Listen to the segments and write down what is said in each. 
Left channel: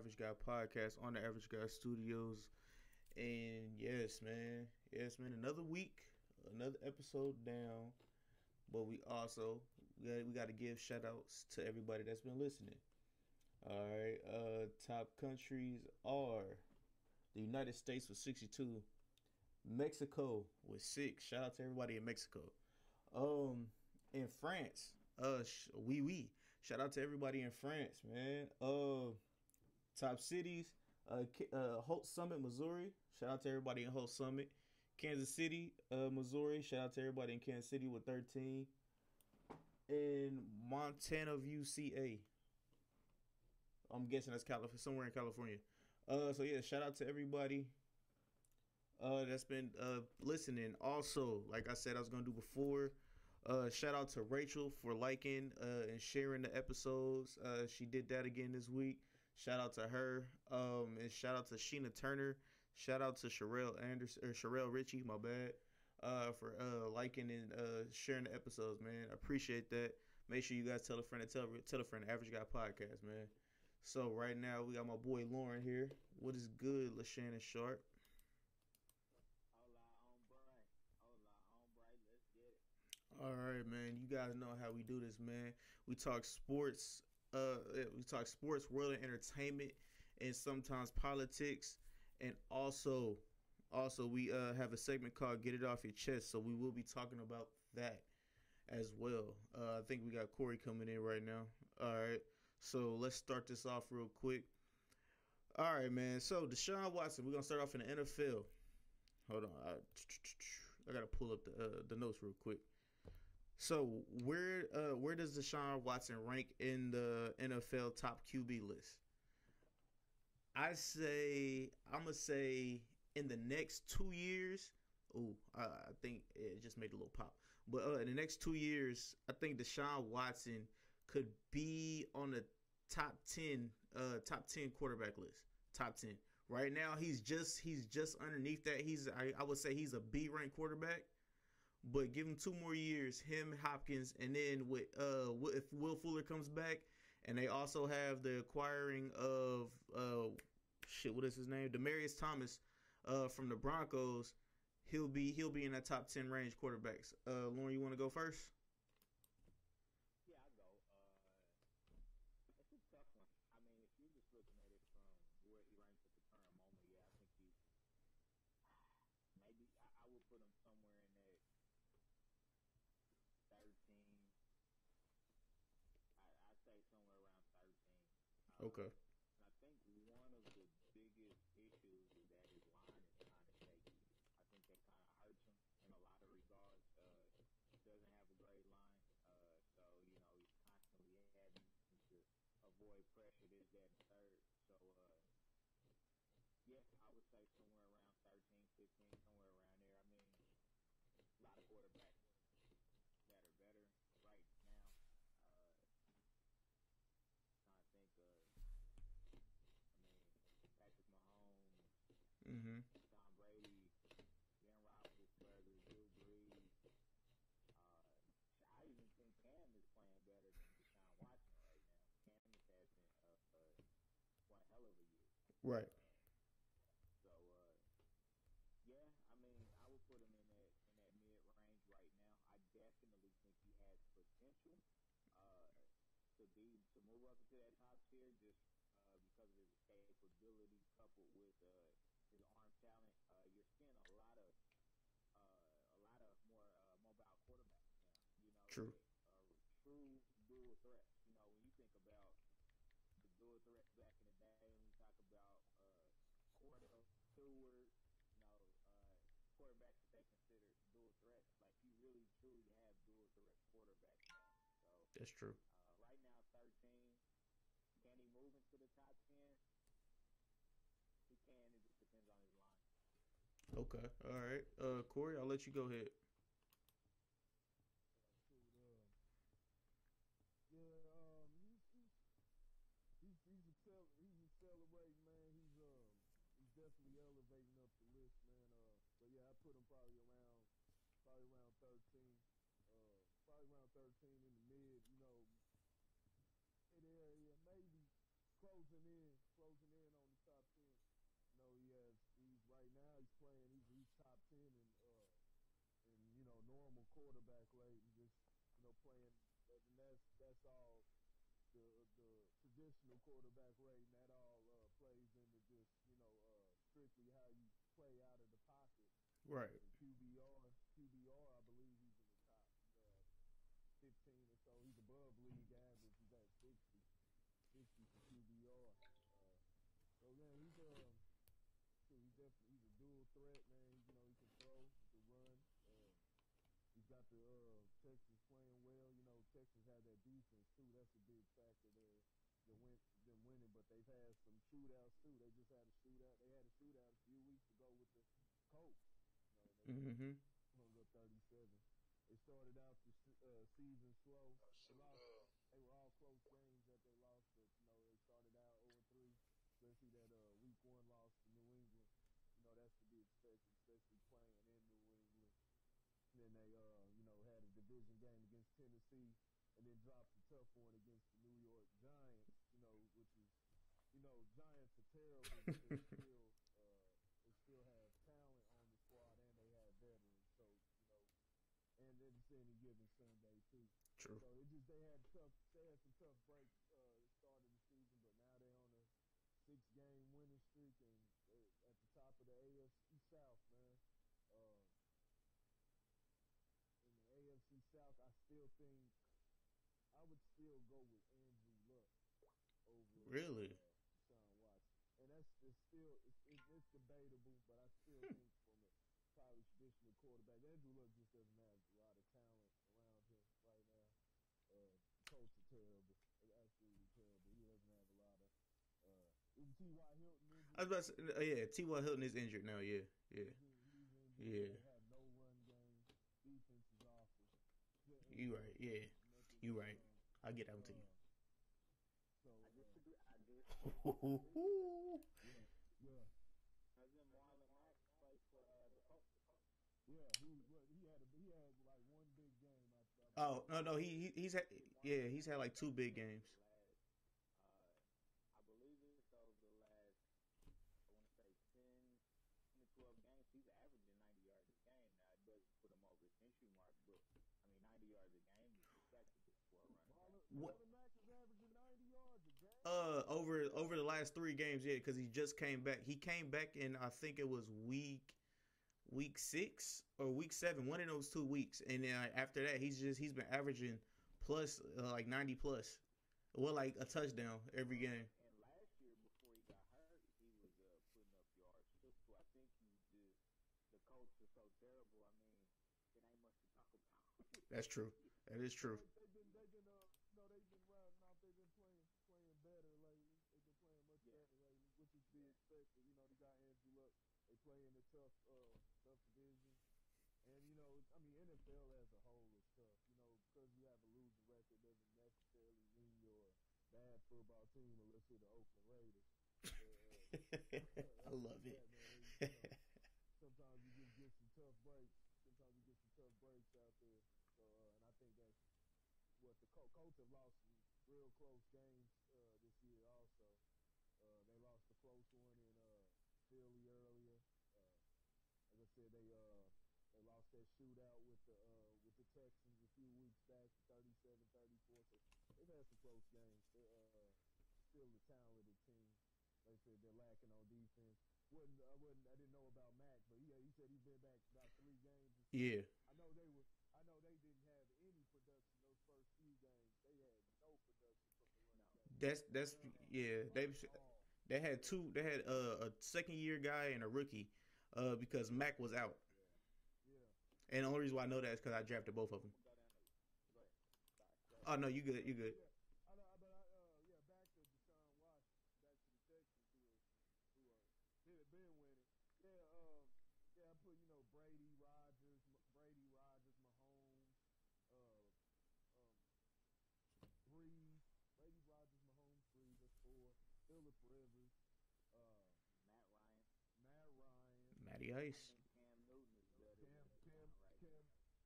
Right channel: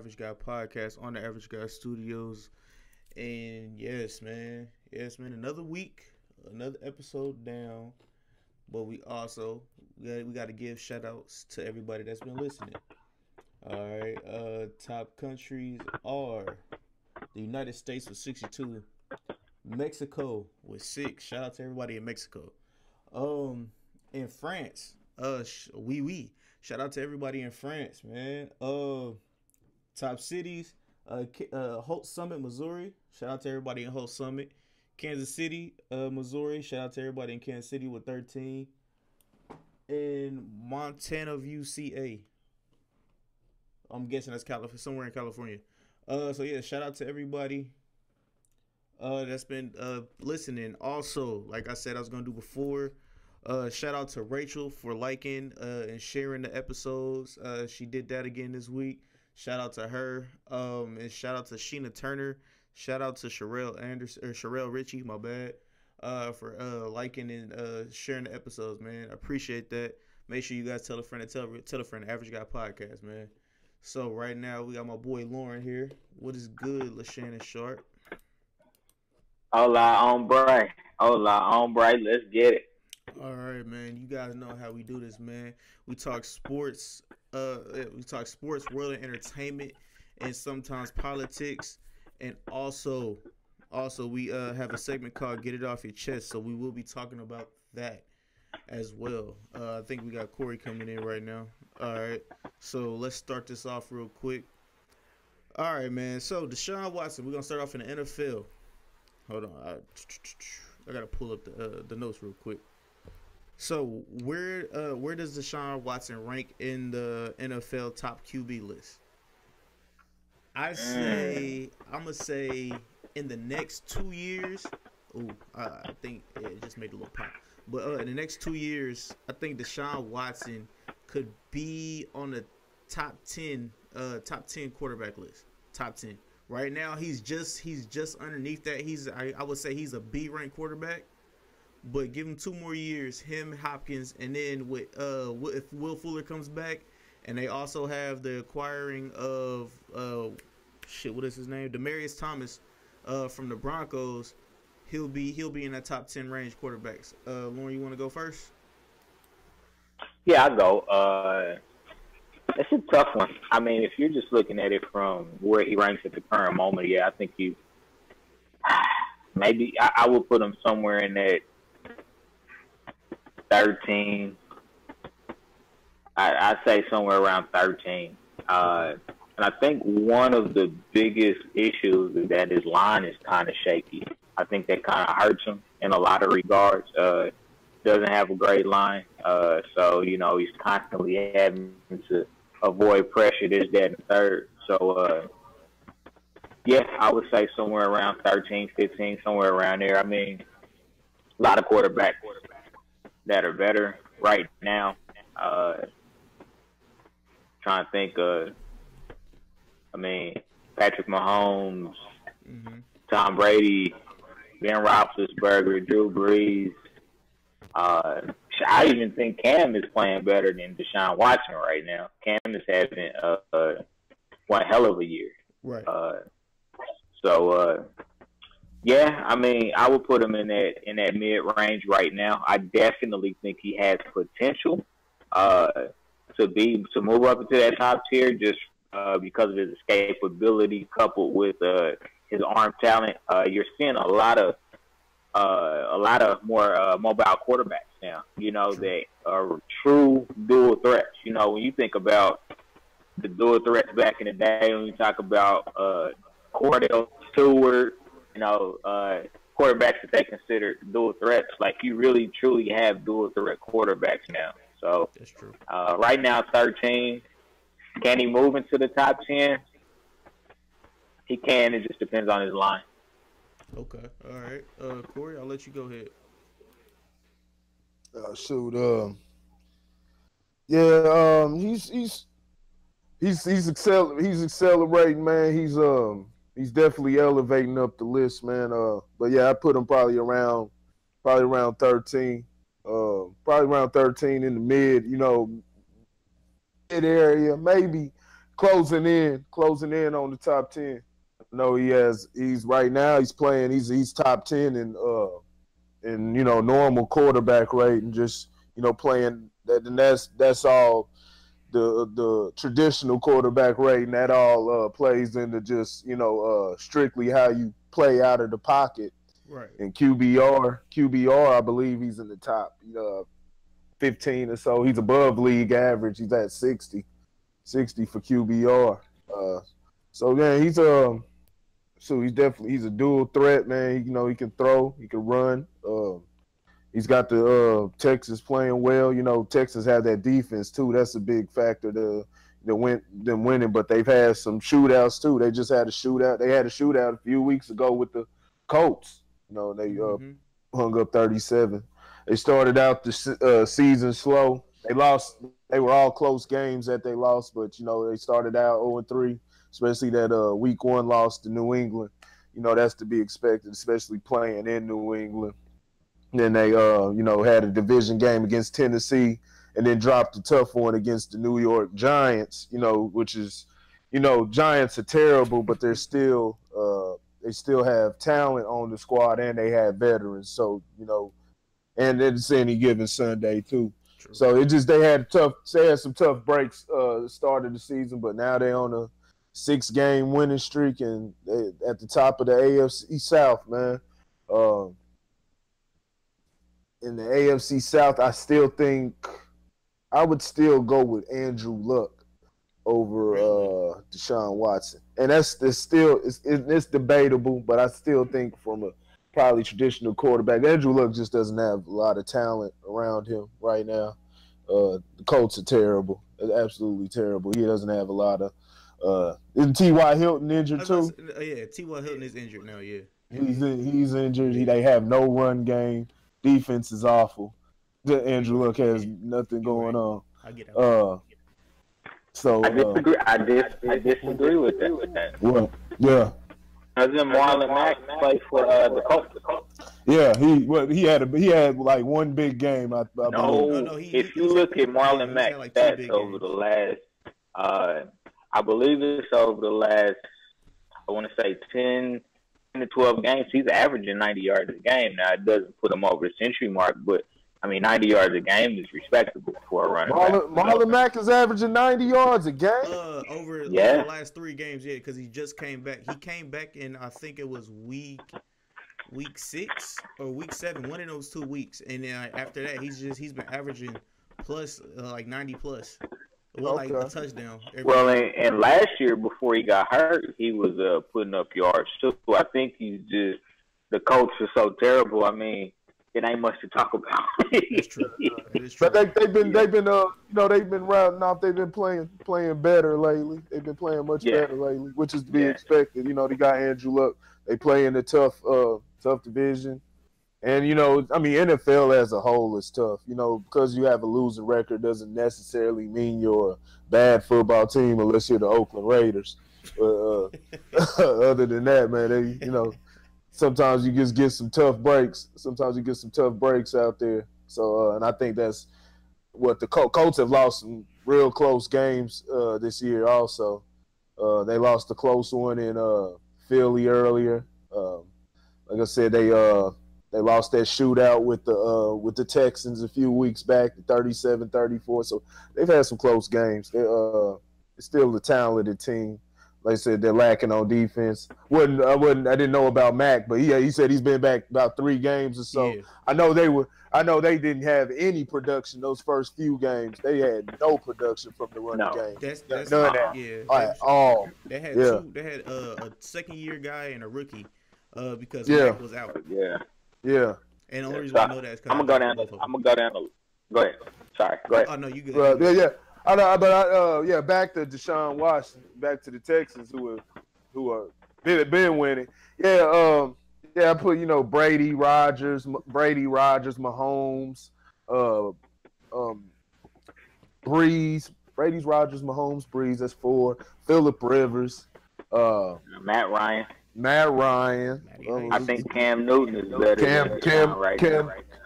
Average Guy Podcast on the Average Guy Studios. And yes, man, another week, another episode down. But we got to give shout outs to everybody that's been listening. All right, top countries are the United States with 62, Mexico with 6. Shout out to everybody in Mexico. In France, Shout out to everybody in France, man. Top cities, Holt Summit, Missouri. Shout out to everybody in Holt Summit. Kansas City, Missouri. Shout out to everybody in Kansas City with 13. In Montana View, CA. I'm guessing that's somewhere in California. Shout out to everybody that's been listening. Also, like I said, I was gonna do before. Shout out to Rachel for liking and sharing the episodes. She did that again this week. Shout out to her. And shout out to Sheena Turner. Shout out to Sherelle Ritchie, my bad. For liking and sharing the episodes, man. I appreciate that. Make sure you guys tell a friend and tell a friend, the Average Guy Podcast, man. So right now we got my boy Lauren here. What is good, LaShannon Sharp? Hola, hombre. Hola, hombre. Let's get it. All right, man. You guys know how we do this, man. We talk sports. World of entertainment, and sometimes politics, and also we have a segment called "Get It Off Your Chest." So we will be talking about that as well. I think we got Corey coming in right now. All right, so let's start this off real quick. All right, man. So DeShaun Watson, we're gonna start off in the NFL. Hold on, I gotta pull up the notes real quick. So where does DeShaun Watson rank in the NFL top QB list? I'm gonna say in the next 2 years. I think it just made a little pop. But in the next 2 years, I think DeShaun Watson could be on the top 10 quarterback list. Top 10. Right now, he's just underneath that. I would say he's a B ranked quarterback. But give him 2 more years, him, Hopkins, and then if Will Fuller comes back, and they also have the acquiring of what is his name? Demaryius Thomas from the Broncos, he'll be in that top 10 range quarterbacks. Lauren, you want to go first? Yeah, I'll go. It's a tough one. I mean, if you're just looking at it from where he ranks at the current moment, yeah, I think maybe I would put him somewhere in that 13. I'd say somewhere around 13. And I think one of the biggest issues is that his line is kind of shaky. I think that kind of hurts him in a lot of regards. Doesn't have a great line. So, he's constantly having to avoid pressure, this, that, and third. So, I would say somewhere around 13, 15, somewhere around there. I mean, a lot of quarterbacks that are better right now. Trying to think Patrick Mahomes, Tom Brady, Ben Roethlisberger, Drew Brees. I even think Cam is playing better than DeShaun Watson right now. Cam is having one hell of a year. Right. I would put him in that mid range right now. I definitely think he has potential to move up into that top tier just because of his escapability coupled with his arm talent. You're seeing a lot of more mobile quarterbacks now. That are true dual threats. When you think about the dual threats back in the day, when you talk about Cordell Stewart, quarterbacks that they consider dual threats. Like, you really, truly have dual threat quarterbacks now. So that's true. Right now, 13. Can he move into the top 10? He can. It just depends on his line. Okay. All right. Corey, I'll let you go ahead. He's accelerating, man. He's definitely elevating up the list, man. But yeah, I put him probably around 13. Probably around 13 in the mid area, maybe closing in on the top 10. No, he's right now he's playing, he's top 10 in normal quarterback rate, and just playing that, and that's all the traditional quarterback rate, and that all plays into just strictly how you play out of the pocket. Right. And QBR, I believe he's in the top 15 or so. He's above league average. He's at 60 for QBR. So yeah, he's a dual threat, man. He can throw, he can run. He's got the Texas playing well. Texas had that defense too. That's a big factor to them winning. But they've had some shootouts too. They just had a shootout. They had a shootout a few weeks ago with the Colts. They hung up 37. They started out the season slow. They lost. They were all close games that they lost, but they started out 0-3, especially that week 1 loss to New England. That's to be expected, especially playing in New England. Then they had a division game against Tennessee, and then dropped a tough one against the New York Giants. Which is, Giants are terrible, but they're still they still have talent on the squad, and they have veterans. So and it's any given Sunday too. True. So they had some tough breaks start of the season, but now they're on a 6-game winning streak, and they at the top of the AFC South, man. In the AFC South, I still think I would still go with Andrew Luck over DeShaun Watson, and it's debatable, but I still think from a probably traditional quarterback, Andrew Luck just doesn't have a lot of talent around him right now. The Colts are terrible, absolutely terrible. He doesn't have a lot of. Isn't T.Y. Hilton injured too? Yeah, T.Y. Hilton is injured now. Yeah, he's injured. They have no run game. Defense is awful. Andrew Luck has nothing going on. I get that. So I disagree. I disagree with that. Well, yeah. Doesn't Marlon Mack play for the Colts? Yeah, he had like one big game. I no, if you look at Marlon Mack's stats over the last, I believe it's over the last, I want to say 10 to 12 games, he's averaging 90 yards a game. Now, it doesn't put him over the century mark, but, 90 yards a game is respectable for a running back. Marlon Mack is averaging 90 yards a game? Over the last 3 games, yeah, because he just came back. He came back in, I think it was week 6 or week 7, one of those 2 weeks. And then after that, he's been averaging plus, like 90 plus. Well, like a touchdown. And last year before he got hurt, he was putting up yards too. I think the Colts are so terrible. It ain't much to talk about. That's true. It is true. But they've been rounding off. They've been playing better lately. They've been playing much better lately, which is to be expected. They got Andrew Luck. They play in a tough division. And, NFL as a whole is tough. Because you have a losing record doesn't necessarily mean you're a bad football team unless you're the Oakland Raiders. Other than that, man, sometimes you just get some tough breaks. Sometimes you get some tough breaks out there. So, and I think that's what the Colts have lost some real close games this year also. They lost a close one in Philly earlier. Like I said, they lost that shootout with the Texans a few weeks back, 37-34. So they've had some close games. They're still a talented team. Like I said, they're lacking on defense. I didn't know about Mack, but he said he's been back about 3 games or so. Yeah. I know they didn't have any production those first few games. They had no production from the running game. That's none of that. Yeah. At all. They had two. They had a second-year guy and a rookie because Mack was out. Yeah. And the only reason I know that is because I'm gonna go down. Go ahead. Sorry. Go ahead. Oh no, you good. Yeah. I know, but back to DeShaun Watson, back to the Texans who are been winning. I put Brady, Rogers, Mahomes, Breeze, Brady's, Rogers, Mahomes, Breeze. That's 4. Phillip Rivers, Matt Ryan. I think Cam Newton is better.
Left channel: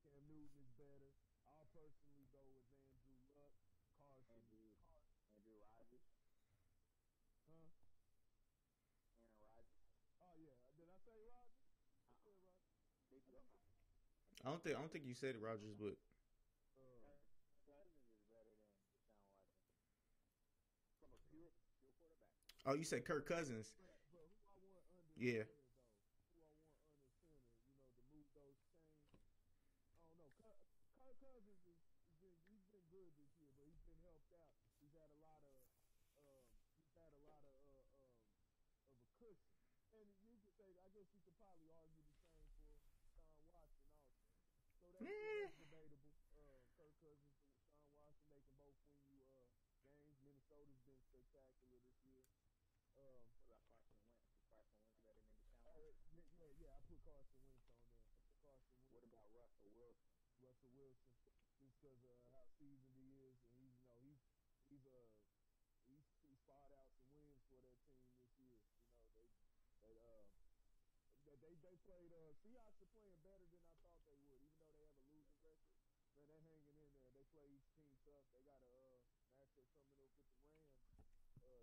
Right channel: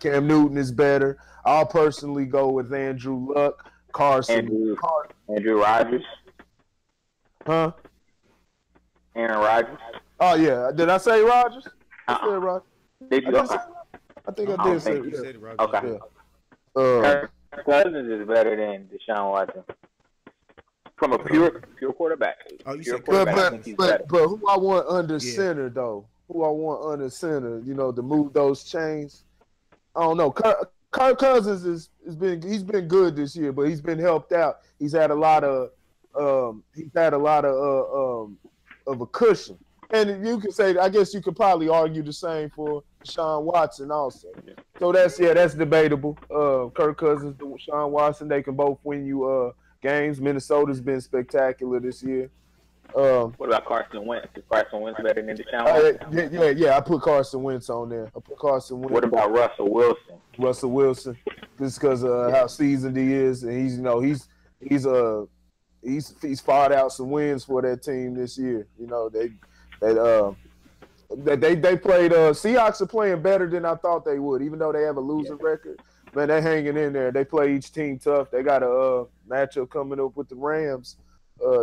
Cam Newton is better. I'll personally go with Andrew Luck. Andrew Rogers. Huh? Aaron Rodgers. Oh yeah. Did I say Rodgers? I said Rodgers. Did you? I think I did say. You said Rodgers. Okay. Yeah. Kirk Cousins is better than DeShaun Watson from a pure quarterback. Oh, you pure said but who I want under center though? Who I want under center? You know, to move those chains. I don't know. Kirk Cousins he's been good this year, but he's been helped out. He's had a lot of of a cushion. And you can say, I guess you could probably argue the same for DeShaun Watson also. So that's debatable. Kirk Cousins, DeShaun Watson, they can both win you games. Minnesota's been spectacular this year. What about Carson Wentz? Is Carson Wentz better than DeShaun Watson? Yeah. I put Carson Wentz on there. What about Russell Wilson? Russell Wilson, just because of how seasoned he is, and he's fought out some wins for that team this year. You know, they played. Seahawks are playing better than I thought they would, even though they have a losing record. Man, they're hanging in there. They play each team tough. They got a matchup coming up with the Rams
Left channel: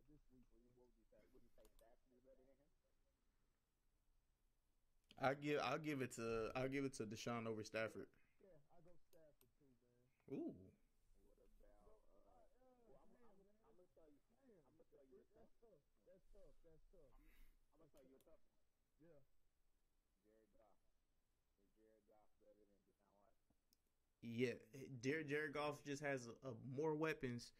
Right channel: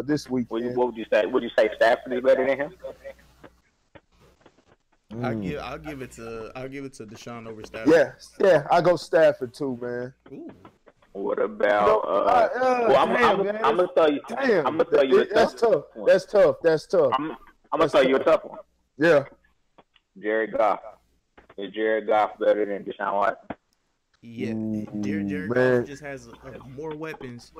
this weekend. What would you say? Would you say Stafford is better than him? I'll give it to DeShaun over Stafford. Yeah, I go Stafford too, man. Ooh. What about? I'm gonna tell you. Damn, I'm gonna tell you. That's tough. I'm gonna tell you a tough one. Yeah. Jared Goff. Is Jared Goff better than DeShaun Watson? Yeah, Jared Goff just has more weapons.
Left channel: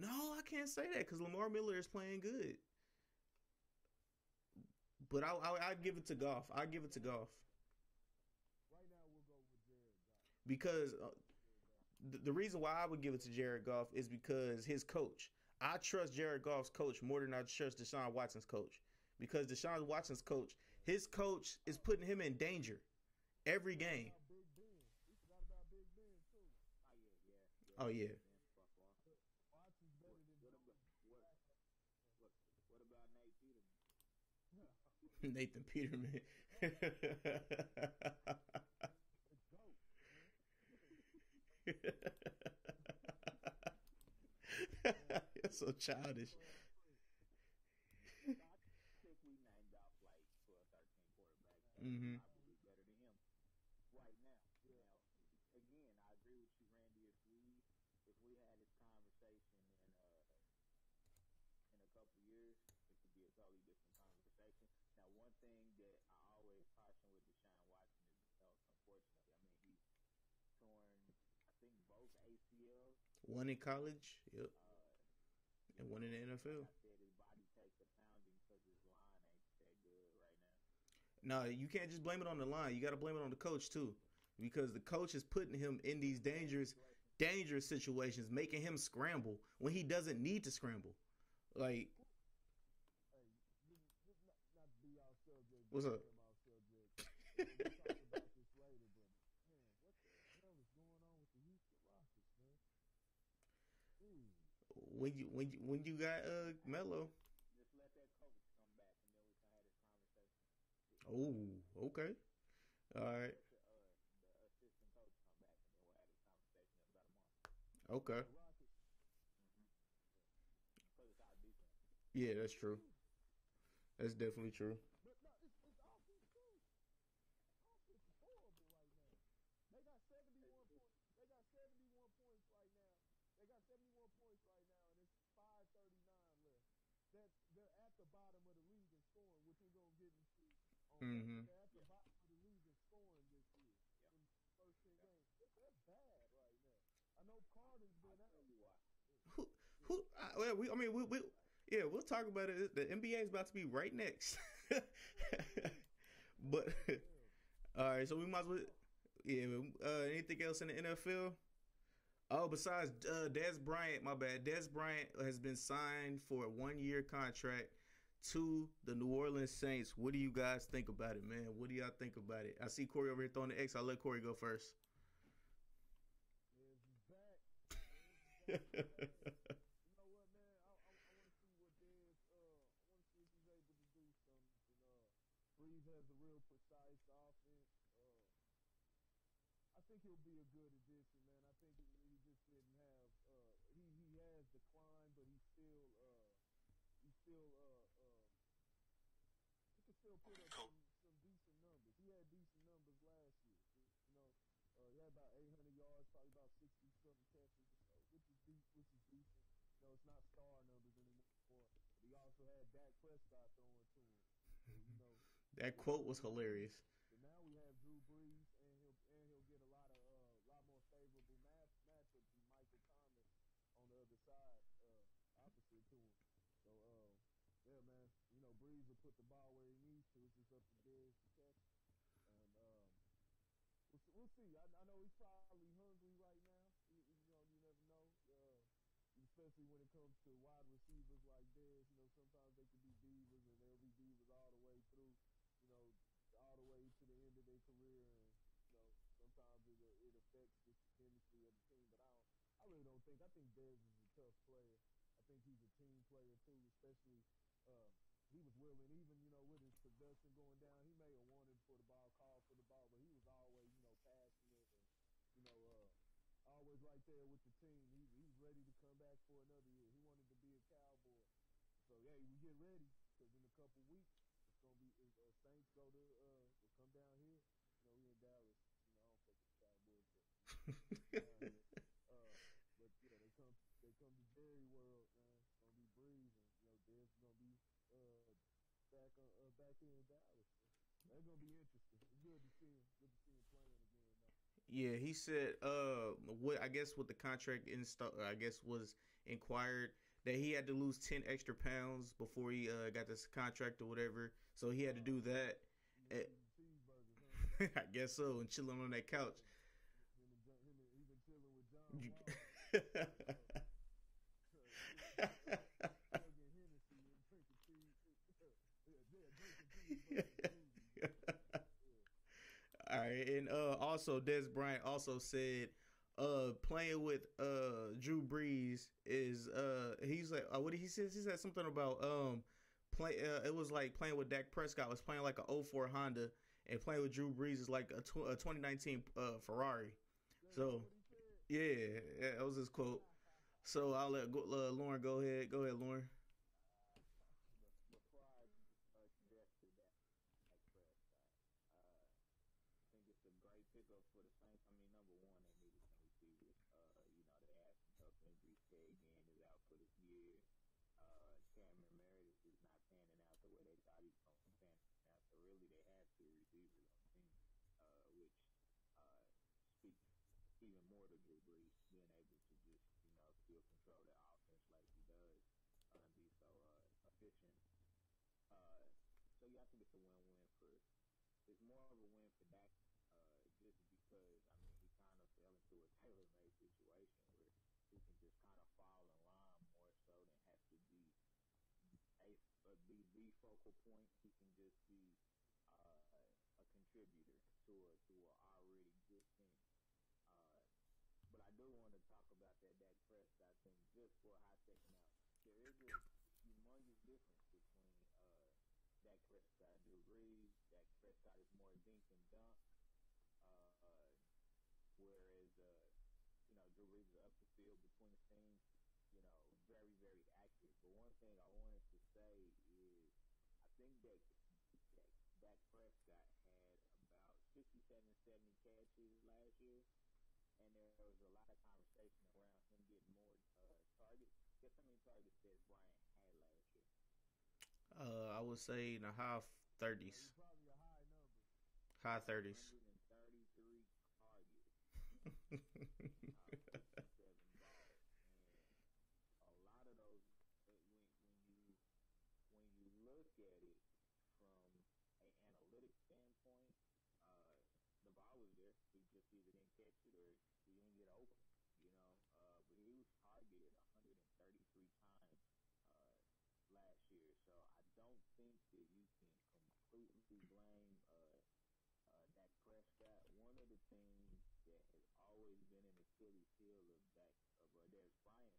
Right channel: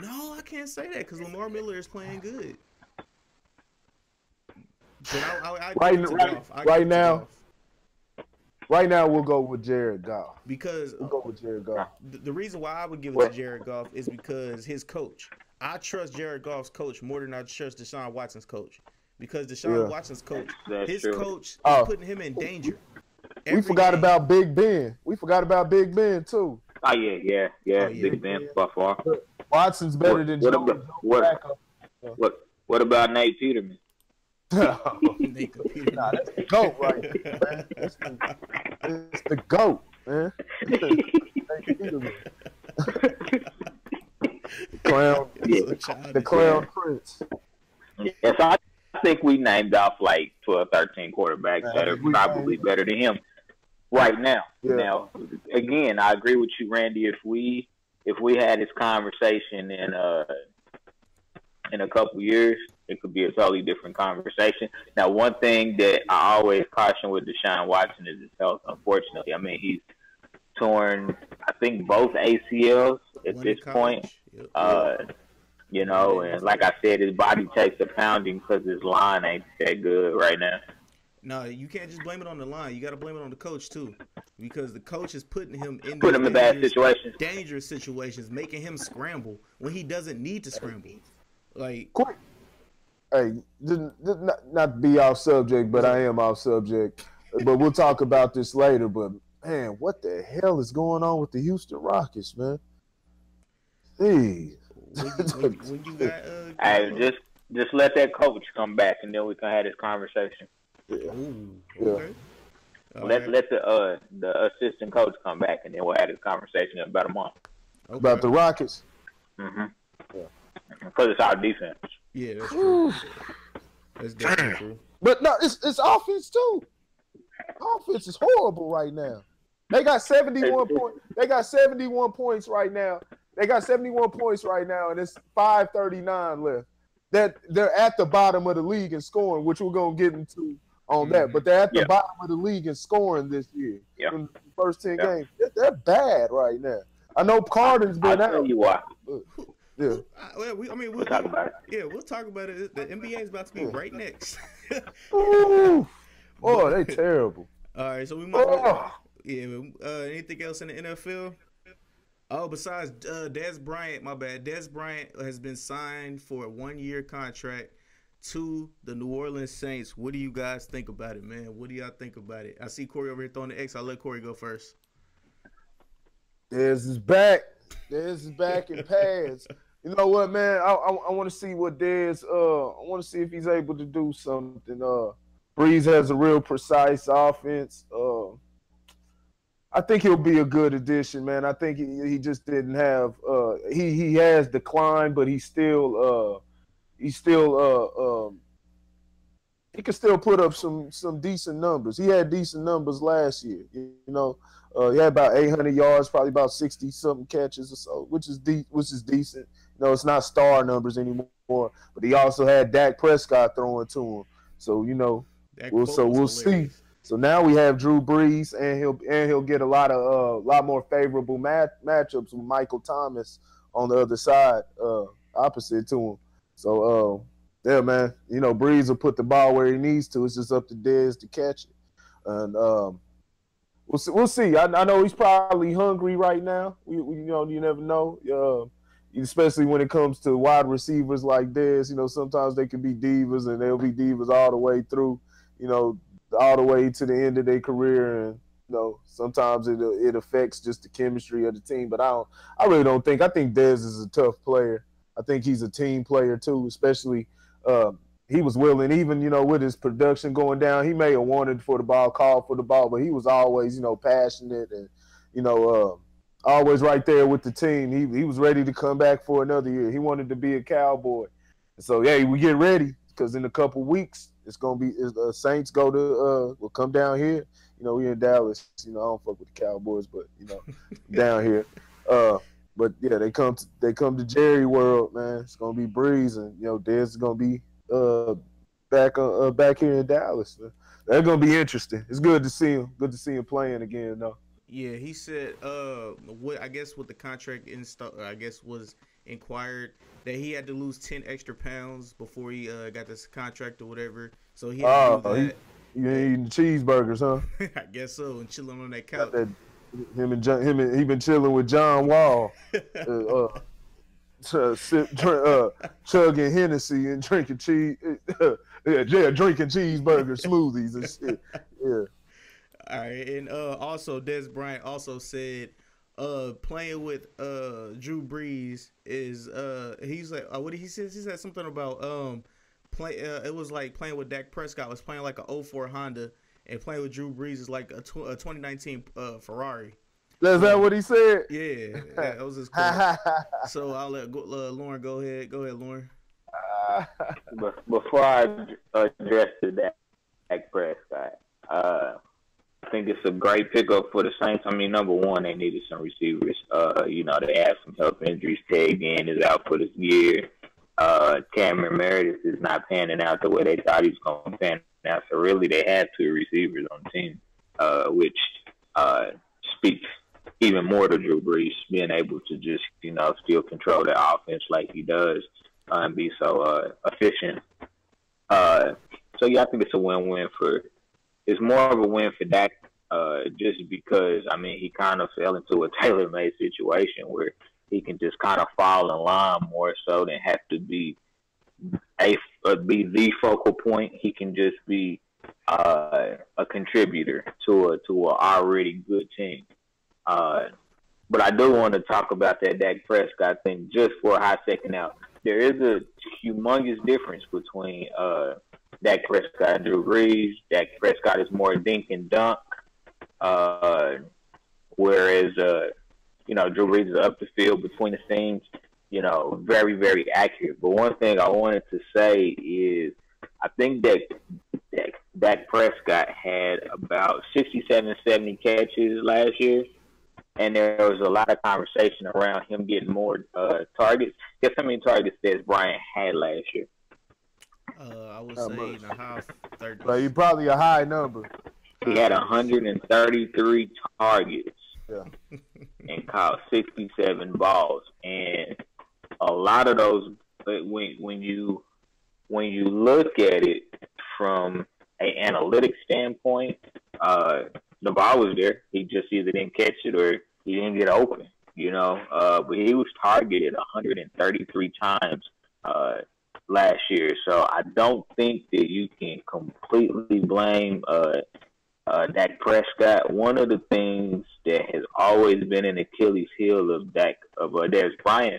No, I can't say that because Lamar Miller is playing good. But right now we'll go with Jared Goff. Because we'll go with Jared Goff. The reason why I would give it to Jared Goff is because his coach. I trust Jared Goff's coach more than I trust DeShaun Watson's coach. Because DeShaun Watson's coach, coach is putting him in danger. We forgot about Big Ben. We forgot about Big Ben too. Oh yeah. Big Ben by far. Watson's better than Joe. What about Nate Peterman? Nate Peterman. Nah, that's the GOAT right there, man. It's the GOAT, man. Nate Peterman. Clown. The Clown Prince. Yeah, so I think we named off like 12, 13 quarterbacks that are probably better than him right now. Yeah. Now, again, I agree with you, Randy. If we had this conversation in a couple years, it could be a totally different conversation. Now, one thing that I always caution with DeShaun Watson is his health. Unfortunately, I mean he's torn, I think, both ACLs at this point. You know, and like I said, his body takes a pounding because his line ain't that good right now. No, you can't just blame it on the line. You got to blame it on the coach too, because the coach is putting him in bad situations, dangerous situations, making him scramble when he doesn't need to scramble. Like, quick. Hey, not to be off subject, but I am off subject. But we'll talk about this later. But man, what the hell is going on with the Houston Rockets, man? Hey. When you got hey, just let that coach come back, and then we can have this conversation. Ooh, okay. Let the assistant coach come back, and then we'll have this conversation in about a month. Okay. About the Rockets. Because it's our defense. Yeah, that's true. That's definitely true. But no, it's offense too. Offense is horrible right now. They got 71 points. They got 71 points right now. They got 71 points right now, and it's 5:39 left. That they're at the bottom of the league in scoring, which we're gonna get into on that. But they're at the bottom of the league in scoring this year. In the first 10 games, they're bad right now. I know Carter's been out. I'll tell you why. Yeah. We'll talk about it. Yeah, we'll talk about it. The NBA is about to be right next. Ooh, boy, they terrible. All right, so we might. Anything else in the NFL? Oh, besides Dez Bryant, my bad. Dez Bryant has been signed for a 1-year contract to the New Orleans Saints. What do you guys think about it, man? What do y'all think about it? I see Corey over here throwing the X. I'll let Corey go first. Dez is back. Dez is back in pads. You know what, man? I want to see what Dez. I want to see if he's able to do something. Breeze has a real precise offense. I think he'll be a good addition, man. I think he just didn't have he has declined, but he's still he's still he can still put up some decent numbers. He had decent numbers last year. You know, he had about 800 yards, probably about 60 something catches or so, which is decent. You know, it's not star numbers anymore, but he also had Dak Prescott throwing to him. So you know, we'll see. So now we have Drew Brees, and he'll get a lot more favorable matchups with Michael Thomas on the other side, opposite to him. So yeah, man, you know, Brees will put the ball where he needs to. It's just up to Dez to catch it, and we'll see. I know he's probably hungry right now. You know, you never know. Especially when it comes to wide receivers like Dez, you know, sometimes they can be divas, and they'll be divas all the way through, you know, all the way to the end of their career, and you know, sometimes it affects just the chemistry of the team. But I really don't think. I think Dez is a tough player. I think he's a team player too, especially. He was willing, even, you know, with his production going down, he may have wanted for the ball, called for the ball, but he was always, you know, passionate and, you know, always right there with the team. He was ready to come back for another year. He wanted to be a Cowboy. So, yeah, we get ready because in a couple weeks, it's going to be Saints will come down here. You know, we in Dallas. You know, I don't fuck with the Cowboys, but, you know, down here. But yeah, they come to Jerry World, man. It's gonna be Breeze, and you know, Dez is gonna be back here in Dallas. Man. That's gonna be interesting. It's good to see him. Good to see him playing again, though. Yeah, he said, what I guess with the contract I guess was inquired that he had to lose 10 extra pounds before he got this contract or whatever. So he had to do that. You eating cheeseburgers, huh? I guess so, and chilling on that couch. He been chilling with John Wall, chugging Hennessy and drinking drinking cheeseburger smoothies and shit. Yeah. All right, and also Des Bryant also said, playing with Drew Brees is he's like what did he say? He said something about it was like playing with Dak Prescott was playing like a 04 Honda. And playing with Drew Brees is like a 2019 Ferrari. Is that what he said? Yeah, that was his quote. So I'll let Lauren go ahead. Go ahead, Lauren. Before I address the Dak Prescott, I think it's a great pickup for the Saints. I mean, number one, they needed some receivers. You know, they had some health injuries. Ted Ginn is out for this year. Cameron Meredith is not panning out the way they thought he was going to pan out. So really, they had two receivers on the team, which speaks even more to Drew Brees being able to just, you know, still control the offense like he does and be so efficient. So yeah, I think it's a win-win it's more of a win for Dak just because, I mean, he kind of fell into a tailor-made situation where he can just kind of fall in line more so than have to be the focal point. He can just be a contributor to a already good team. But I do want to talk about that Dak Prescott thing just for a hot second now. There is a humongous difference between Dak Prescott and Drew Brees. Dak Prescott is more dink and dunk, whereas you know, Drew Brees is up the field between the seams, you know, very, very accurate. But one thing I wanted to say is I think that Dak Prescott had about 67, 70 catches last year, and there was a lot of conversation around him getting more targets. Guess how many targets Des Bryant had last year? I would say in the high 30s. But he probably a high number. He had 133 targets. Yeah. And caught 67 balls, and a lot of those. When you look at it from an analytics standpoint, the ball was there. He just either didn't catch it or he didn't get open. You know, but he was targeted 133 times last year. So I don't think that you can completely blame Dak Prescott. One of the things that has always been an Achilles heel of Des Bryant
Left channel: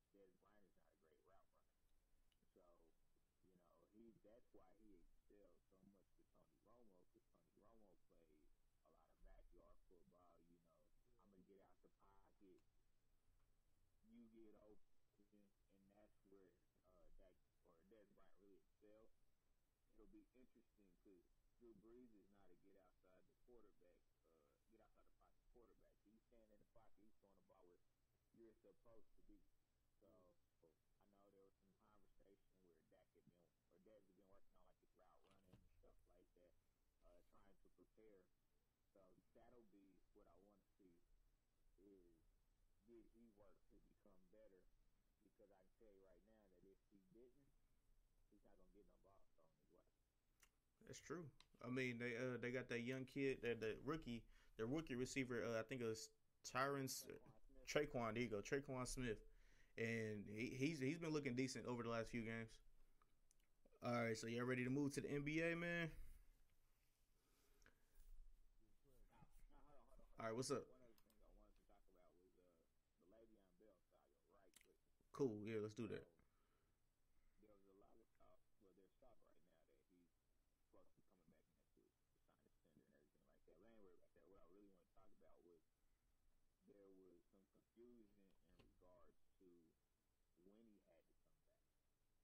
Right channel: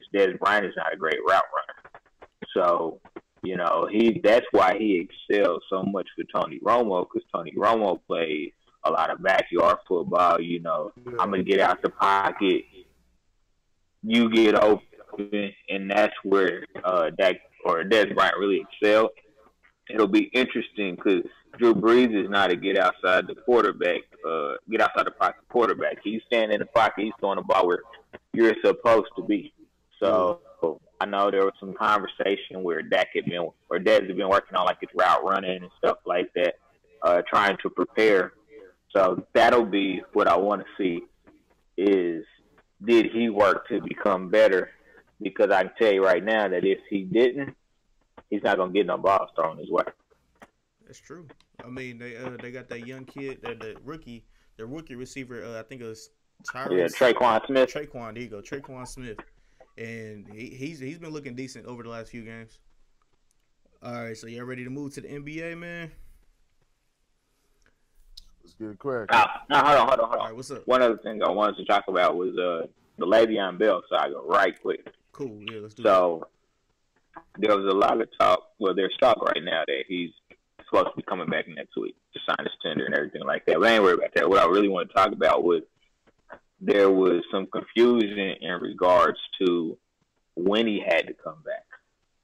is Des Bryant is not a great route runner. So, you know, that's why he excels so much for Tony Romo, because Tony Romo plays a lot of backyard football. You know, I'm going to get out the pocket, you get open, and that's where Dak or Des Bryant really excelled. It'll be interesting because Drew Brees is not a get outside the pocket quarterback. He's standing in the pocket. He's throwing the ball where you're supposed to be. So I know there was some conversation where Des had been working on like his route running and stuff like that, trying to prepare. So that'll be what I want to see is, did he work to become better? Because I can tell you right now that if he didn't, he's not gonna get no balls thrown his way. That's true. I mean, they got that young kid, the rookie receiver. I think it was Traquan Smith. There you go, Traquan Smith, and he's been looking decent over the last few games. All right, so y'all ready to move to the NBA, man? Let's get it cracked. Now, hold on. All right, what's up? One other thing I wanted to talk about was the Le'Veon Bell saga, right quick. Cool, yeah, let's do So, there was a lot of talk, well, there's talk right now that he's supposed to be coming back next week to sign his tender and everything like that. But I ain't worried about that. What I really want to talk about was there was some confusion in regards to when he had to come back.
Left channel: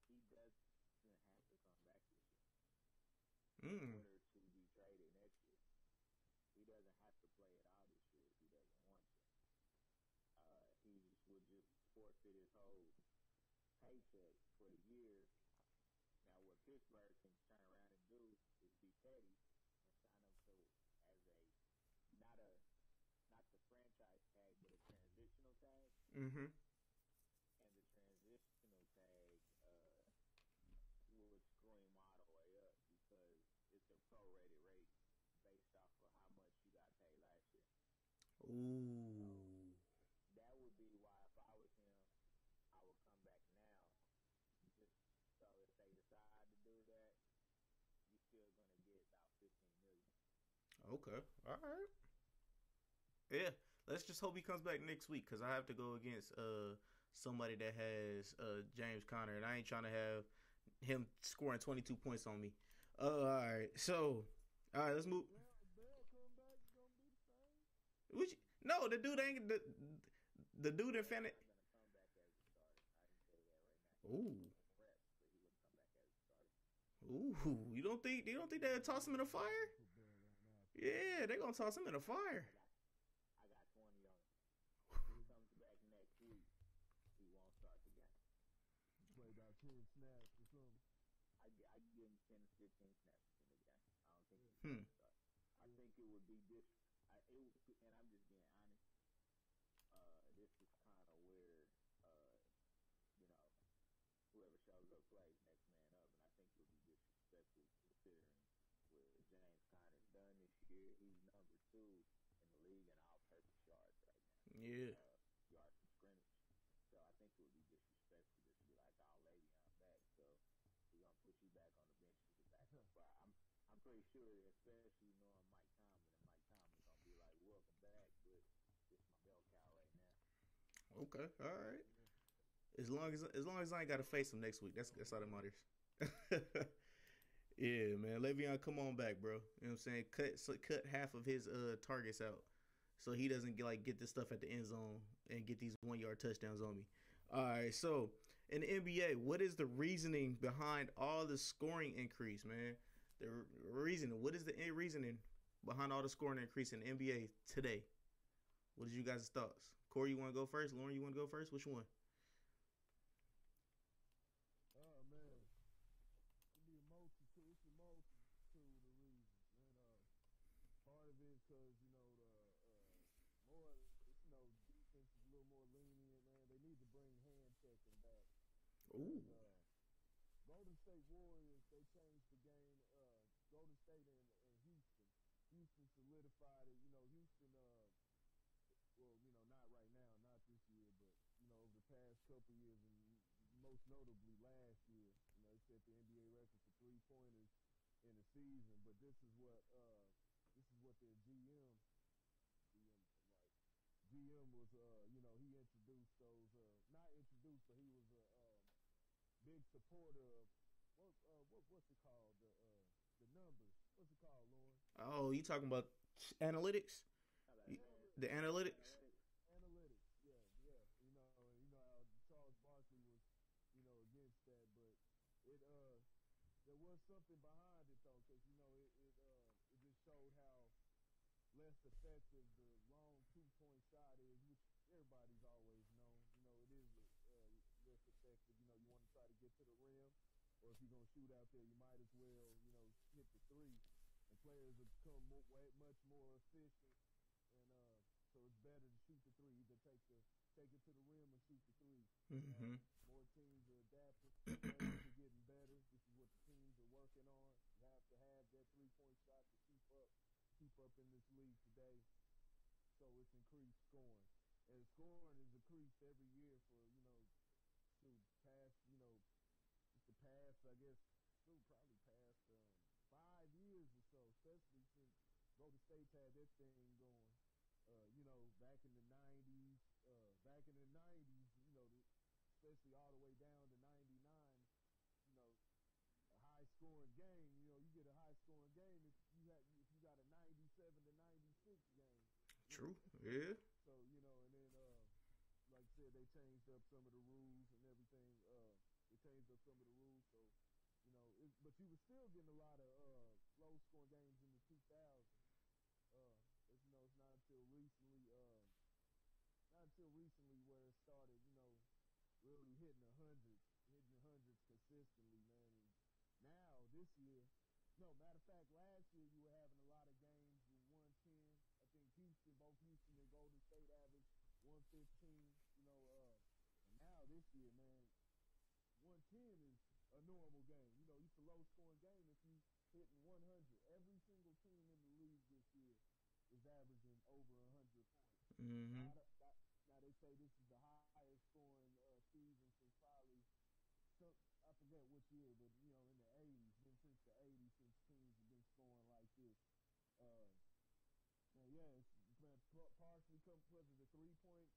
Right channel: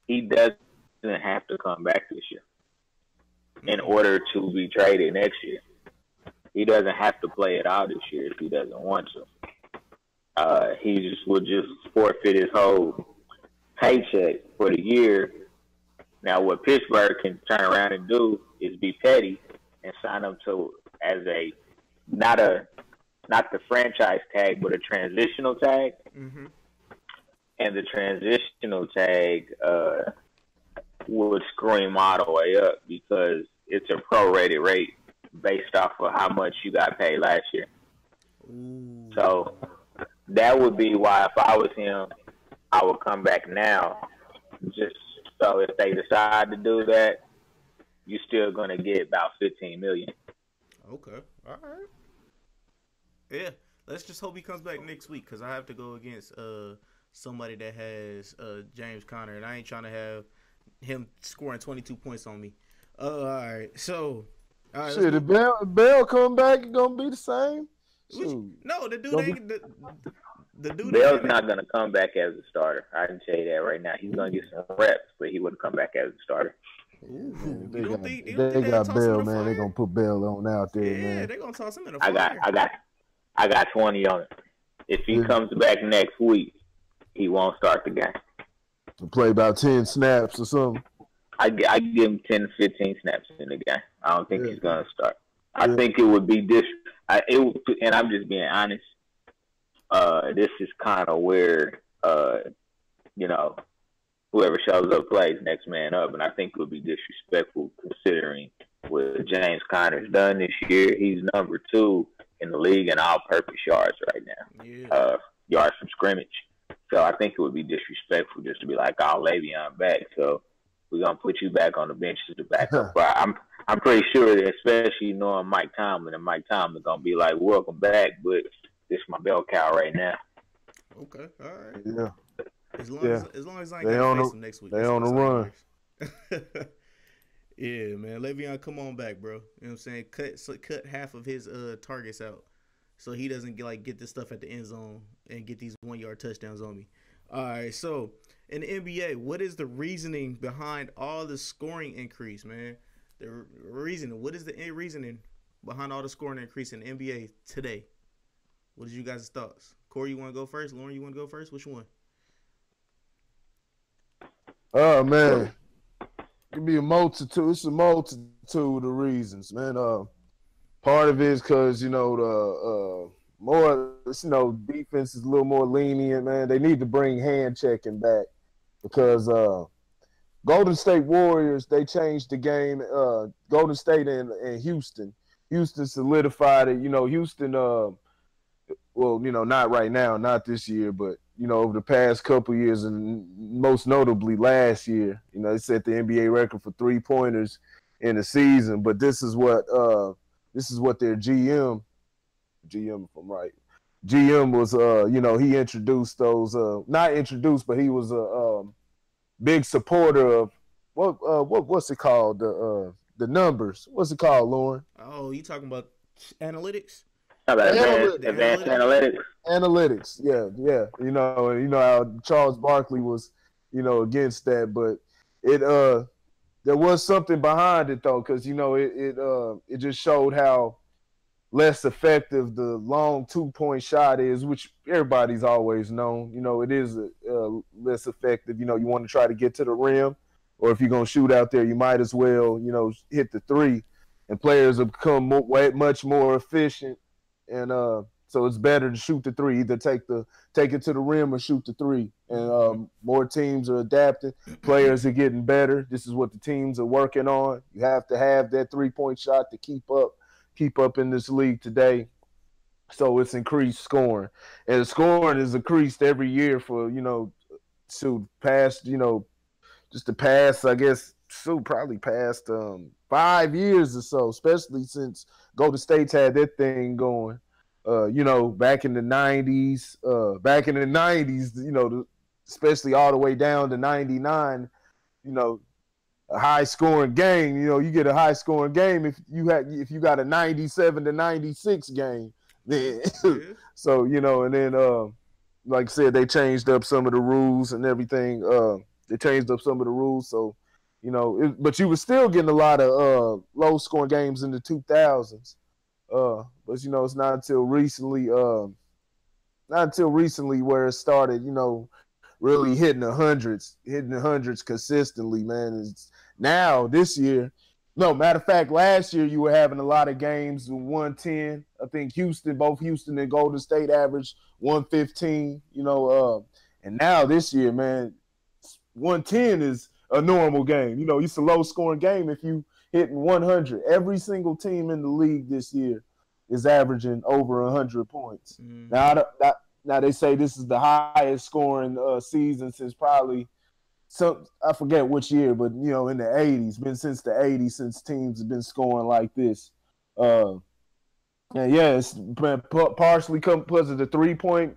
He doesn't have to come back this year in order to be traded next year. He doesn't have to play it out this year if he doesn't want to. He would just forfeit his whole paycheck for the year. Now, what Pittsburgh can turn around and do is be petty and sign him to as a not the franchise tag, but a transitional tag. Mm-hmm. And the transitional tag would screw him all the way up because it's a prorated rate based off of how much you got paid last year. Ooh. So that would be why if I was him, I would come back now. Just so if they decide to do that, you're still going to get about $15 million. Okay. All right. Yeah. Let's just hope he comes back next week because I have to go against somebody that has James Conner, and I ain't trying to have him scoring 22 points on me. All right. So, all right. Shit, if Bell come back, it's going to be the same? No, the dude the dude Bell's not going to come back as a starter. I can tell you that right now. He's going to get some reps, but he wouldn't come back as a starter. Ooh, they you don't think they got toss Bell, him in the man. They're fire? going to put Bell on out there, Yeah, man. they're going to toss him in the fire. I got 20 on it. If he comes back next week, he won't start the game. To play about 10 snaps or something. I give him 10 to 15 snaps in the game. I don't think he's going to start. I think it would be and I'm just being honest. This is kind of where, whoever shows up plays next man up, and I think it would be disrespectful considering what James Conner's done this year. He's number 2 in the league in all-purpose yards right now, yards from scrimmage. So I think it would be disrespectful just to be like, "Oh, Le'Veon back, so we're gonna put you back on the bench as the backup." But I'm pretty sure that, especially knowing Mike Tomlin, and Mike Tomlin gonna be like, "Welcome back, but this is my bell cow right now." Okay, all right. Yeah. As long as I ain't got to face him next week. They on the run. Yeah, man. Le'Veon, come on back, bro. You know what I'm saying? Cut half of his targets out so he doesn't get this stuff at the end zone and get these 1-yard touchdowns on me. All right, so in the NBA, what is the reasoning behind all the scoring increase, man? The reasoning. What is the reasoning behind all the scoring increase in the NBA today? What is you guys' thoughts? Corey, you want to go first? Lauren, you want to go first? Which one? Oh, man. It could be a multitude. It's a multitude of reasons, man. Part of it is because, defense is a little more lenient, man. They need to bring hand checking back because Golden State Warriors, they changed the game. Golden State and Houston. Houston solidified it. Houston, not right now, not this year, but, over the past couple of years and most notably last year, they set the NBA record for 3-pointers in the season. But this is what their GM, if I'm right, GM was, he introduced those, not introduced, but he was a big supporter of what's it called? The numbers. What's it called, Lauren? Oh, you talking about analytics? Advanced analytics. Analytics, yeah. And how Charles Barkley was, against that, but it there was something behind it though, because it just showed how less effective the long 2-point shot is, which everybody's always known. It is less effective. You want to try to get to the rim, or if you're gonna shoot out there, you might as well hit the three. And players have become much more efficient, and so it's better to shoot the three. Either take it to the rim or shoot the three. And more teams are adapting. Players are getting better. This is what the teams are working on. You have to have that 3-point shot to keep up in this league today. So it's increased scoring, and the scoring is increased every year for to past just the past, I guess, probably past 5 years or so, especially since Golden State's had that thing going. Back in the '90s, especially all the way down to '99, a high scoring game. You get a high scoring game if you got a 97 to 96 game. Then so and then like I said, they changed up some of the rules and everything. They changed up some of the rules, so but you were still getting a lot of low scoring games in the 2000s. But it's not until recently where it started, really hitting the hundreds consistently, man. It's now this year. No, matter of fact, last year you were having a lot of games with 110. I think both Houston and Golden State averaged 115, and now this year, man, 110 is a normal game. It's a low scoring game if you hitting 100. Every single team in the league this year is averaging over 100 points. Now they say this is the highest scoring season since probably I forget which year, but in the 80s, been since the 80s since teams have been scoring like this. And yeah, it's been partially because of the three-point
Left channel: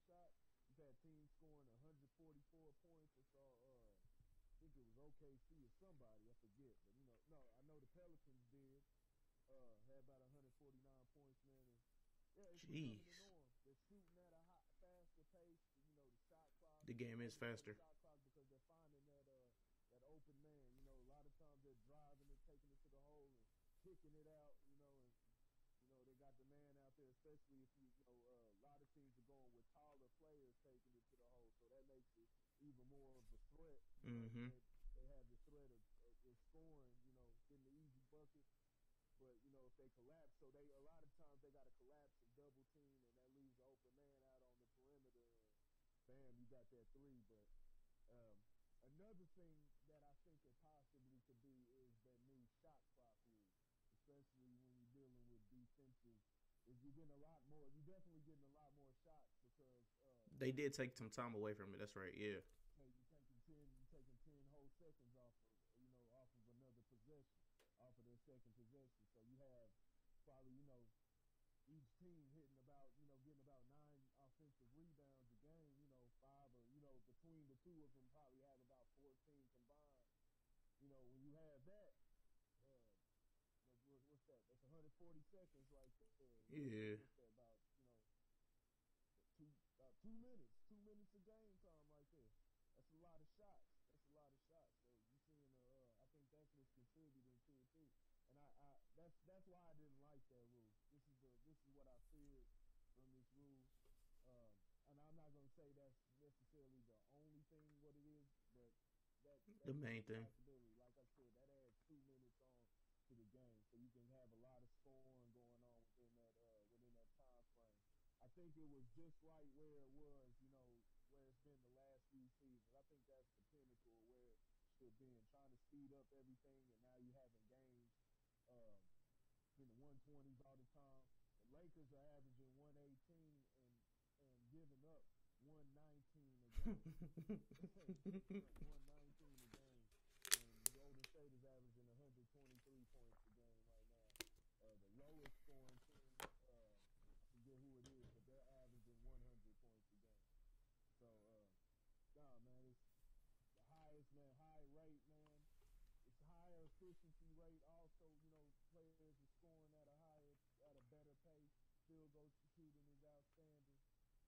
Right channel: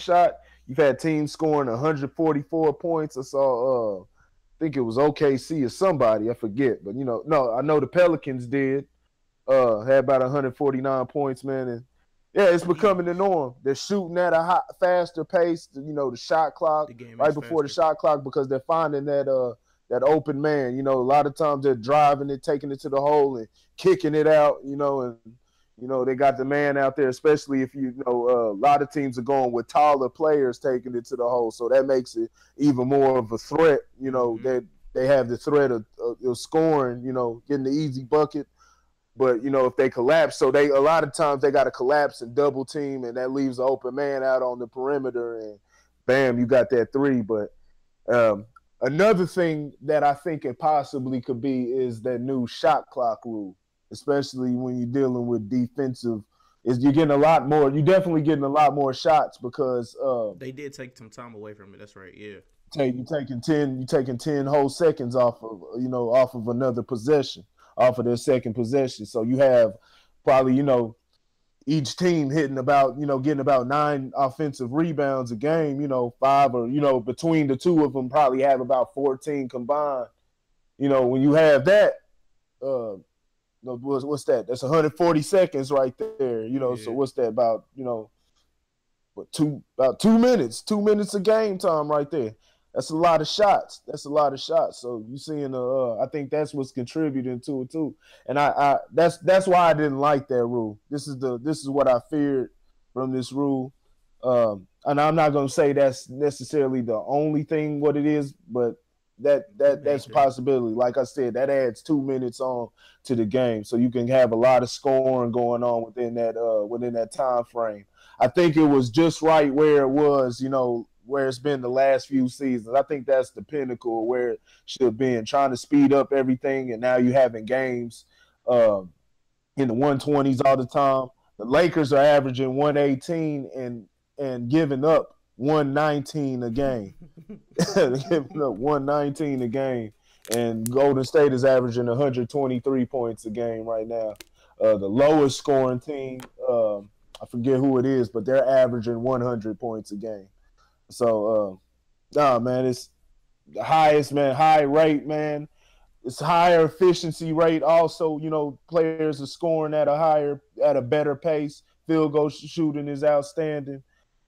shot. You've had teams scoring 144 points. I saw, I think it was OKC or somebody, I forget, but no, I know the Pelicans did. Had about 149 points, man, and yeah, it's becoming the norm. They're shooting at a faster pace. The shot clock right before the shot clock, because they're finding that open man. A lot of times they're driving it, taking it to the hole, and kicking it out. And they got the man out there, especially if a lot of teams are going with taller players taking it to the hole, so that makes it even more of a threat. That they have the threat of scoring. Getting the easy bucket. But if they collapse, so a lot of times they got to collapse and double team, and that leaves an open man out on the perimeter, and bam, you got that three. But another thing that I think it possibly could be is that new shot clock rule, especially when you're dealing with defensive. You're getting a lot more. You're definitely getting a lot more shots because they did take some time away from it. That's right. Yeah. You're taking 10 whole seconds off of another possession. Off of their second possession. So you have probably, each team hitting about, getting about 9 offensive rebounds a game, 5 or, between the two of them probably have about 14 combined. When you have that, what's that? That's 140 seconds right there, Yeah. So what's that about, about 2 minutes, 2 minutes of game time right there. That's a lot of shots. So you seeing I think that's what's contributing to it too. And I that's why I didn't like that rule. This is what I feared from this rule. And I'm not gonna say that's necessarily the only thing what it is, but that's a possibility. Like I said, that adds 2 minutes on to the game, so you can have a lot of scoring going on within that time frame. I think it was just right where it was, where it's been the last few seasons. I think that's the pinnacle where it should have been, trying to speed up everything, and now you having games in the 120s all the time. The Lakers are averaging 118 and giving up 119 a game. Giving up 119 a game. And Golden State is averaging 123 points a game right now. The lowest scoring team, I forget who it is, but they're averaging 100 points a game. So, man, it's the highest, man, high rate, man. It's higher efficiency rate. Also, players are scoring at a better pace. Field goal shooting is outstanding.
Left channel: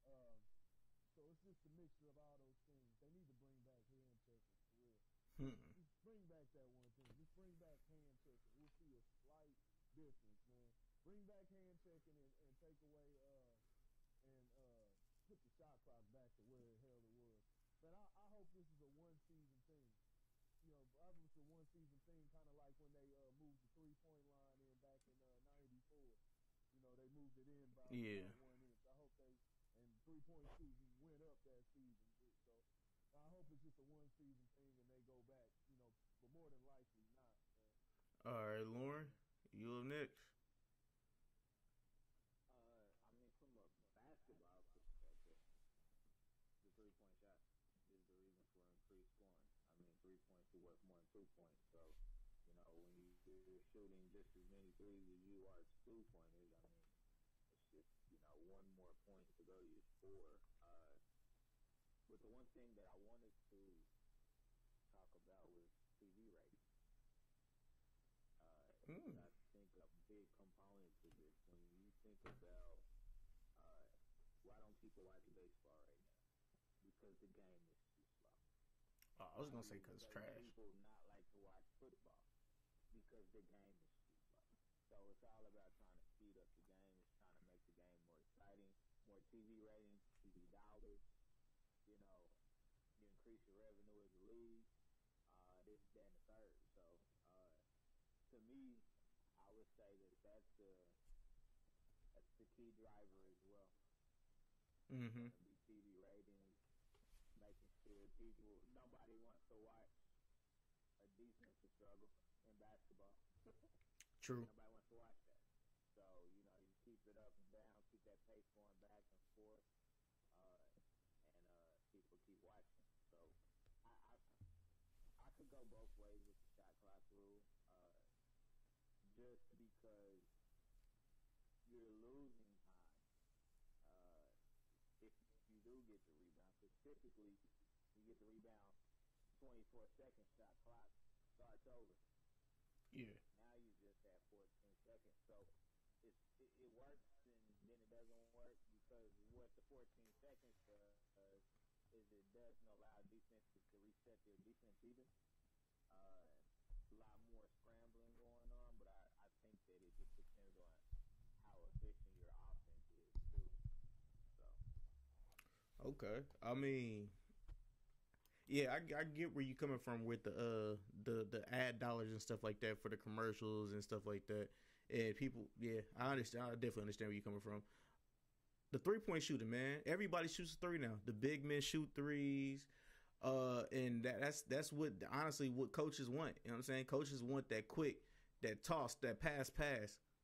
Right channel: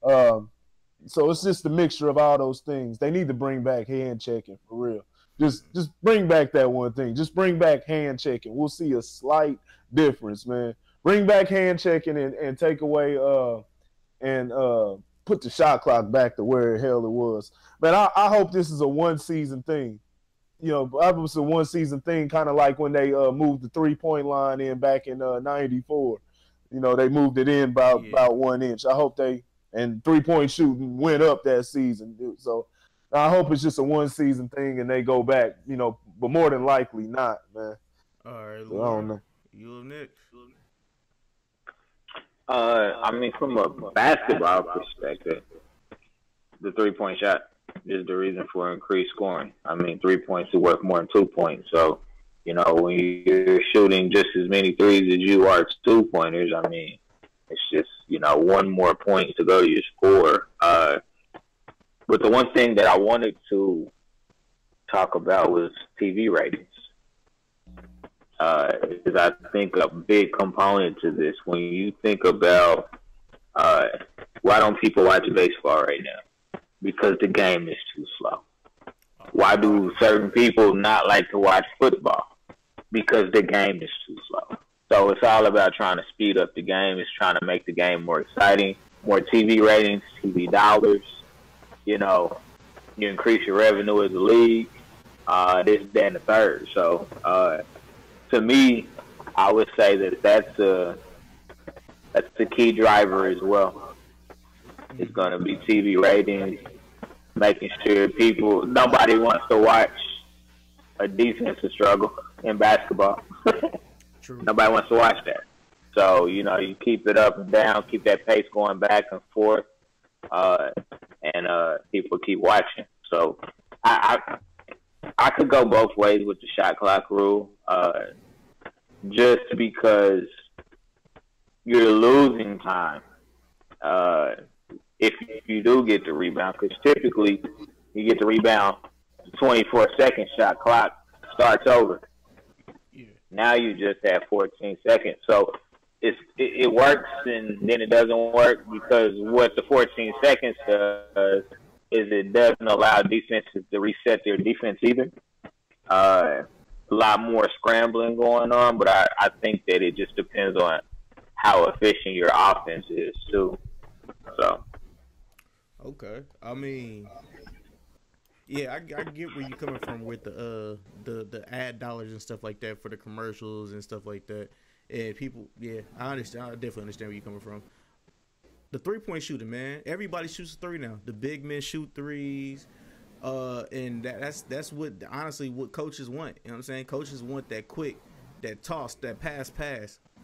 So it's just a mixture of all those things. They need to bring back hand checking for real. Just bring back that one thing. Just bring back hand checking. We'll see a slight difference, man. Bring back hand checking and take away and put the shot clock back to where the hell it was. Man, I hope this is a one season thing. You know, I hope it's a one season thing, kind of like when they moved the 3-point line in back in '94. You know, they moved it in about 1 inch. I hope and 3-point shooting went up that season. So I hope it's just a one season thing and they go back, you know, but more than likely not, man. All right, so I don't know. You up next? I mean, from a basketball perspective, the 3-point shot is the reason for increased scoring. I mean, 3 points is worth more than 2 points. So, you know, when you're shooting just as many threes as you are 2-pointers, I mean, it's just, you know, one more point to go to your score. But the one thing that I wanted to talk about was TV ratings. Because I think a big component to this, when you think about why don't people watch baseball right now? Because the game is too slow. Why do certain people not like to watch football? Because the game is too slow. So it's all about trying to speed up the game. It's trying to make the game more exciting, more TV ratings, TV dollars. You know, you increase your revenue as a league, this, that, and the third. So, to me, I would say that that's the key driver as well. It's going to be TV ratings, making sure nobody wants to watch a defensive struggle in basketball. True. Nobody wants to watch that. So, you know, you keep it up and down, keep that pace going back and forth, and people keep watching. So I could go both ways with the shot clock rule, just because you're losing time if you do get the rebound, because typically you get the rebound, the 24-second shot clock starts over. Yeah. Now you just have 14 seconds. So it works and then it doesn't work, because what the 14 seconds does is it doesn't allow defenses to reset their defense either. A lot more scrambling going on, but I think that it just depends on how efficient your offense is too. So. Okay. I mean, yeah, I get where you're coming from with the ad dollars and stuff like that for the commercials and stuff like that. And people, yeah, I understand. I definitely understand where you're coming from. The 3-point shooting, man. Everybody shoots a 3 now. The big men shoot 3s. And that's what, honestly, what coaches want. You know what I'm saying? Coaches want that quick, that toss, that pass,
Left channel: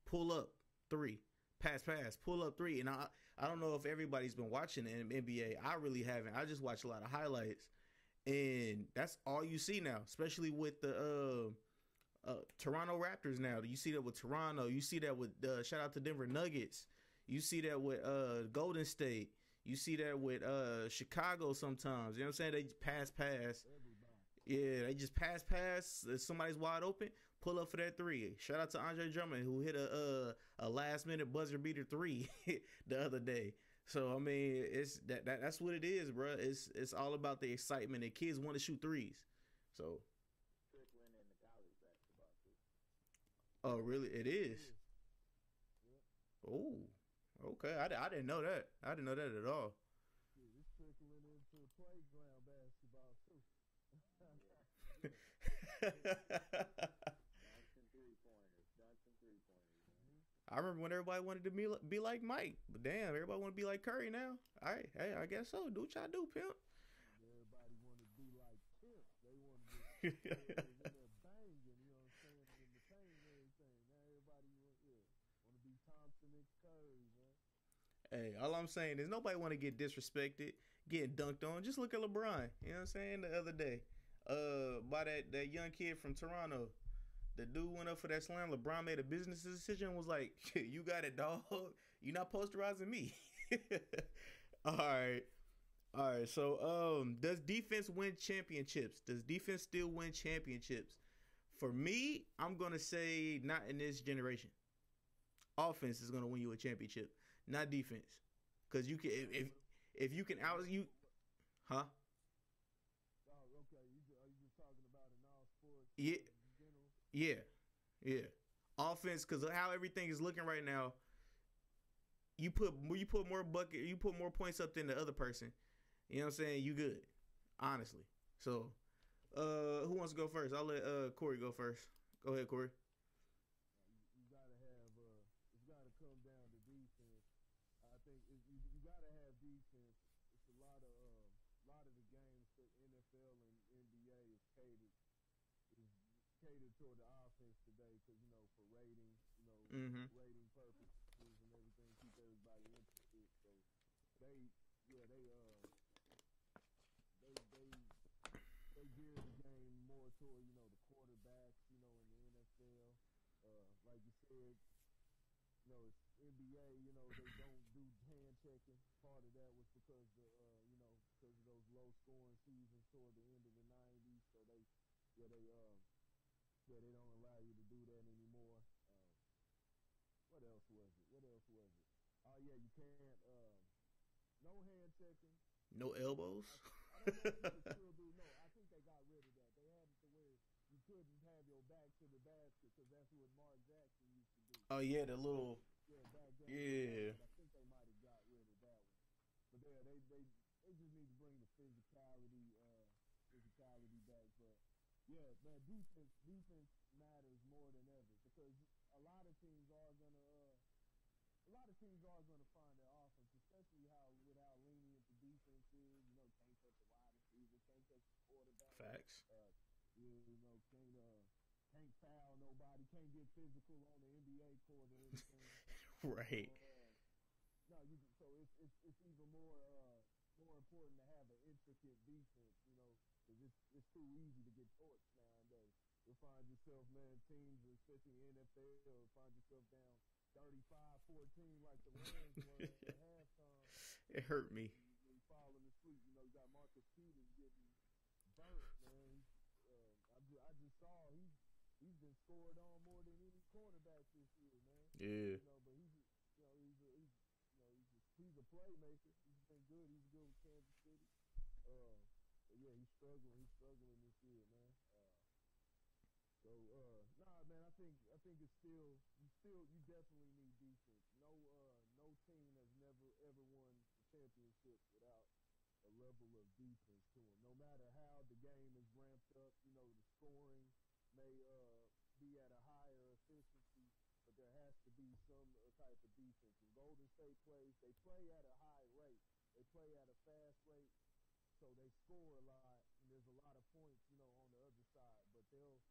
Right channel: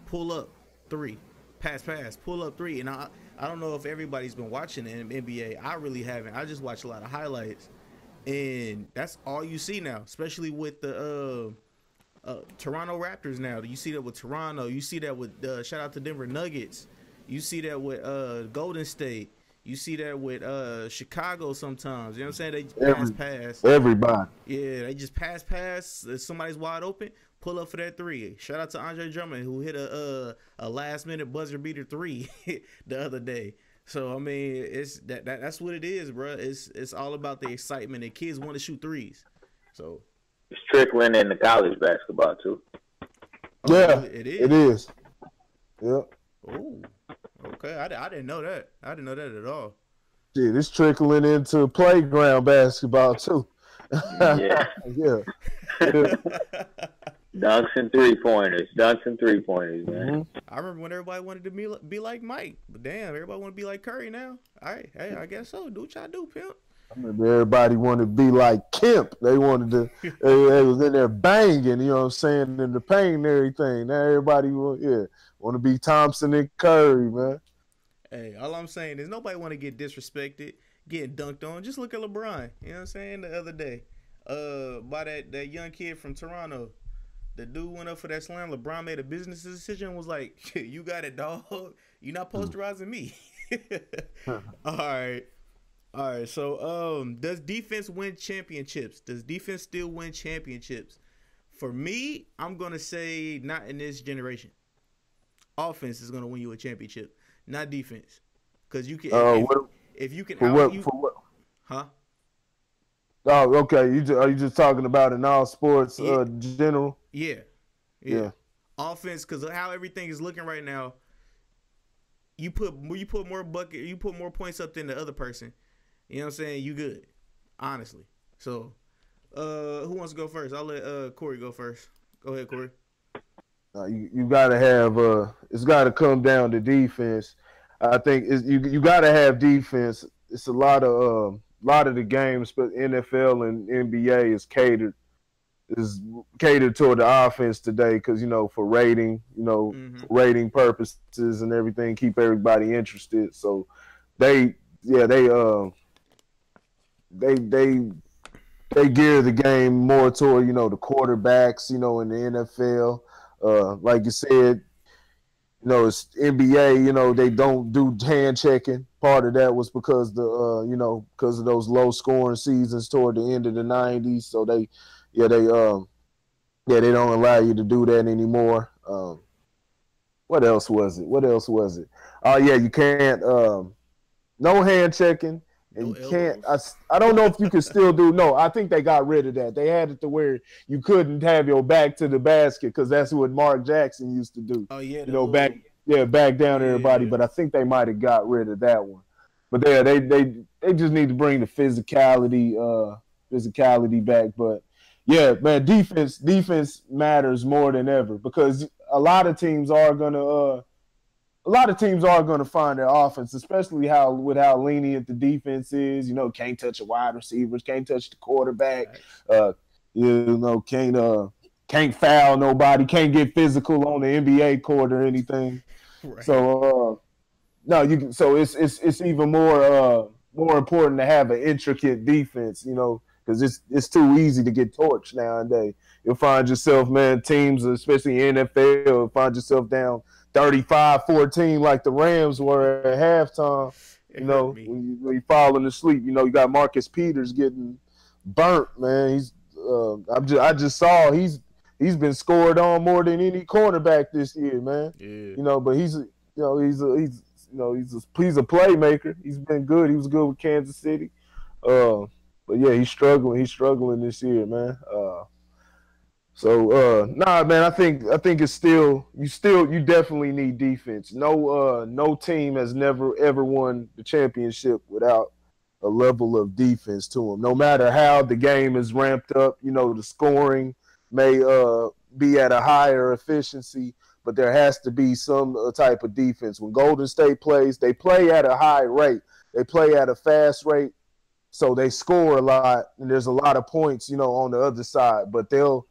pull up 3, pass, pull up 3. And I don't know if everybody's been watching the NBA. I really haven't. I just watch a lot of highlights. And that's all you see now, especially with the Toronto Raptors now. You see that with Toronto. You see that with shout out to Denver Nuggets. You see that with Golden State. You see that with Chicago sometimes. You know what I'm saying? They pass. Everybody. Yeah, they just pass. If somebody's wide open, pull up for that 3. Shout out to Andre Drummond, who hit a last-minute buzzer beater 3 the other day. So, I mean, it's that's what it is, bro. It's all about the excitement. And kids want to shoot 3s. So it's trickling into college basketball, too. Oh, yeah, really? It is. It is. Yep. Oh, okay. I didn't know that. I didn't know that at all. Shit, it's trickling into playground basketball too. Yeah. Yeah. Dunks and 3-pointers. Man. Mm-hmm. I remember when everybody wanted to be like Mike, but damn, everybody want to be like Curry now. All right, hey, I guess so. Do what y'all do, pimp. I remember everybody wanted to be like Kemp. They wanted to. they was in there banging. You know what I'm saying, in the paint and everything. Now everybody want to be Thompson and Curry, man. Hey, all I'm saying is nobody want to get disrespected, getting dunked on. Just look at LeBron. You know what I'm saying? The other day, by that young kid from Toronto. The dude went up for that slam. LeBron made a business decision and was like, you got it, dog. You're not posterizing me. All right. So, does defense win championships? Does defense still win championships? For me, I'm going to say not in this generation. Offense is going to win you a championship, not defense. Because you can, if you can for what? huh? Oh, okay. Are you just talking about in all sports, Yeah, general? yeah, yeah. Yeah. Offense, because how everything is looking right now, you put more points up than the other person. You know what I'm saying? You good, honestly. So, who wants to go first? I'll let Corey go first. Go ahead, Corey. You gotta have it's gotta come down to defense. I think you gotta have defense. It's a lot of the games, but NFL and NBA is catered toward the offense today because for rating, Mm-hmm. for rating purposes and everything, keep everybody interested. So they yeah they gear the game more toward the quarterbacks in the NFL. Like you said, it's NBA. They don't do hand checking. Part of that was because because of those low scoring seasons toward the end of the '90s. So they don't allow you to do that anymore. What else was it? Oh yeah, you can't. No hand checking, and No you can't. elbows. I don't know if you can still do. No, I think they got rid of that. They had it to where you couldn't have your back to the basket because that's what Mark Jackson used to do. Oh yeah, Back back down everybody. Yeah. But I think they might have got rid of that one. But yeah, they just need to bring the physicality back. But yeah, man, defense matters more than ever because a lot of teams are gonna find their offense, especially how lenient the defense is. Can't touch a wide receivers, can't touch the quarterback, uh, can't foul nobody, can't get physical on the NBA court or anything. Right. So no, you can. So it's even more important to have an intricate defense. Because it's too easy to get torched nowadays. You'll find yourself, man, teams, especially NFL, you'll find yourself down 35-14 like the Rams were at halftime. It hurt me. When you falling asleep, you got Marcus Peters getting burnt, man. I just saw he's been scored on more than any cornerback this year, man. Yeah. But he's a playmaker. He's been good. He was good with Kansas City. But yeah, he's struggling. He's struggling this year, man. Nah, man. I think it's you definitely need defense. No team has never ever won the championship without a level of defense to them. No matter how the game is ramped up, the scoring may be at a higher efficiency, but there has to be some type of defense. When Golden State plays, they play at a high rate. They play at a fast rate. So they score a lot, and there's a lot of points, on the other side. But they'll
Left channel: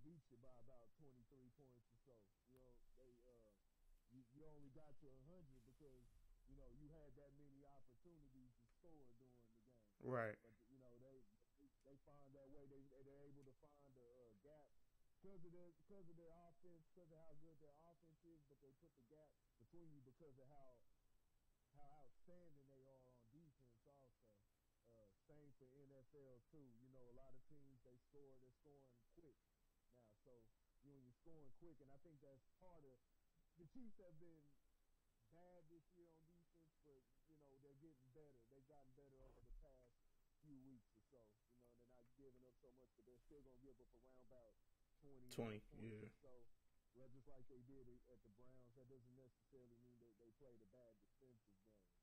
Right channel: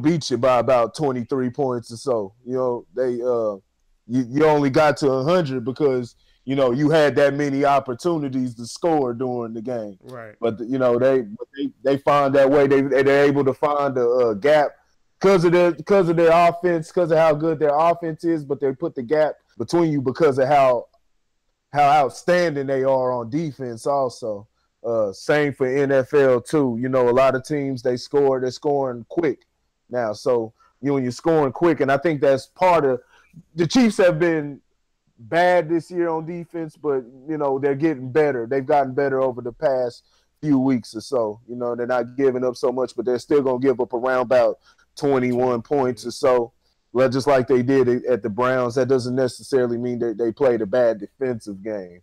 beat you by about 23 points or so. You only got to 100 because you had that many opportunities to score during the game. Right. But they find that way. They're able to find a gap because of their offense, because of how good their offense is. But they put the gap between you because of how outstanding they are on defense also. Same for NFL too. A lot of teams they're scoring quick now. So when you're scoring quick, and I think that's part of the Chiefs have been bad this year on defense, but they're getting better. They've gotten better over the past few weeks or so. They're not giving up so much, but they're still gonna give up around about 21 points or so. Well, just like they did at the Browns. That doesn't necessarily mean that they played a bad defensive game.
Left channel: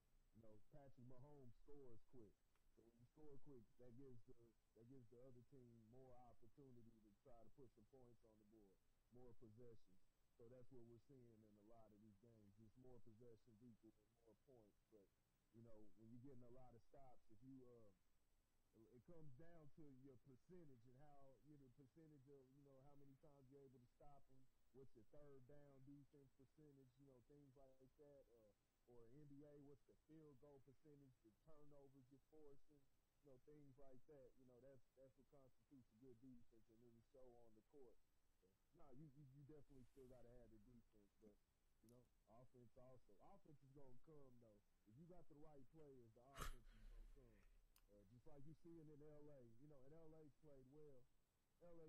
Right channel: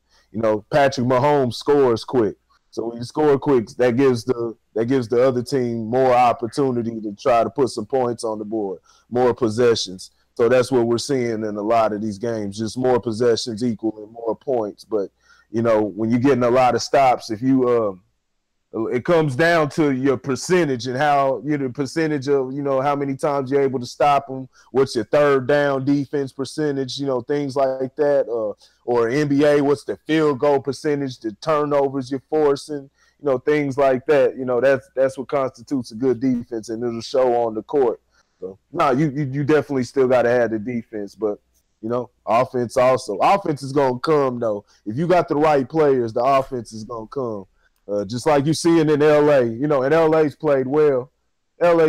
Patrick Mahomes scores quick. So when you score quick, that gives the other team more opportunity to try to put some points on the board, more possessions. So that's what we're seeing in a lot of these games, just more possessions equaling more points. But when you're getting a lot of stops, if you it comes down to your percentage and how the percentage of how many times you're able to stop them. What's your third down defense percentage? Things like that. Or NBA, what's the field goal percentage? The turnovers you're forcing. Things like that. That's what constitutes a good defense, and it'll show on the court. So you definitely still got to have the defense, but offense also. Offense is gonna come though. If you got the right players, the offense is gonna come. Just like you see it in LA, and LA's played well. But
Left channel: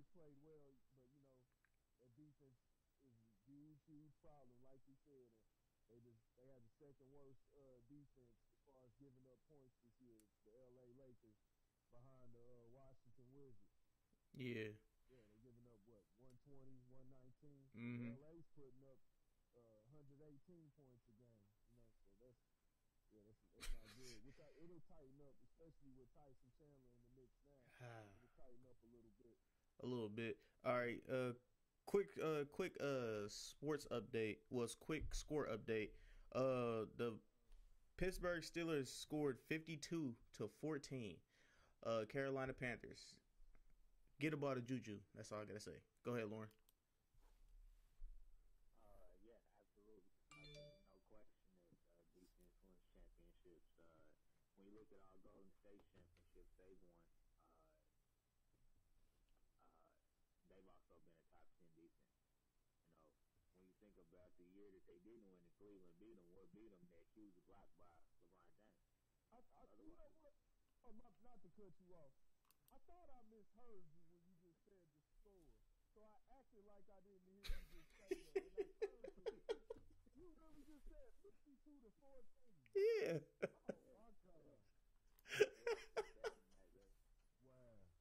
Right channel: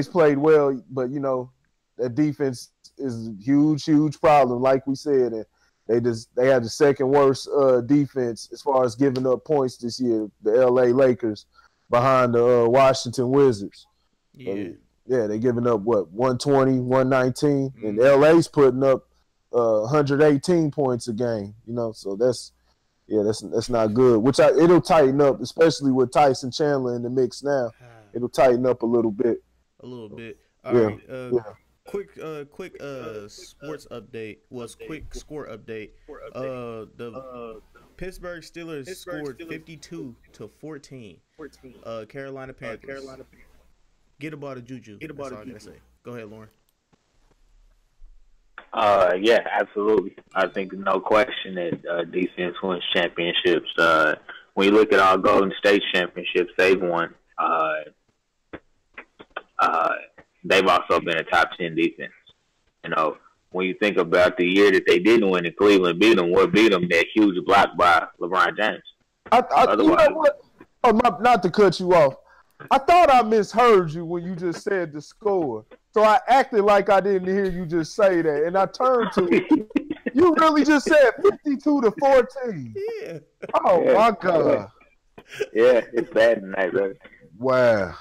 that defense is a huge problem, like we said. And they had the second worst defense as far as giving up points this year, the LA Lakers. behind the Washington Wizards. Yeah. Yeah, they're giving up what 120, 119, and LA's putting up 118 points a game. You know, so that's not good. Which it'll tighten up, especially with Tyson Chandler in the mix now. It'll tighten up a little bit. A little bit. All right. Quick sports update was quick score update. The Pittsburgh Steelers scored 52-14. Carolina Panthers. Get about a juju. That's all I gotta say. Go ahead, Lauren. Yeah, absolutely. I think no question that defense wins championships. When you look at our Golden State championships, they've won. They've also been a top 10 defense. You know, when you think about the year that they didn't win and Cleveland beat them, what beat them? That huge block by LeBron James. You know what? Oh, not to cut you off. I thought I misheard you when you just said the score. So I acted like I didn't hear you just say that. And I turned to you. You really just said 52-14. Yeah. Oh, yeah. My God. Yeah, it's bad tonight, brother. Wow.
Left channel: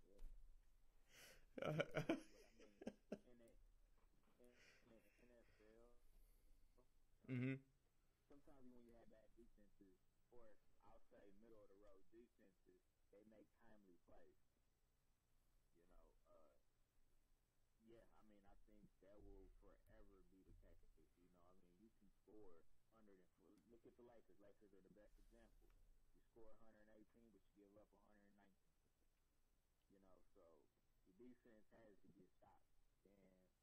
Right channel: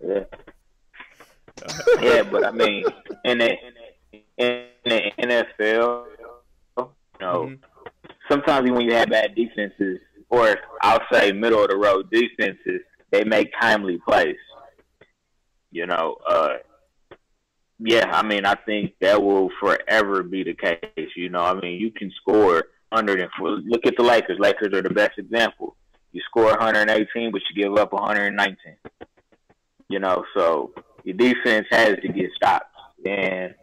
Yeah. Yeah, but I mean, in the NFL, you know, sometimes when you have bad defenses, or I'll say middle of the road defenses, they make timely plays. You know, yeah, I mean, I think that will forever be the case. You know, I mean, you can score under them. Look at the Lakers. Lakers are the best example. You score 118, but you give up 119. You know, so your defense has to get stopped. And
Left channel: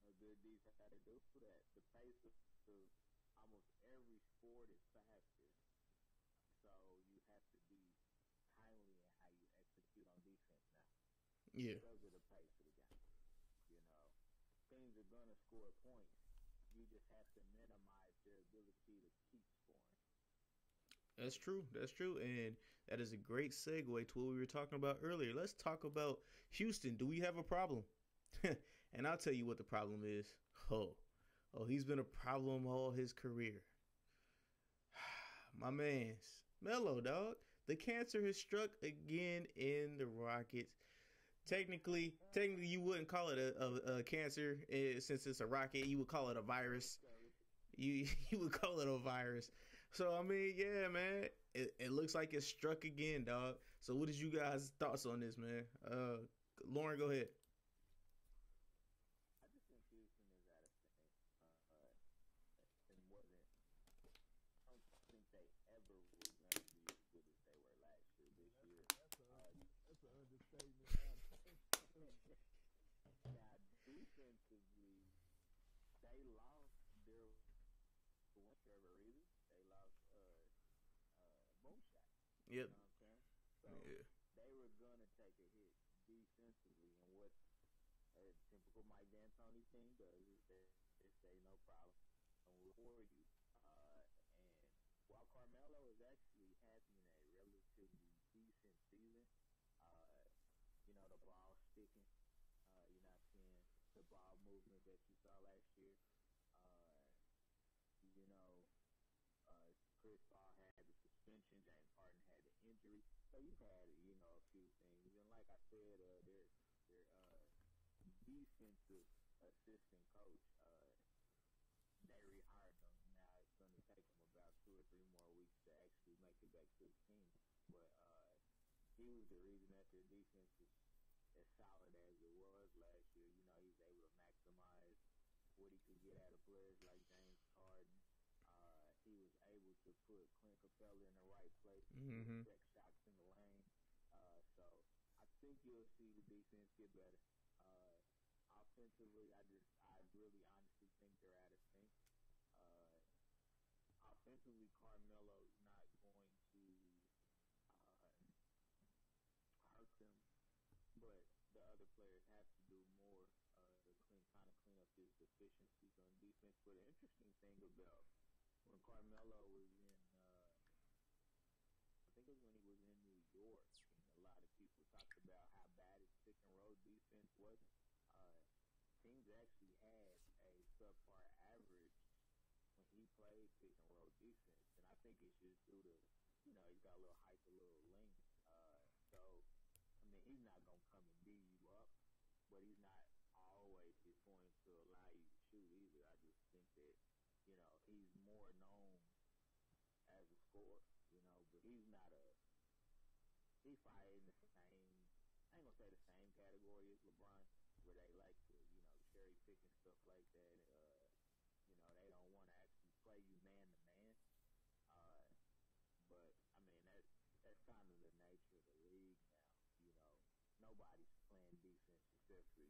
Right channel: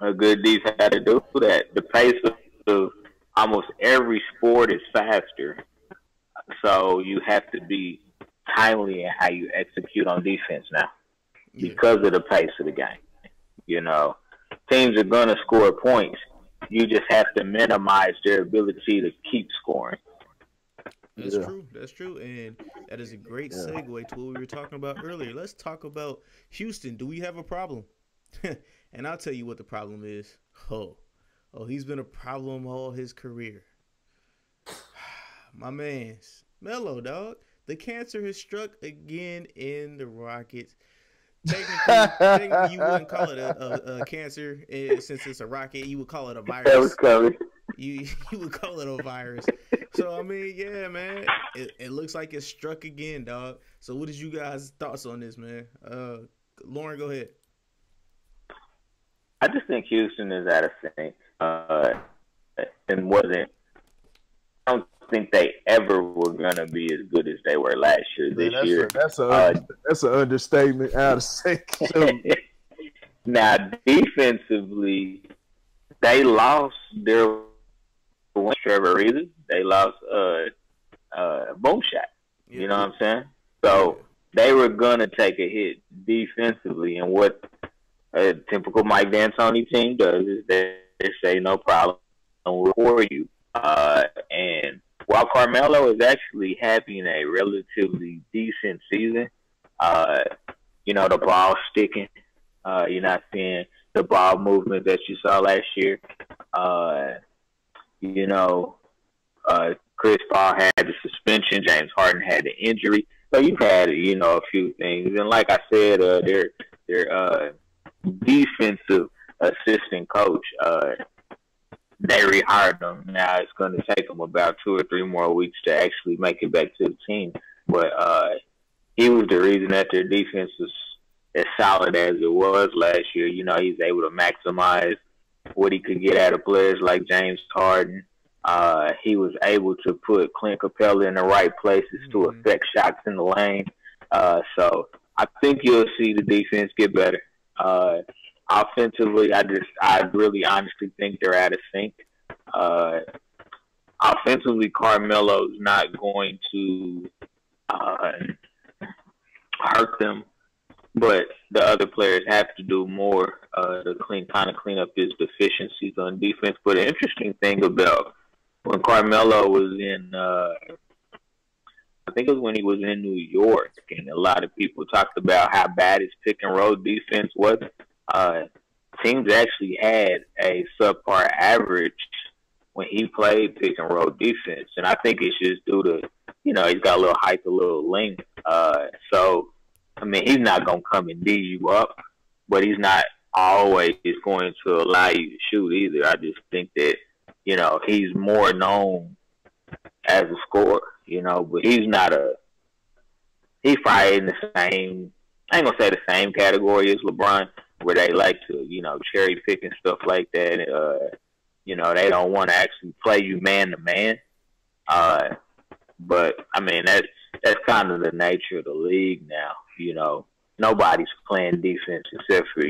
a good defense had to do that. The pace of almost every sport is faster. So you have to be timely in how you execute on defense now because of the pace of the game. You know, teams are going to score points. You just have to minimize their ability to keep scoring. That's true. That's true. And that is a great segue to what we were talking about earlier. Let's talk about Houston. Do we have a problem? And I'll tell you what the problem is. Oh, he's been a problem all his career. My man's Melo, dog. The cancer has struck again in the Rockets. Technically, you wouldn't call it a cancer since it's a rocket. You would call it a virus. That was covered. You would call it a virus. So, I mean, yeah, man. It looks like it struck again, dog. So, what is you guys' thoughts on this, man? Lauren, go ahead. I just think Houston is out of sync. And wasn't. I don't think they ever were gonna be as good as they were last year. This year, that's an understatement. Out of sync. Now, defensively, they lost their Trevor Reeves. They lost Boom Shot. You know what I'm saying? So they were gonna take a hit defensively, and what a typical Mike D'Antoni team does is they say no problem for you. And while Carmelo is actually having a relatively decent season, you know, the ball sticking, you're not seeing the ball movement that you saw last year. You know, Chris Paul had the suspension, James Harden had the injury. So you've had, you know, a few things. And like I said, their defensive assistant coach, they rehired him. Now it's going to take him about 2 or 3 more weeks to actually make it back to the team. But he was the reason that their defense was as solid as it was last year. You know, he's able to maximize what he could get out of players like James Harden. He was able to put Clint Capella in the right places to affect shots in the lane. So I think you'll see the defense get better. Offensively, I really honestly think they're out of sync. Offensively, Carmelo's not going to hurt them, but the other players have to do more to clean up his deficiencies on defense. But an interesting thing about when Carmelo was in, I think it was when he was in New York, and a lot of people talked about how bad his pick and roll defense was. Teams actually had a subpar average when he played pick and roll defense, and I think it's just due to he's got a little height, a little length. So I mean, he's not gonna come and D you up, but he's not always going to allow you to shoot either. I just think that he's more known as a scorer, but he's not he's probably in the same. I ain't gonna say the same category as LeBron, where they like to, cherry pick and stuff like that. They don't want to actually play you man to man. But I mean, that's kind of the nature of the league now. Nobody's playing defense except for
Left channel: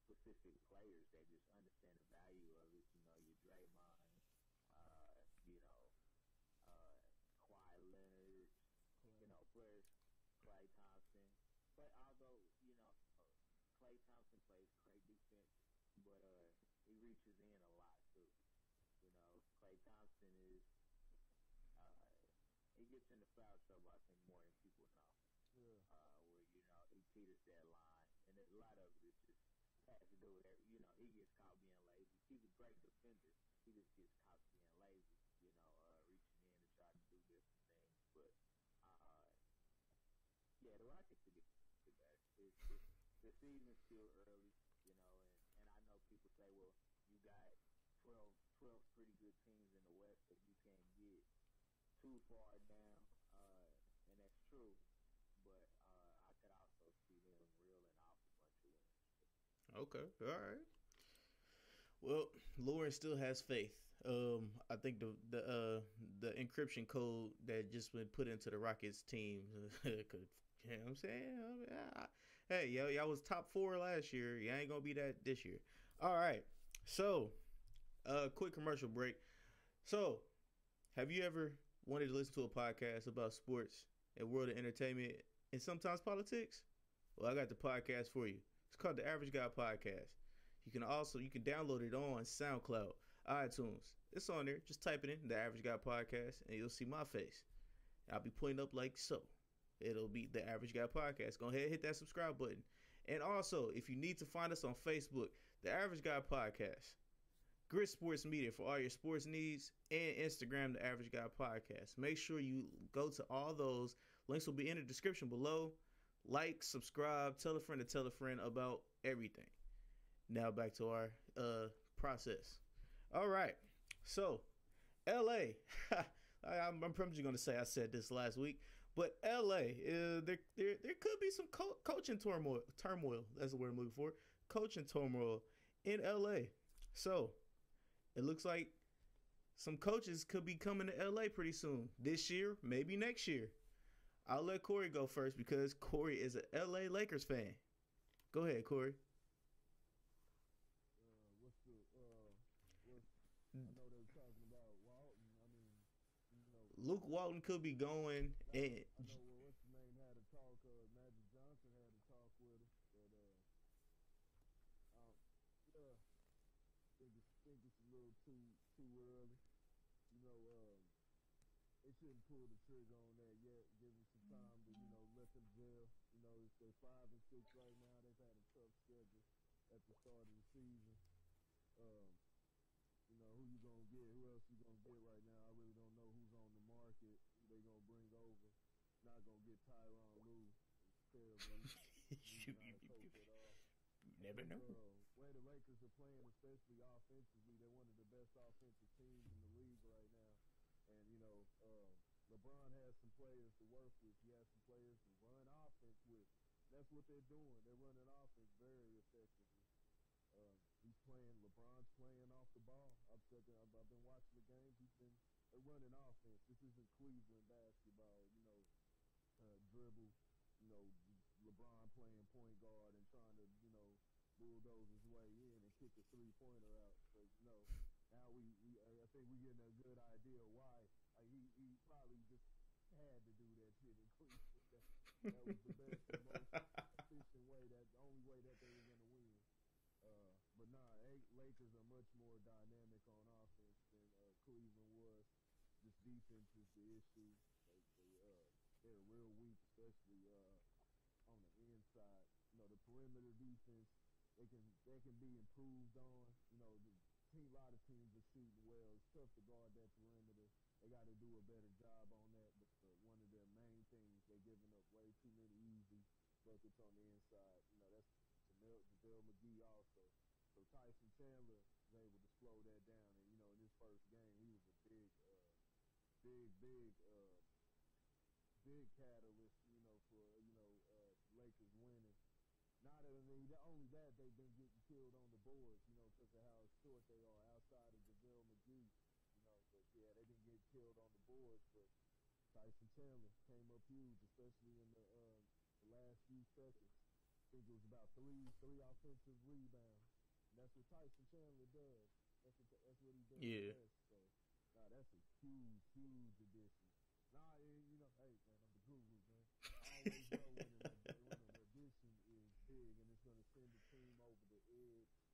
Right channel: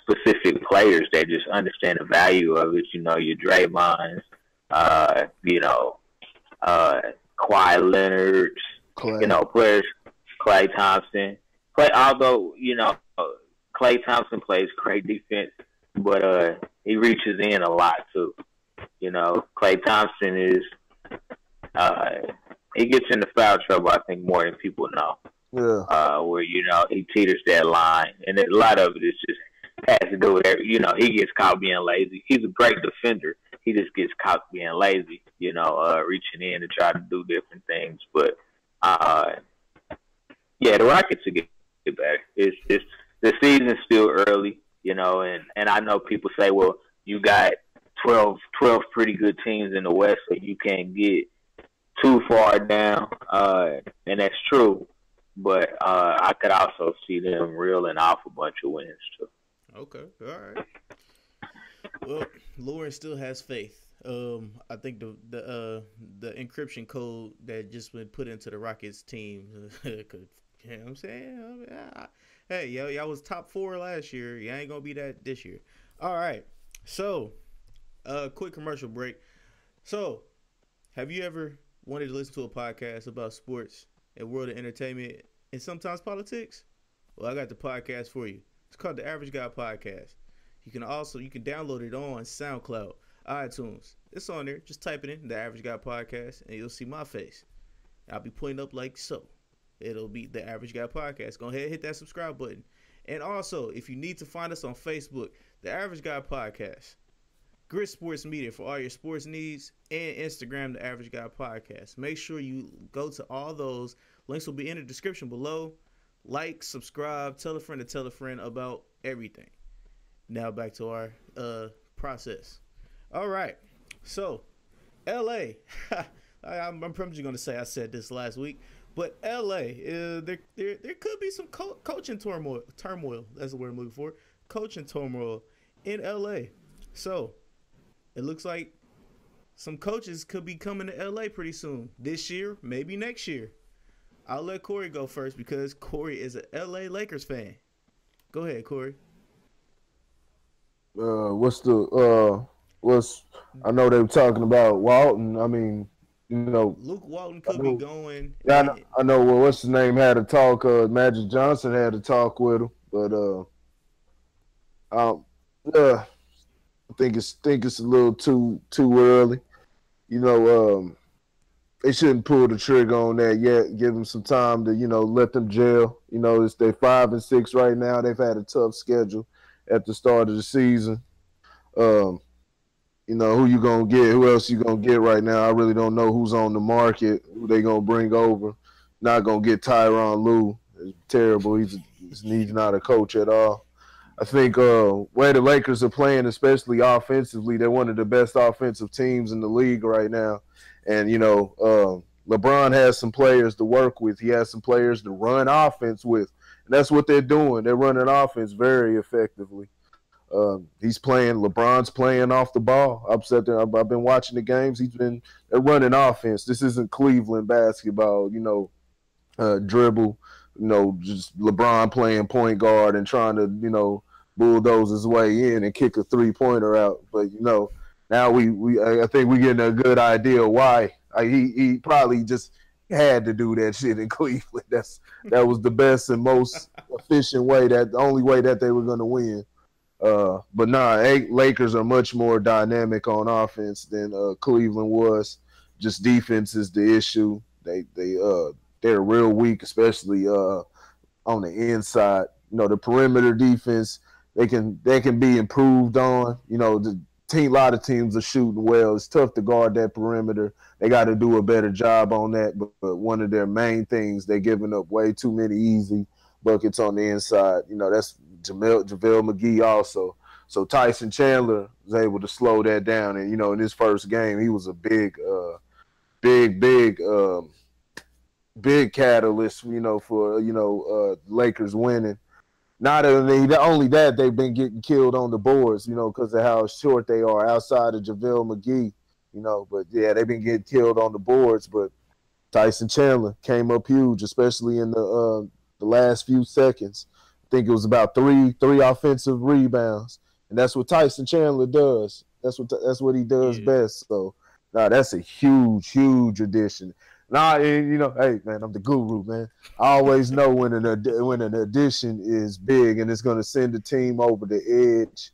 specific players that just understand the value of it. Your Draymonds, Kawhi Leonard's, players, Klay Thompson. Although Klay Thompson plays great defense, but he reaches in a lot too. Klay Thompson is he gets into foul trouble, I think, more than people know. Yeah. Where he teeters that line, and a lot of it is just has to do with he gets caught being lazy. He's a great defender. He just gets caught being lazy. Reaching in to try to do different things, but yeah, the Rockets will get better. It's the season's still early, and I know people say, well, you got 12 pretty good teams in the West, so you can't get too far down, and that's true. But I could also see them reeling off a bunch of wins too. Okay, all right. Well, Lauren still has faith. I think the encryption code that just been put into the Rockets team could. You know what I'm saying? Hey, y'all was top 4 last year. You ain't gonna be that this year. All right. So, quick commercial break. So, have you ever wanted to listen to a podcast about sports and world of entertainment and sometimes politics? Well, I got the podcast for you. It's called the Average Guy Podcast. You can download it on SoundCloud, iTunes. It's on there. Just type it in, the Average Guy Podcast, and you'll see my face. I'll be pointing up like so. It'll be the Average Guy Podcast. Go ahead and hit that subscribe button. And also, if you need to find us on Facebook, the Average Guy Podcast, Grit Sports Media for all your sports needs, and Instagram, the Average Guy Podcast. Make sure you go to all those. Links will be in the description below. Like, subscribe, tell a friend about everything. Now back to our process. All right. So, LA. I'm probably going to say I said this last week. But LA, there could be some coaching turmoil. That's the word I'm looking for. Coaching turmoil in LA. So it looks like some coaches could be coming to LA pretty soon. This year, maybe next year. I'll let Corey go first because Corey is a LA Lakers fan. Go ahead, Corey. I know they were talking about Walton. I mean, Luke Walton could be going. Yeah, I know. Well, what's his name had a talk. Magic Johnson had a talk with him, but I think it's a little too early. They shouldn't pull the trigger on that yet. Give them some time to let them gel. It's they 5 and 6 right now. They've had a tough schedule at the start of the season. Who you gonna get? Who else you gonna get right now? I really don't know who's on the market. Who they gonna bring over? Not gonna get Tyronn Lue. It's terrible. He's not a coach at all. I think where the Lakers are playing, especially offensively, they're one of the best offensive teams in the league right now. And LeBron has some players to work with. He has some players to run offense with, and that's what they're doing. They're running offense very effectively. LeBron's playing off the ball. I've been watching the games. They're running offense. This isn't Cleveland basketball, dribble, just LeBron playing point guard and trying to, bulldoze his way in and kick a 3-pointer out. But, now I think we're getting a good idea why. He probably just had to do that shit in Cleveland. That was the best and most efficient way, the only way that they were going to win. But Lakers are much more dynamic on offense than Cleveland was. Just defense is the issue. They're real weak, especially on the inside. The perimeter defense they can be improved on. lot of teams are shooting well. It's tough to guard that perimeter. They got to do a better job on that. But one of their main things, they're giving up way too many easy buckets on the inside. You know, that's JaVale McGee also. So Tyson Chandler was able to slow that down. And, you know, in his first game, he was a big catalyst, you know, for, Lakers winning. Not only that, they've been getting killed on the boards, you know, because of how short they are outside of JaVale McGee, you know. But, yeah, they've been getting killed on the boards. But Tyson Chandler came up huge, especially in the last few seconds. I think it was about three offensive rebounds. And that's what Tyson Chandler does. That's what he does best. So, that's a huge addition. You know, hey, man, I'm the guru, man. I always know when an addition is big and it's going to send the team over the edge.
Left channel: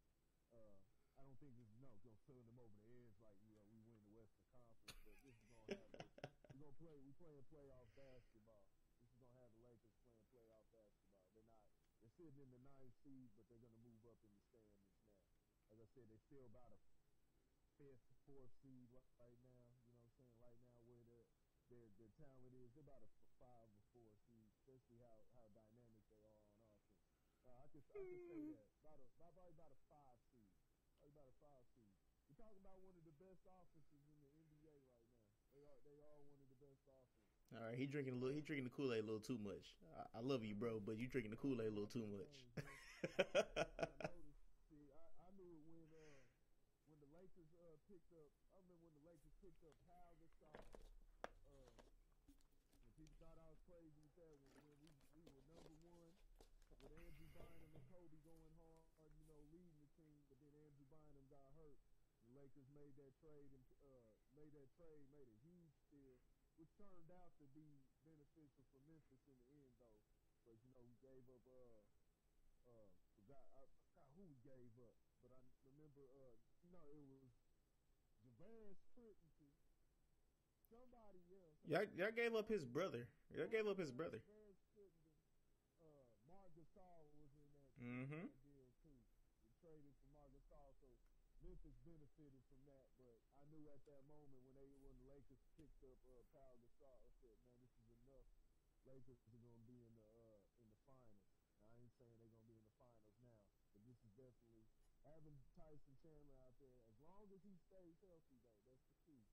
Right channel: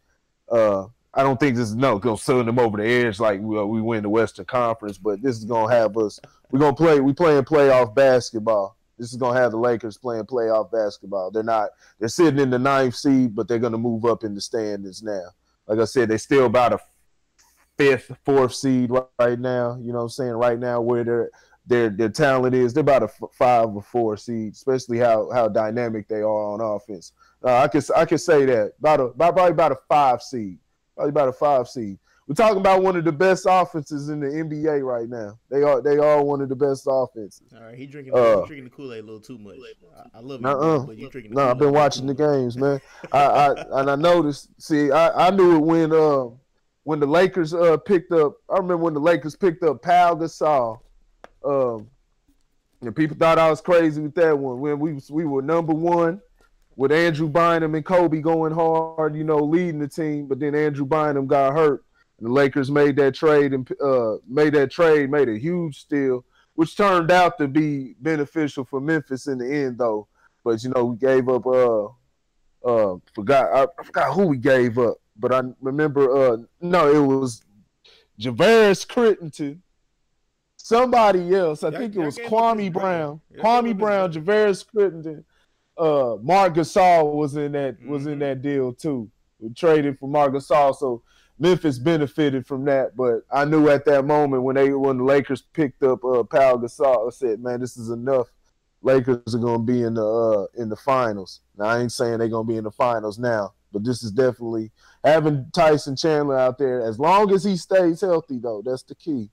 I don't think this is going to send them over the edge like we win the Western Conference, but this is going to have us. We playing playoff basketball. This is going to have the Lakers playing playoff basketball. They're sitting in the 9th seed, but they're going to move up in the standings now. Like I said, they're still about a 5th, 4th seed right now. You know what I'm saying? Right now where their talent is, they're about a 5 or 4 seed, especially how dynamic they are on offense. I could say that probably about a 5 seed. Probably about a 5 seed. We're talking about one of the best offenses in the NBA right now. They are one of the best offenses. All right, he drinking the Kool-Aid a little too much. I love you, but you drinking the Kool-Aid. I've been watching the games, man. I noticed. See, I knew it when the Lakers picked up. I remember when the Lakers picked up Pau Gasol. And people thought I was crazy with that one. When we were number 1 with Andrew Bynum and Kobe going hard, you know, leading the team, but then Andrew Bynum got hurt. And the Lakers made that trade and made a huge steal, which turned out to be beneficial for Memphis in the end, though. But you know, we gave up. I forgot who we gave up, but I remember. No, it was Javaris Crittenton. Somebody else. I think it was Kwame Brown. Kwame Brown, Javaris Crittenton. Marc Gasol was in that deal too. We traded for Marc Gasol, so Memphis benefited from that. But I knew at that moment when the Lakers picked up Pau Gasol, I said, man, this is enough. Lakers are gonna be in the finals. Now I ain't saying they're gonna be in the finals now, but this is definitely having Tyson Chandler out there. As long as he stays healthy, though, that's the key.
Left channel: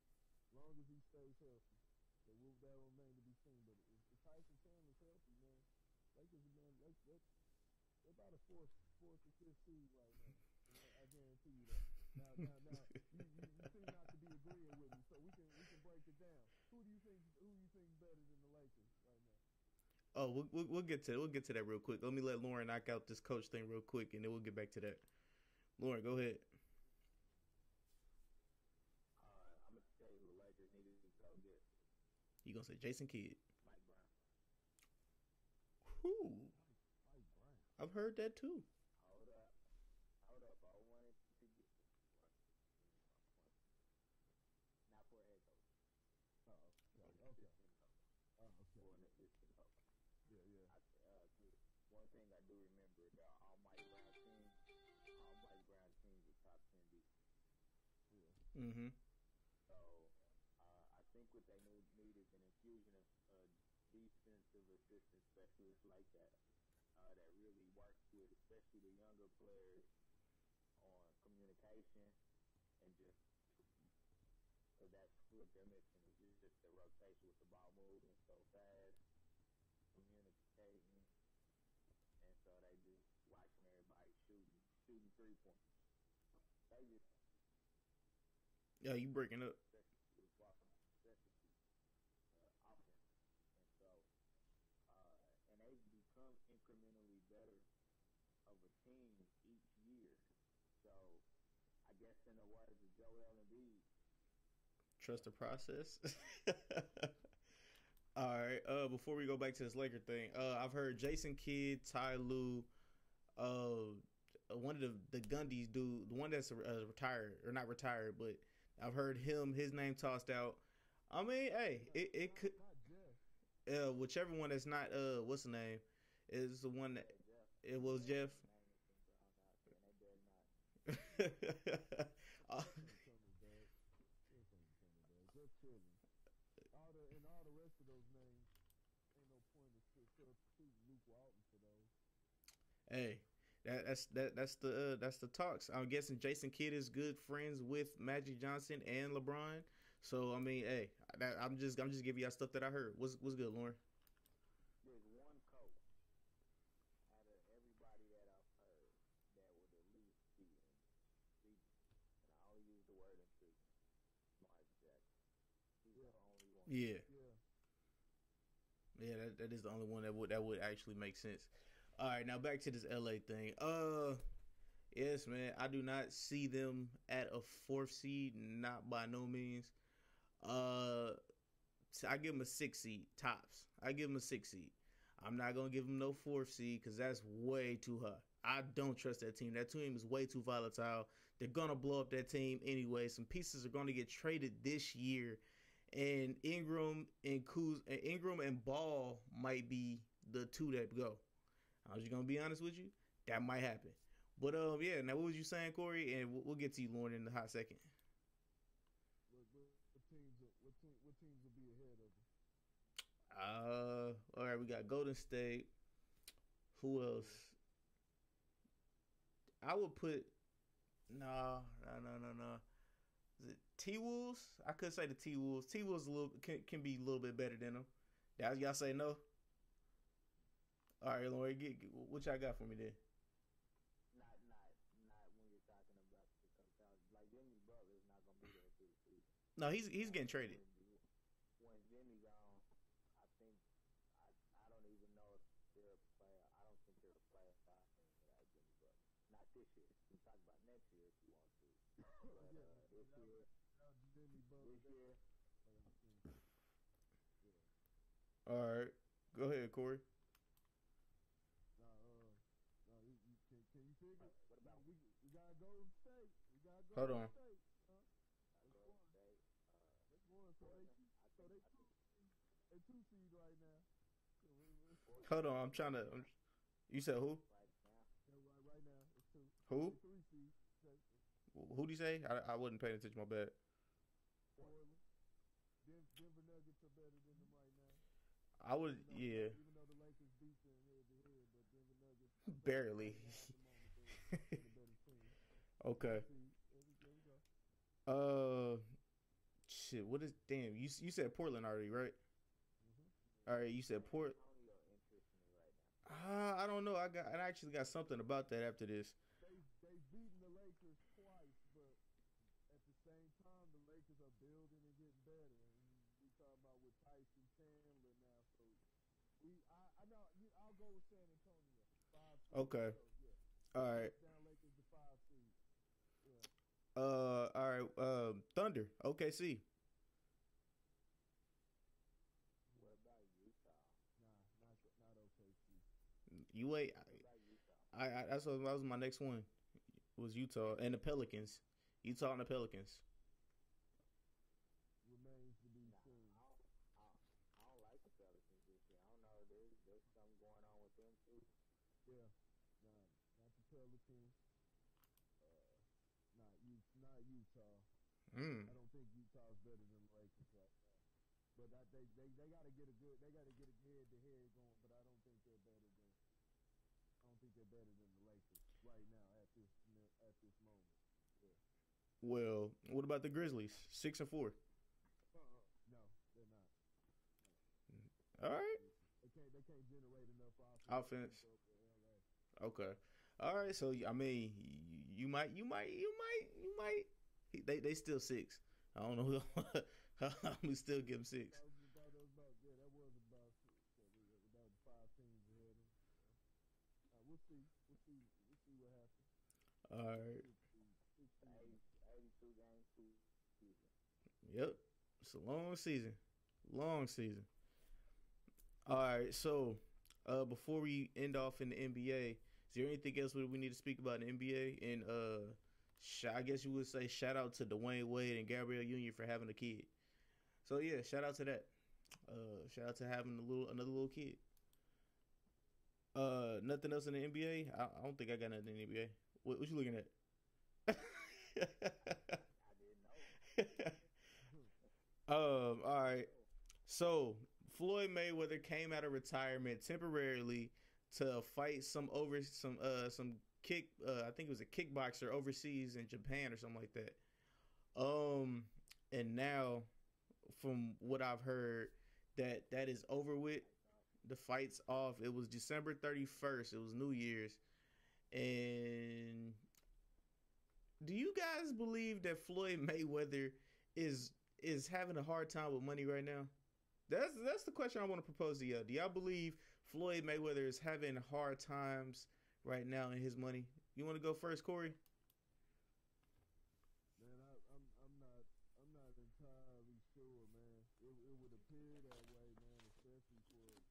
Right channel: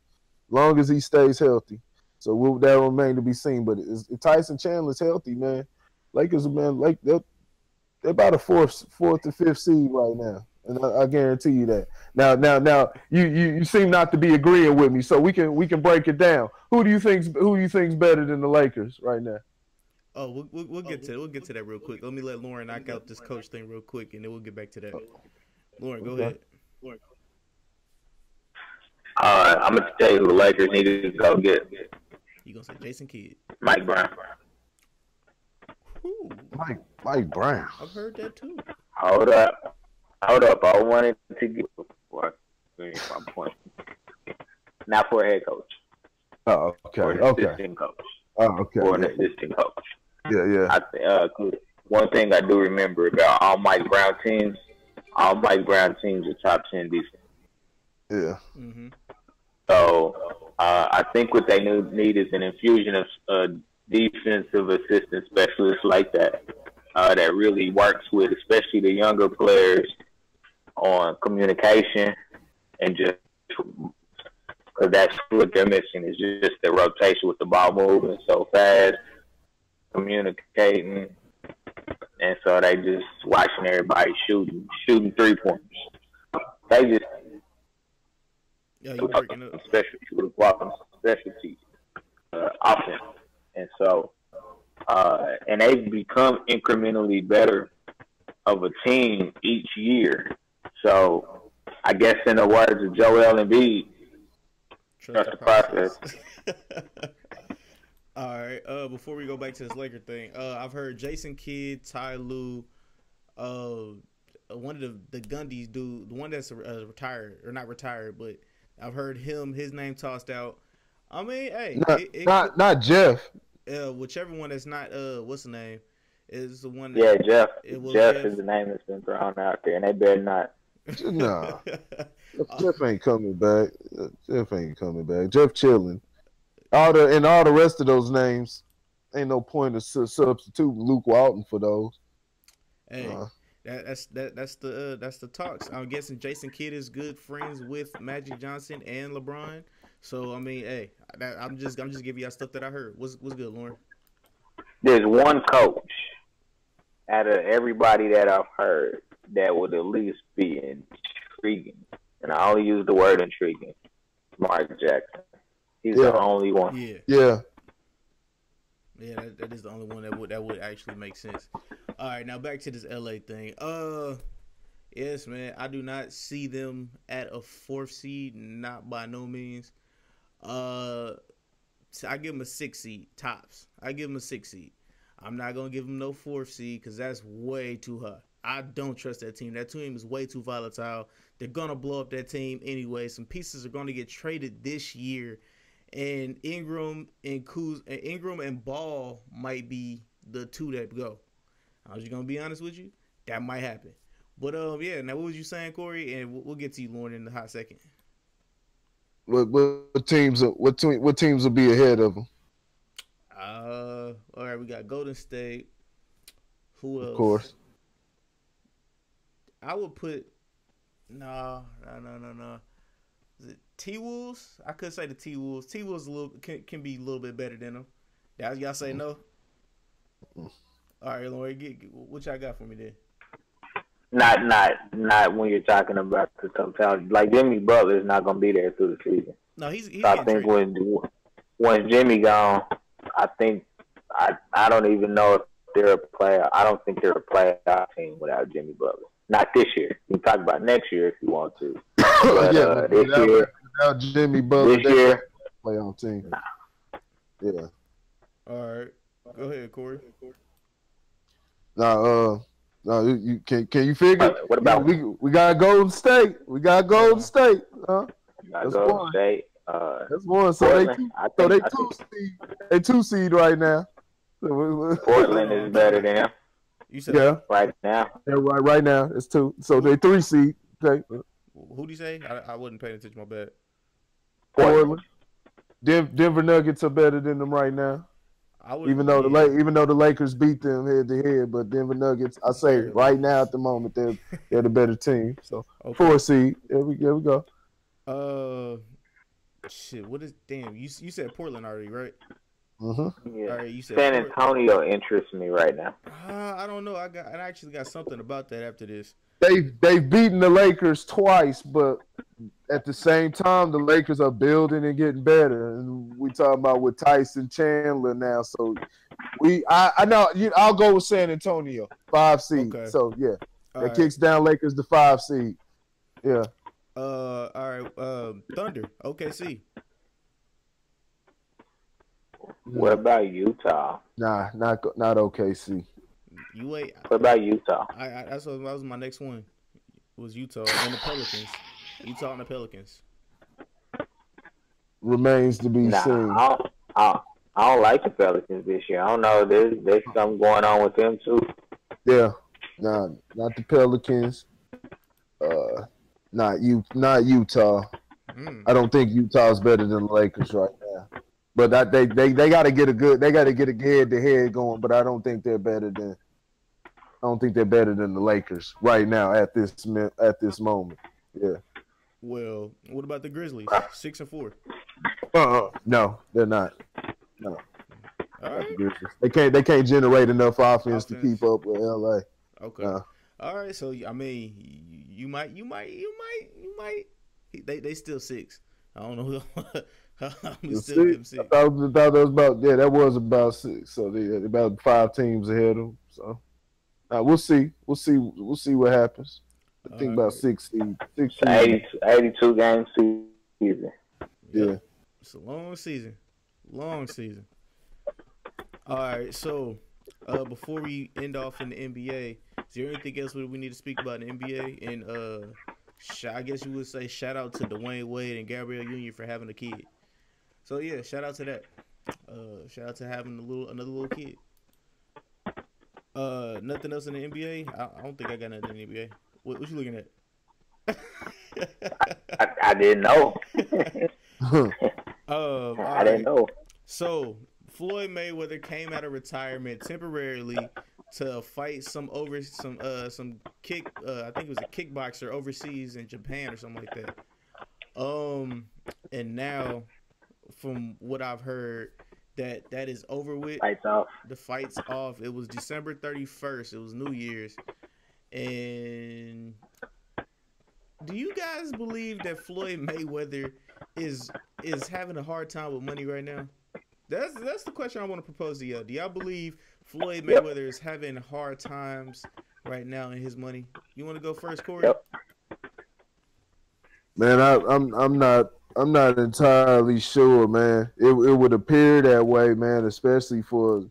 As long as he stays healthy. So that will remain to be seen. But if Tyson Chandler's healthy, man, Lakers, man, they're about a 4th to 5th seed right now, and I guarantee you that. Now, you seem not to be agreeing with me, so we can break it down. Who do you think's better than the Lakers right now? Oh, we'll get to that real quick. Let me let Lauren knock out this coach thing real quick, and then we'll get back to that. Lauren, go ahead. I'm gonna tell you who the Lakers need to go get. You gonna say Jason Kidd? Mike Brown. Ooh. Mike Brown. I've heard that too. Hold up. I wanted to get before I finish my point. Not for a head coach. Oh, okay. For an assistant coach. Oh, okay. For an assistant coach. Yeah. One thing I do remember about all Mike Brown teams are top 10 defense. Yeah. Mm-hmm. So I think what they need is an infusion of defensive assistant specialists like that that really works with, especially the younger players, on communication and just because that's what they're missing is just the rotation with the ball moving so fast, communicating, and so they just watching everybody shooting 3-pointers. They just you breaking up. Specialty offense, and so and they've become incrementally better of a team each year. So I guess in the words of Joel Embiid, trust the process. All right. Before we go back to this Laker thing, I've heard Jason Kidd, Ty Lue, one of the Gundy's dude, the one that's retired or not retired, but I've heard his name tossed out. I mean, hey, not Jeff. Whichever one that's not what's the name is the one. Jeff. Jeff is the name that's been thrown out there, and they better not. Nah, Jeff ain't coming back. Jeff ain't coming back. Jeff chilling. All the rest of those names, ain't no point of substituting Luke Walton for those. Hey, that's the talks. I'm guessing Jason Kidd is good friends with Magic Johnson and LeBron. So I mean, hey, I'm just giving y'all stuff that I heard. What's good, Lauren? There's one coach out of everybody that I've heard that would at least be intriguing, and I only use the word intriguing. Mark Jackson. He's the only one. Yeah. That is the only one that would actually make sense. All right, now back to this LA thing. Yes, man, I do not see them at a 4th seed, not by no means. So I give them a 6 seed tops. I give them a 6 seed. I'm not gonna give them no 4th seed because that's way too high. I don't trust that team. That team is way too volatile. They're gonna blow up that team anyway. Some pieces are gonna get traded this year. And Ingram and Ball might be the two that go. I was just gonna be honest with you, that might happen. But yeah. Now, what was you saying, Corey? And we'll get to you, Lauren, in a hot second. What teams will be ahead of them? All right, we got Golden State. Who else? Of course. I would put no. Is it T-Wolves? I could say the T-Wolves. T-Wolves can be a little bit better than them. Y'all say no? All right, Lauren, what y'all got for me there? Not when you're talking about the totality. Like Jimmy Butler is not going to be there through the season. No, he's so I think when Jimmy gone, I think I don't even know if they're a player. I don't think they're a playoff team without Jimmy Butler. Not this year. You can talk about next year if you want to. But, this year, without Jimmy Butler, this year, playoff team. Nah. Yeah. All right, go ahead, Corey. No, you can you figure? What about we got Golden State? We got Golden State. That's Golden State. That's one. So they 2 seed right now. Portland is better than them. You said right now. Yeah, right now it's 2. So they 3 seed. Okay. Who do you say? I wasn't paying attention. My bad. Portland. Denver Nuggets are better than them right now. Even though the Lakers beat them head to head, but Denver Nuggets, I say right now at the moment they're the better team. So 4 seed. There we go. Shit. What is damn? You said Portland already, right? Mm-hmm. Yeah. All right, you said San Antonio interests me right now. I don't know. I actually got something about that after this. They've beaten the Lakers twice, but at the same time, the Lakers are building and getting better. And we talking about with Tyson Chandler now. So I know I'll go with San Antonio, 5 seed. Okay. So yeah, that kicks down Lakers to 5 seed. Yeah. All right. Thunder. OKC. What about Utah? Nah, not OKC. You wait. What about Utah? That was my next one. Was Utah and the Pelicans. Utah and the Pelicans. Remains to be seen. I don't like the Pelicans this year. I don't know. There's something going on with them too. Yeah. Nah, not the Pelicans. Not Utah. I don't think Utah's better than the Lakers right now. But they got to get a head to head going. But I don't think they're better than the Lakers right now at this moment. Yeah. Well, what about the Grizzlies? 6-4. No, they're not. No. All right. They can't generate enough offense to keep up with LA. Okay. All right. So I mean, you might. They still 6. I don't know. We still give them 6. I thought that was about that was about 6. So they about 5 teams ahead of them. So we'll see. We'll see what happens. I think about 6 seed. 82 game season. Yeah. It's a long season. All right. So before we end off in the NBA, is there anything else we need to speak about in the NBA? And I guess you would say shout out to Dwayne Wade and Gabrielle Union for having a kid. So yeah, shout out to that. Shout out to having another little kid. Nothing else in the NBA? I don't think I got nothing in the NBA. What you looking at? I didn't know. All I didn't right. know. So Floyd Mayweather came out of retirement temporarily to fight some kick I think it was a kickboxer overseas in Japan or something like that. And now from what I've heard that is over with. Lights off. The fight's off. It was December 31st. It was New Year's. And do you guys believe that Floyd Mayweather is having a hard time with money right now? That's the question I want to propose to y'all. Do y'all believe Floyd Mayweather is having hard times right now in his money? You want to go first, Corey? Yep. Man, I'm not entirely sure, man. It would appear that way, man, especially for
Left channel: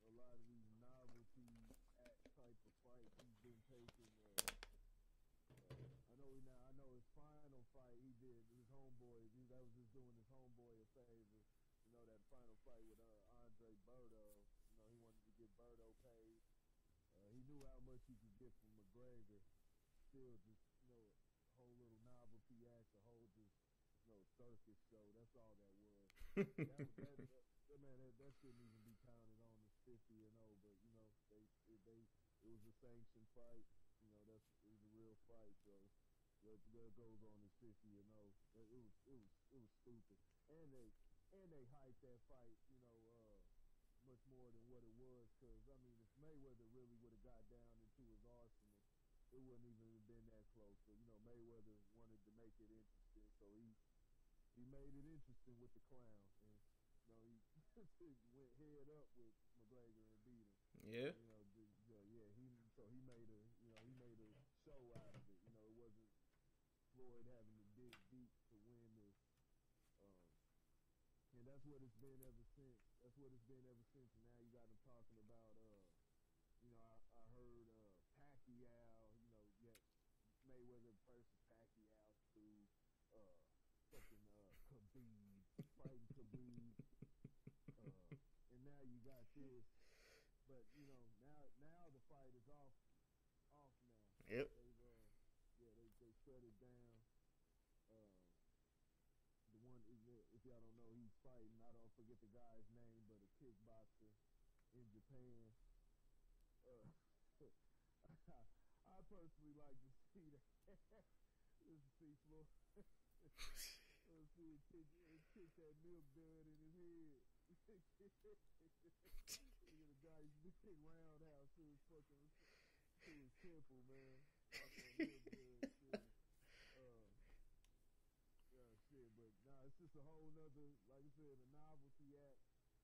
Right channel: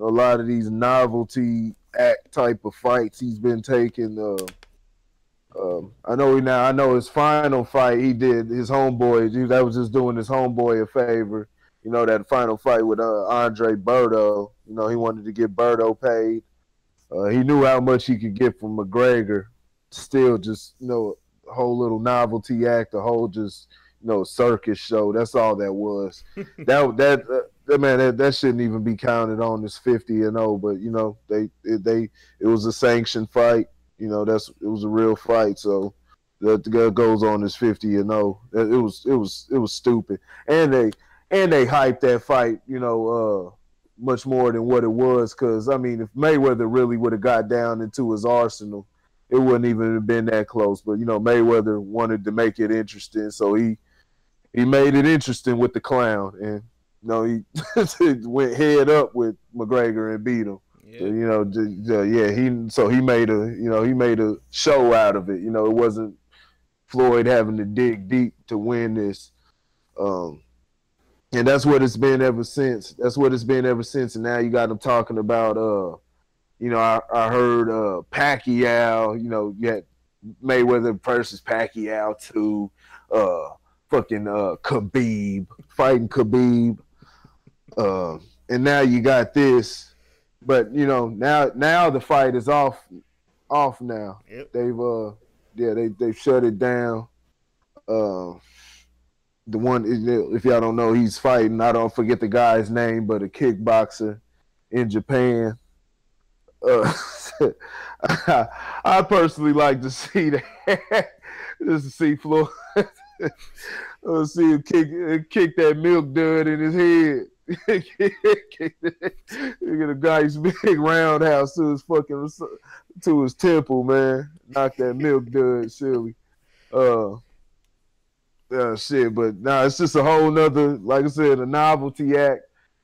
a lot of these novelty act type of fights he's been taking. I know his final fight he did his homeboy. That was just doing his homeboy a favor. You know, that final fight with Andre Berto. You know, he wanted to get Berto paid. He knew how much he could get from McGregor. Still, just a whole little novelty act, a whole just circus show. That's all that was. that shouldn't even be counted on as 50-0. But it was a sanctioned fight. It was a real fight. So that goes on as 50-0. It was stupid, and they hyped that fight. Much more than what it was. Because if Mayweather really would have got down into his arsenal, it wouldn't even have been that close. But Mayweather wanted to make it interesting, so he made it interesting with the clown, and he went head up with McGregor and beat him. Yeah. He made a show out of it. It wasn't Floyd having to dig deep to win this. And that's what it's been ever since. And now you got them talking about I heard Pacquiao, you had Mayweather versus Pacquiao to fucking Khabib, fighting Khabib. And now you got this. But now the fight is off now. Yep. They've shut it down. The one, if y'all don't know, he's fighting, I don't forget the guy's name, but a kickboxer in Japan. I personally like to see that, just to see Floyd, see him kick that milk dud in his head. Get a nice big roundhouse to his temple, man. Knock that milk dud silly. Shit, but it's just a whole nother, like I said, a novelty act.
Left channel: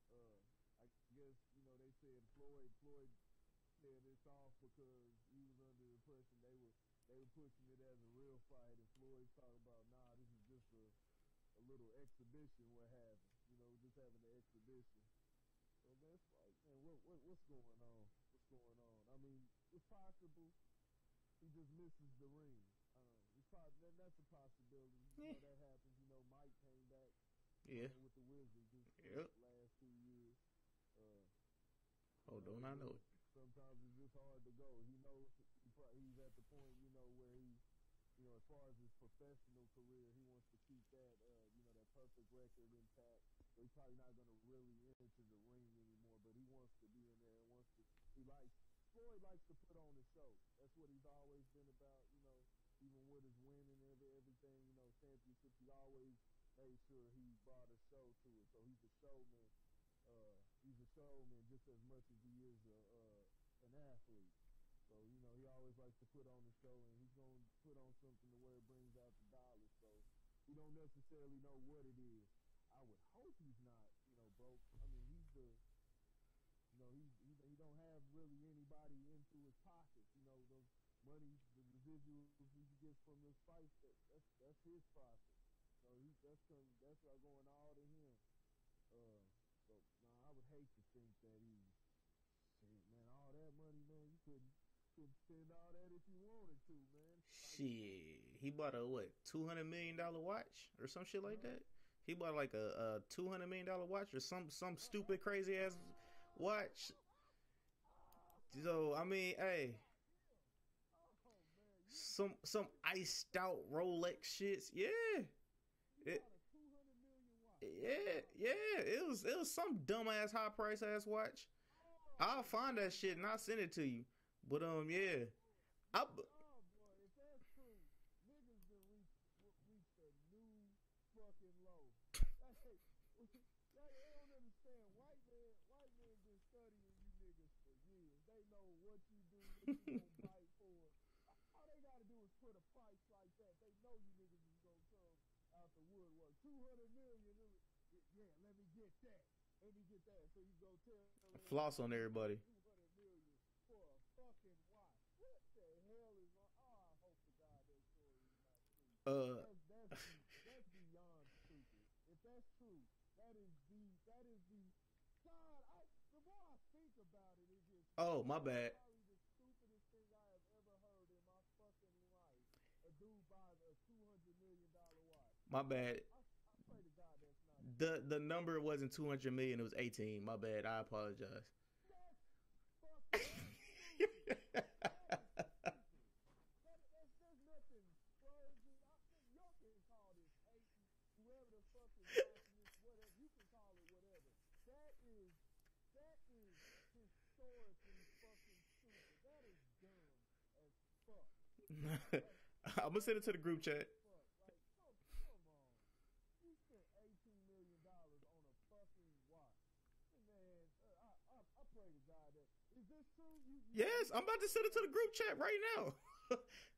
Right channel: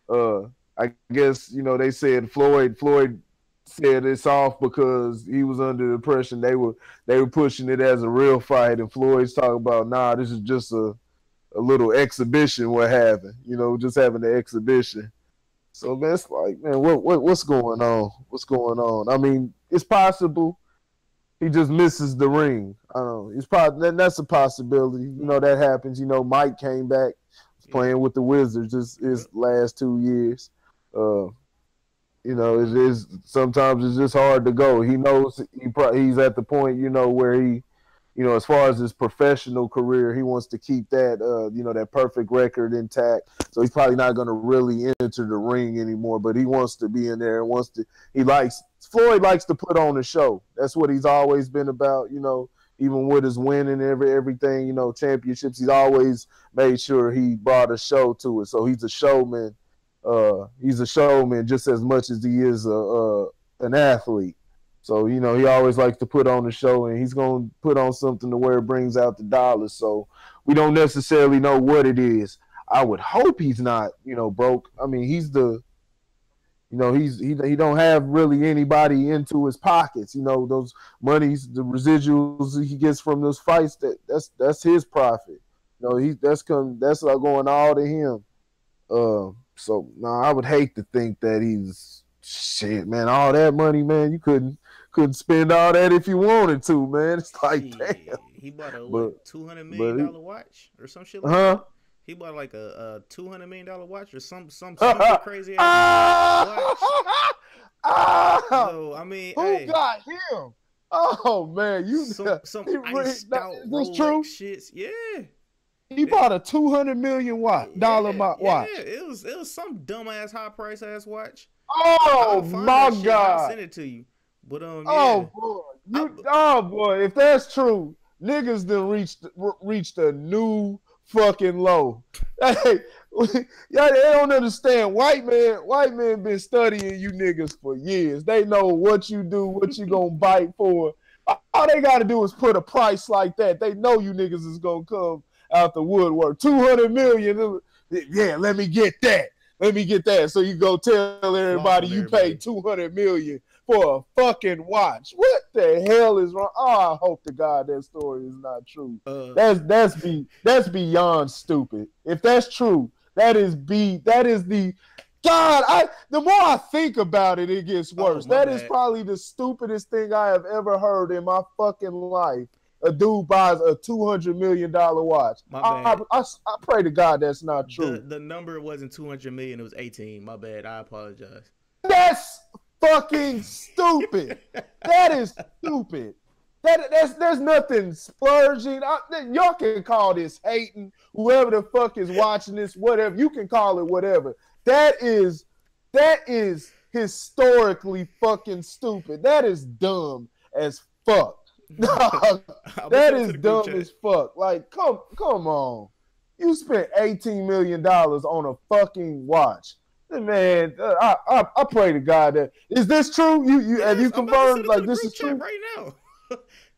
I guess they said Floyd said it's off because he was under the impression they were pushing it as a real fight, and Floyd's talking about this is just a little exhibition we're having, just having an exhibition. So man, it's like, man, what's going on? What's going on? It's possible he just misses the ring. I don't know. It's probably that's a possibility. That happens. Mike came back playing with the Wizards his last 2 years. It is sometimes it's just hard to go. He knows he's at the point where he, as far as his professional career, he wants to keep that that perfect record intact. So he's probably not going to really enter the ring anymore. But he wants to be in there and Floyd likes to put on a show. That's what he's always been about. Even with his winning everything, championships, he's always made sure he brought a show to it. So he's a showman. He's a showman just as much as he is an athlete. So, he always likes to put on a show, and he's going to put on something to where it brings out the dollars. So we don't necessarily know what it is. I would hope he's not, broke. He's the, he don't have really anybody into his pockets. Those monies, the residuals he gets from those fights, that's his profit. That's going all to him. So I would hate to think that he's shit, man. All that money, man, you couldn't spend all that if you wanted to, man. It's like, damn. He bought a $200 million watch or some shit like that. He bought like a $200 million watch or some super crazy ass watch. So who got him? Oh man, you Some iced out is this Rolex true? shits. Yeah. He bought a $200 million watch. Yeah. It was some dumbass high price ass watch. Oh I'll find my that shit and I'll God. send it to you. But yeah. Oh boy, I, oh boy, if that's true, niggas done reached a new fucking low. Hey, yeah, they don't understand. White man been studying you niggas for years. They know what you do, what you gonna bite for. All they gotta do is put a price like that. They know you niggas is gonna come out the woodwork. 200 million. Yeah, let me get that. Let me get that. So you go tell everybody you paid 200 million for a fucking watch. What the hell is wrong? Oh, I hope to God that story is not true. That's beyond stupid. If that's true, that is the God. The more I think about it, it gets worse. That is probably the stupidest thing I have ever heard in my fucking life. A dude buys a $200 million watch. I pray to God that's not true. The number wasn't 200 million, it was 18. My bad. I apologize. That's fucking stupid. That is stupid. There's nothing splurging. Y'all can call this hating. Whoever the fuck is watching this, whatever, you can call it whatever. That is historically fucking stupid. That is dumb as fuck. That is dumb as fuck. Like, come on. You spent $18 million on a fucking watch. Man, I pray to God that is this true? Have you confirmed like this is true right now?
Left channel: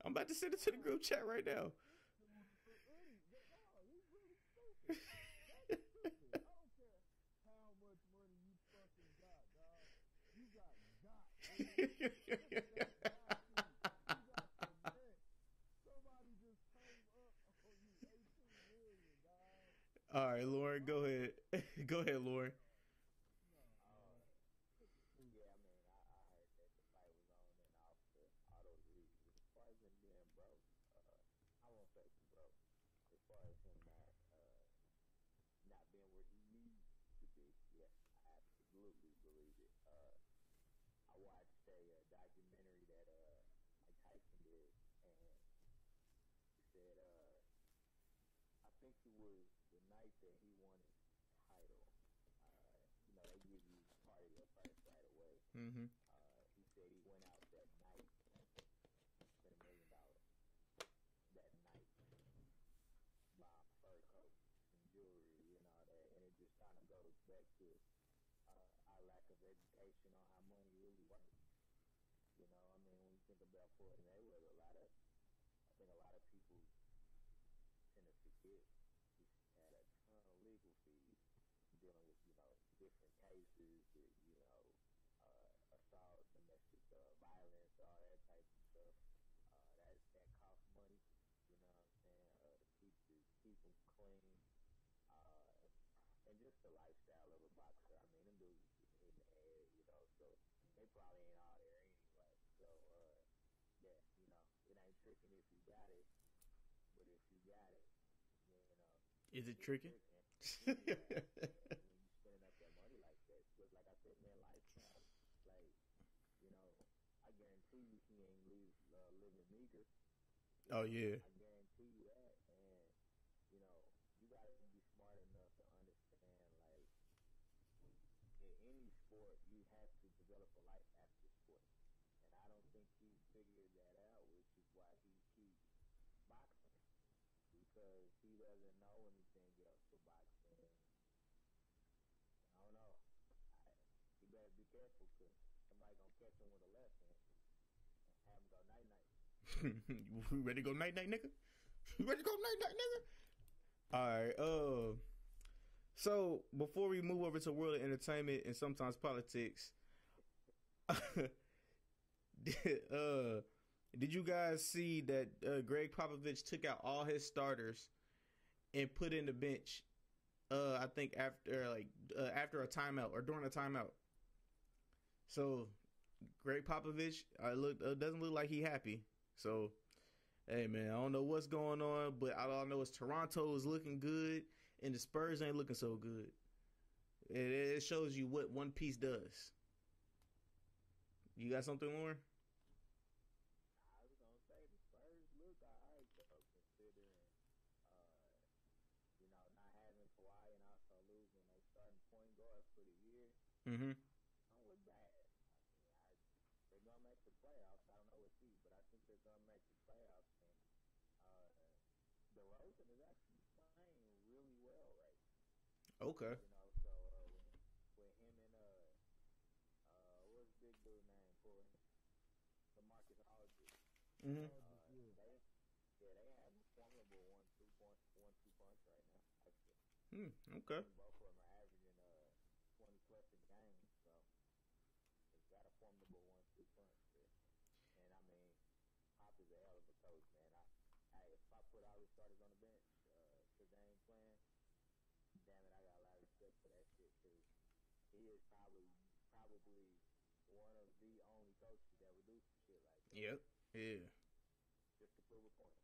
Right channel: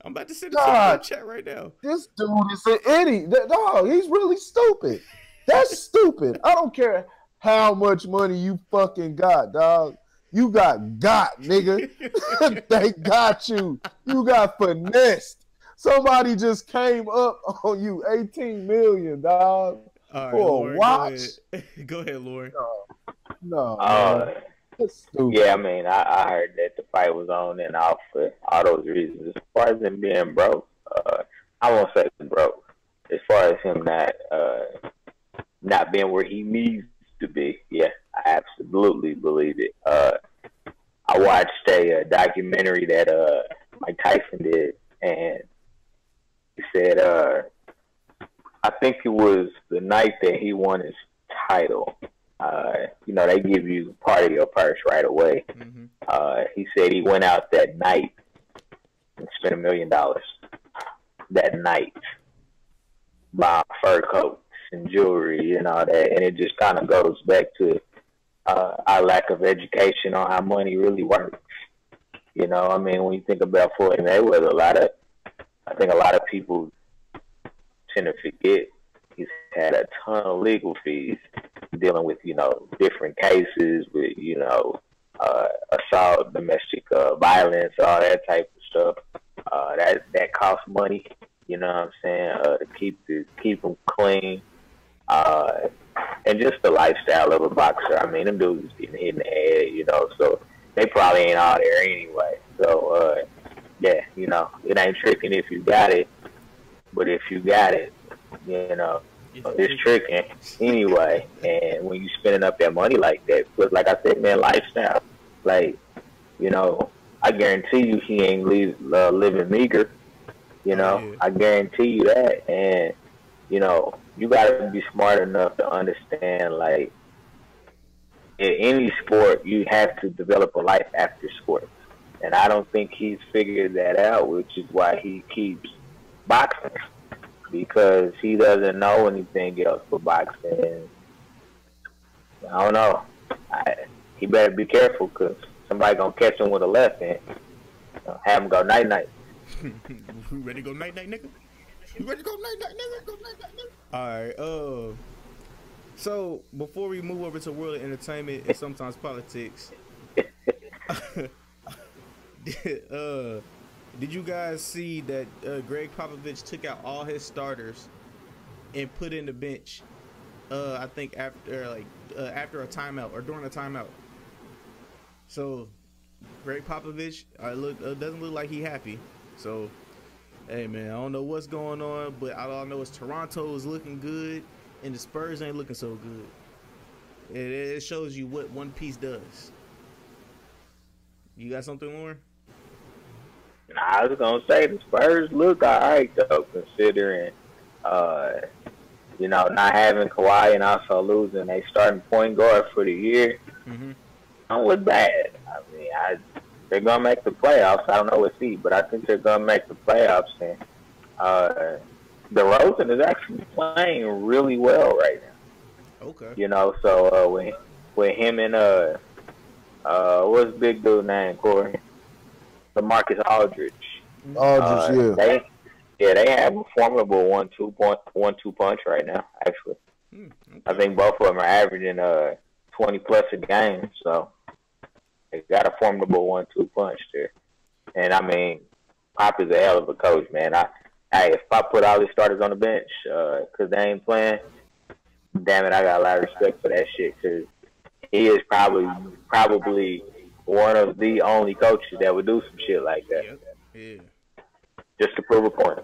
I'm about to send it to the group chat right now. This dude is an idiot. Dog, he's really stupid. That's stupid. I don't care how much money you fucking got, dog. You got, nigga. They got you. You got finessed. Somebody just came up on you. 18 million, dog. All right, for Lauren, a watch. Go ahead, Lauren. No. Yeah, I mean, I heard that the fight was on and off for all those reasons. As far as him being broke, I won't say broke. As far as him not being where he needs to be, yeah, I absolutely believe it. I watched a documentary that Mike Tyson did, and he said, I think it was the night that he won his title. They give you part of your purse right away. Mm-hmm. He said he went out that night and spent $1 million that night buying fur coats and jewelry and all that. And it just kind of goes back to our lack of education on how money really works. I mean, when you think about Floyd Mayweather, I think a lot of people tend to forget he's had a ton of legal fees dealing with, different cases with, assault, domestic violence, all that type of stuff. That costs money, you know what I'm saying, to keep them clean. And just the lifestyle of a boxer. I mean, them dudes is getting hit in the head, so they probably ain't all there anyway. So, yeah, it ain't tricking if you got it, but if you got it, it's tricking anyway. And when you spending up that money like that, but like I said, man, lifestyle, like, I guarantee you he ain't living meager, I guarantee you that. And, you got to be smart enough to understand, like, in any sport, you have to develop a life after sports. And I don't think he's figured that out, which is why he keeps boxing, because he doesn't know anything else but boxing. I don't know. He better be careful, because somebody going to catch him with a left hand. Have him go night-night. You ready to go night-night, nigga? You ready to go night-night, nigga? Go night-night, nigga? All right, so before we move over to world of entertainment and sometimes politics, did you guys see that Greg Popovich took out all his starters and put in the bench? I think after a timeout or during a timeout. So Greg Popovich doesn't look like he happy. So hey man, I don't know what's going on, but all I know is Toronto is looking good and the Spurs ain't looking so good. It shows you what one piece does. You got something, Lauren? I was gonna say the Spurs look all right though, considering uh, not having Kawhi and also losing a starting point guard for the year. Mm-hmm. Don't look bad. I mean, they're gonna make the playoffs. I don't know what seed, but I think they're gonna make the playoffs. And uh, DeRozan is actually playing really well right now. Okay. So with him and what's big dude name, Corey? LaMarcus Aldridge. Aldridge, They have a formidable 1-2 punch right now. Actually, Okay. I think both of them are averaging 20 plus a game. So they got a formidable 1-2 punch there. And I mean, Pop is a hell of a coach, man. If Pop put all his starters on the bench because they ain't playing, damn it, I got a lot of respect for that shit because he is probably one of the only coaches that would do some shit like that. Yep. Yeah. Just to prove a point.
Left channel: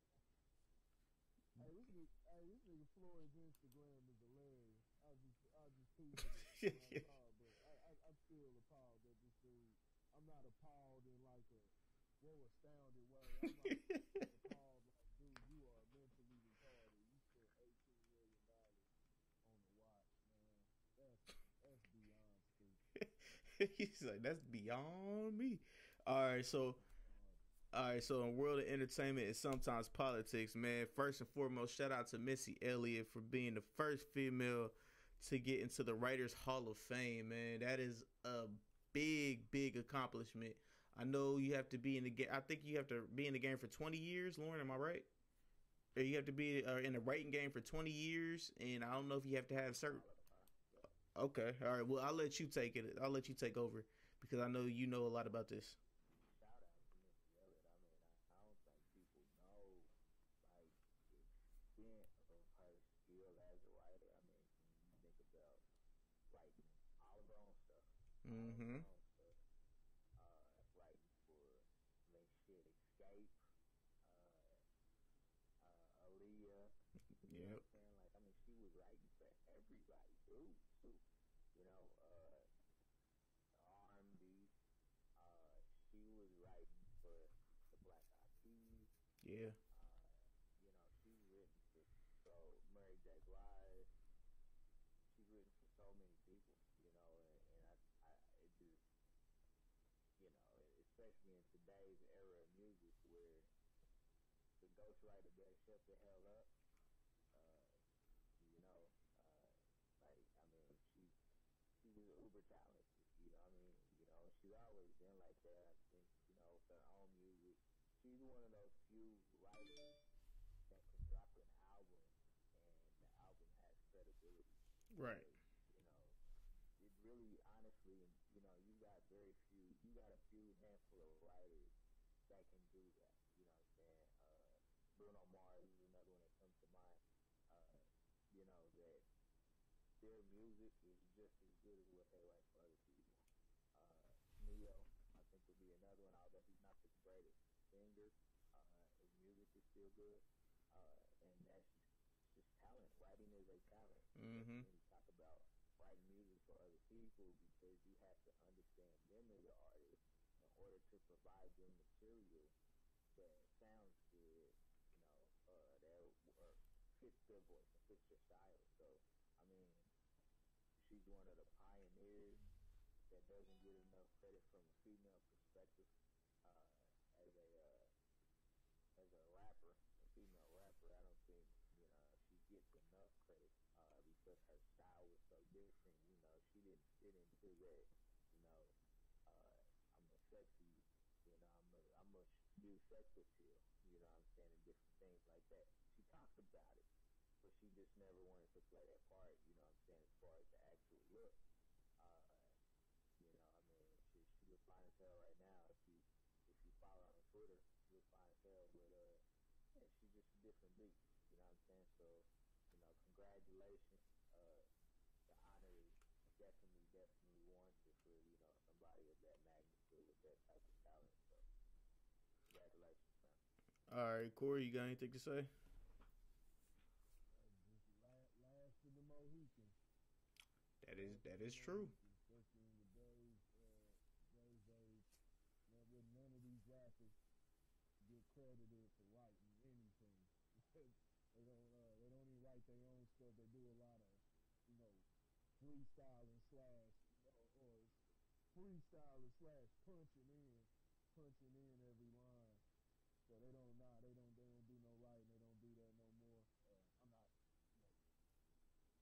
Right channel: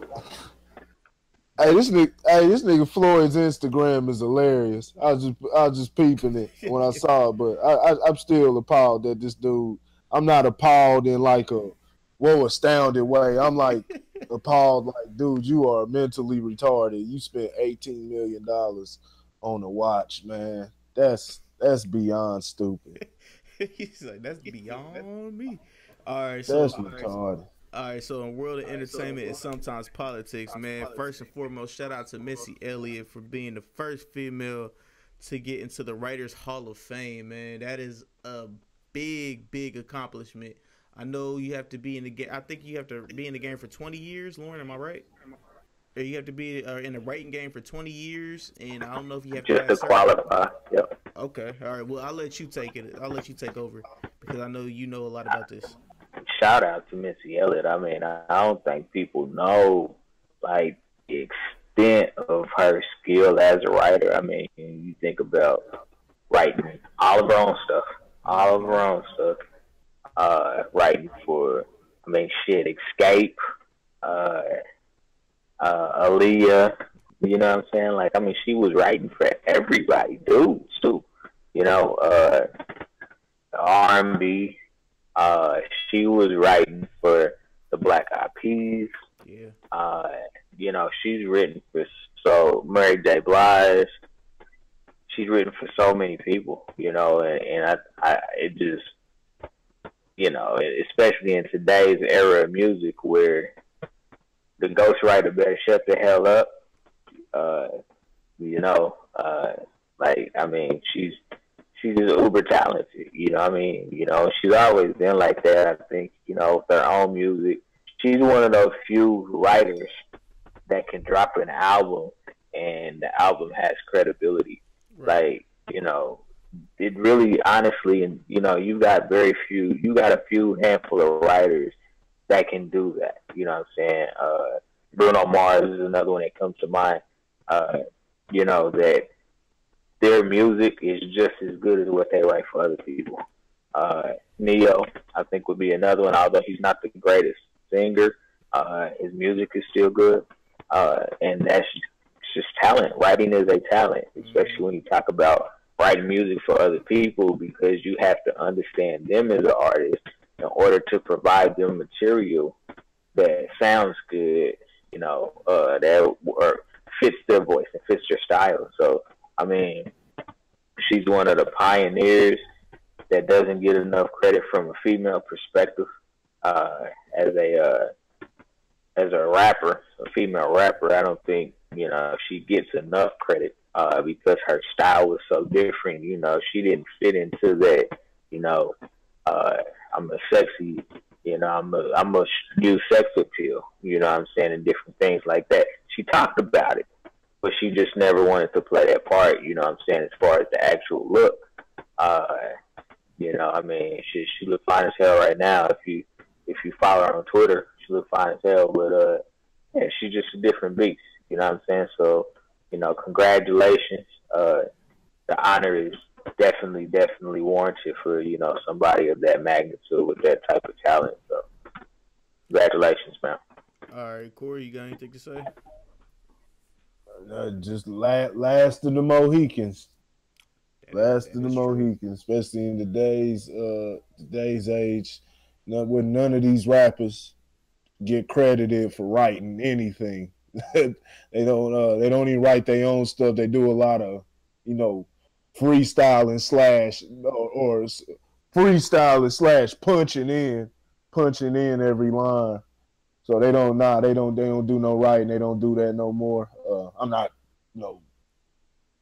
Hey, this nigga Floyd's Instagram is hilarious. I was just peeping it when I saw it, but I'm still appalled that this dude. I'm not appalled in like a astounded way. I'm like appalled, like, dude, you are mentally retarded. You spent $18 million on a watch, man. That's beyond stupid. He's like, that's beyond me. All right, so That's retarded. All right, so in world of entertainment and sometimes politics, man, first and foremost, shout out to Missy Elliott for being the first female to get into the Writers Hall of Fame, man. That is a big, big accomplishment. I know you have to be in the game. I think you have to be in the game for 20 years, Lauren, am I right? Or you have to be in the writing game for 20 years, and I don't know if you have to just to qualify. Yep. Okay, all right. Well, I'll let you take it. I'll let you take over because I know you know a lot about this. Shout out to Missy Elliott. I mean, I don't think people know like the extent of her skill as a writer. I mean, you think about writing all of her own stuff, writing for, I mean, shit, Escape, Eliot. You know what I'm saying? Like, I mean, she was writing for everybody, dudes too. R&B. She was writing for the Black Eyed Peas. Yeah. She's written for Mary J. Blige. She's written for so many people, and it just, especially in today's era of music where the ghostwriter better shut the hell up. I mean, she's just uber talented, she's always been like that. I think, with her own music, she's one of those few writers that can drop an album and the album has credibility. Right. Like, it really, honestly, and, you got a few handful of writers that can do that. You know what I'm saying? Bruno Mars is another one that comes to mind, that their music is just as good as what they write for other people. Neo, I think, would be another one, although he's not the greatest singer. His music is still good. And that's just talent. Writing is a talent, especially when you talk about writing music for other people, because you have to understand them as an artist in order to provide them material that sounds good, that fits their voice and fits their style. So, I mean, she's one of the pioneers that doesn't get enough credit from a female perspective as a rapper, a female rapper. I don't think, she gets enough credit because her style was so different. She didn't fit into that, I'm a sexy, I'm a use sex appeal, what I'm saying, and different things like that. She talked about it, but she just never wanted to play that part, what I'm saying, as far as the actual look. I mean, she look fine as hell right now. If you follow her on Twitter, she look fine as hell, but yeah, she's just a different beast, what I'm saying? So, congratulations. The honor is definitely warranted for, somebody of that magnitude with that type of talent. So, congratulations, man. All right, Corey, you got anything to say? Just last of the Mohicans. Last of the Mohicans, especially in today's age. With none of these rappers get credited for writing anything. They don't even write their own stuff. They do a lot of, you know, freestyling slash or freestyling slash punching in every line. So they don't do no writing. They don't do that no more. I'm not, you know,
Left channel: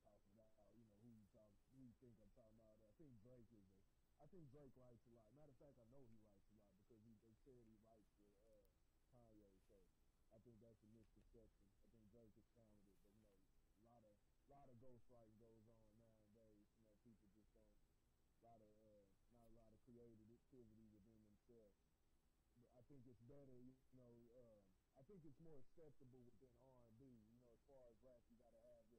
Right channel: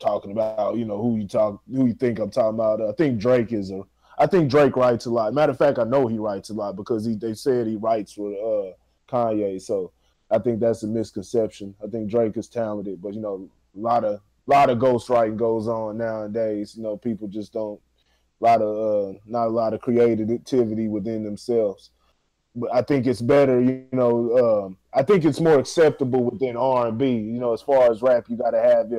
talking about, you know, who you think I'm talking about. I think Drake writes a lot. Matter of fact, I know he writes a lot because they said he writes for Kanye. So I think that's a misconception. I think Drake is talented, but you know, a lot of ghostwriting goes on nowadays. You know, people just don't not a lot of creativity within themselves. But I think it's better, you know. I think it's more acceptable within R&B. You know, as far as rap, you got to have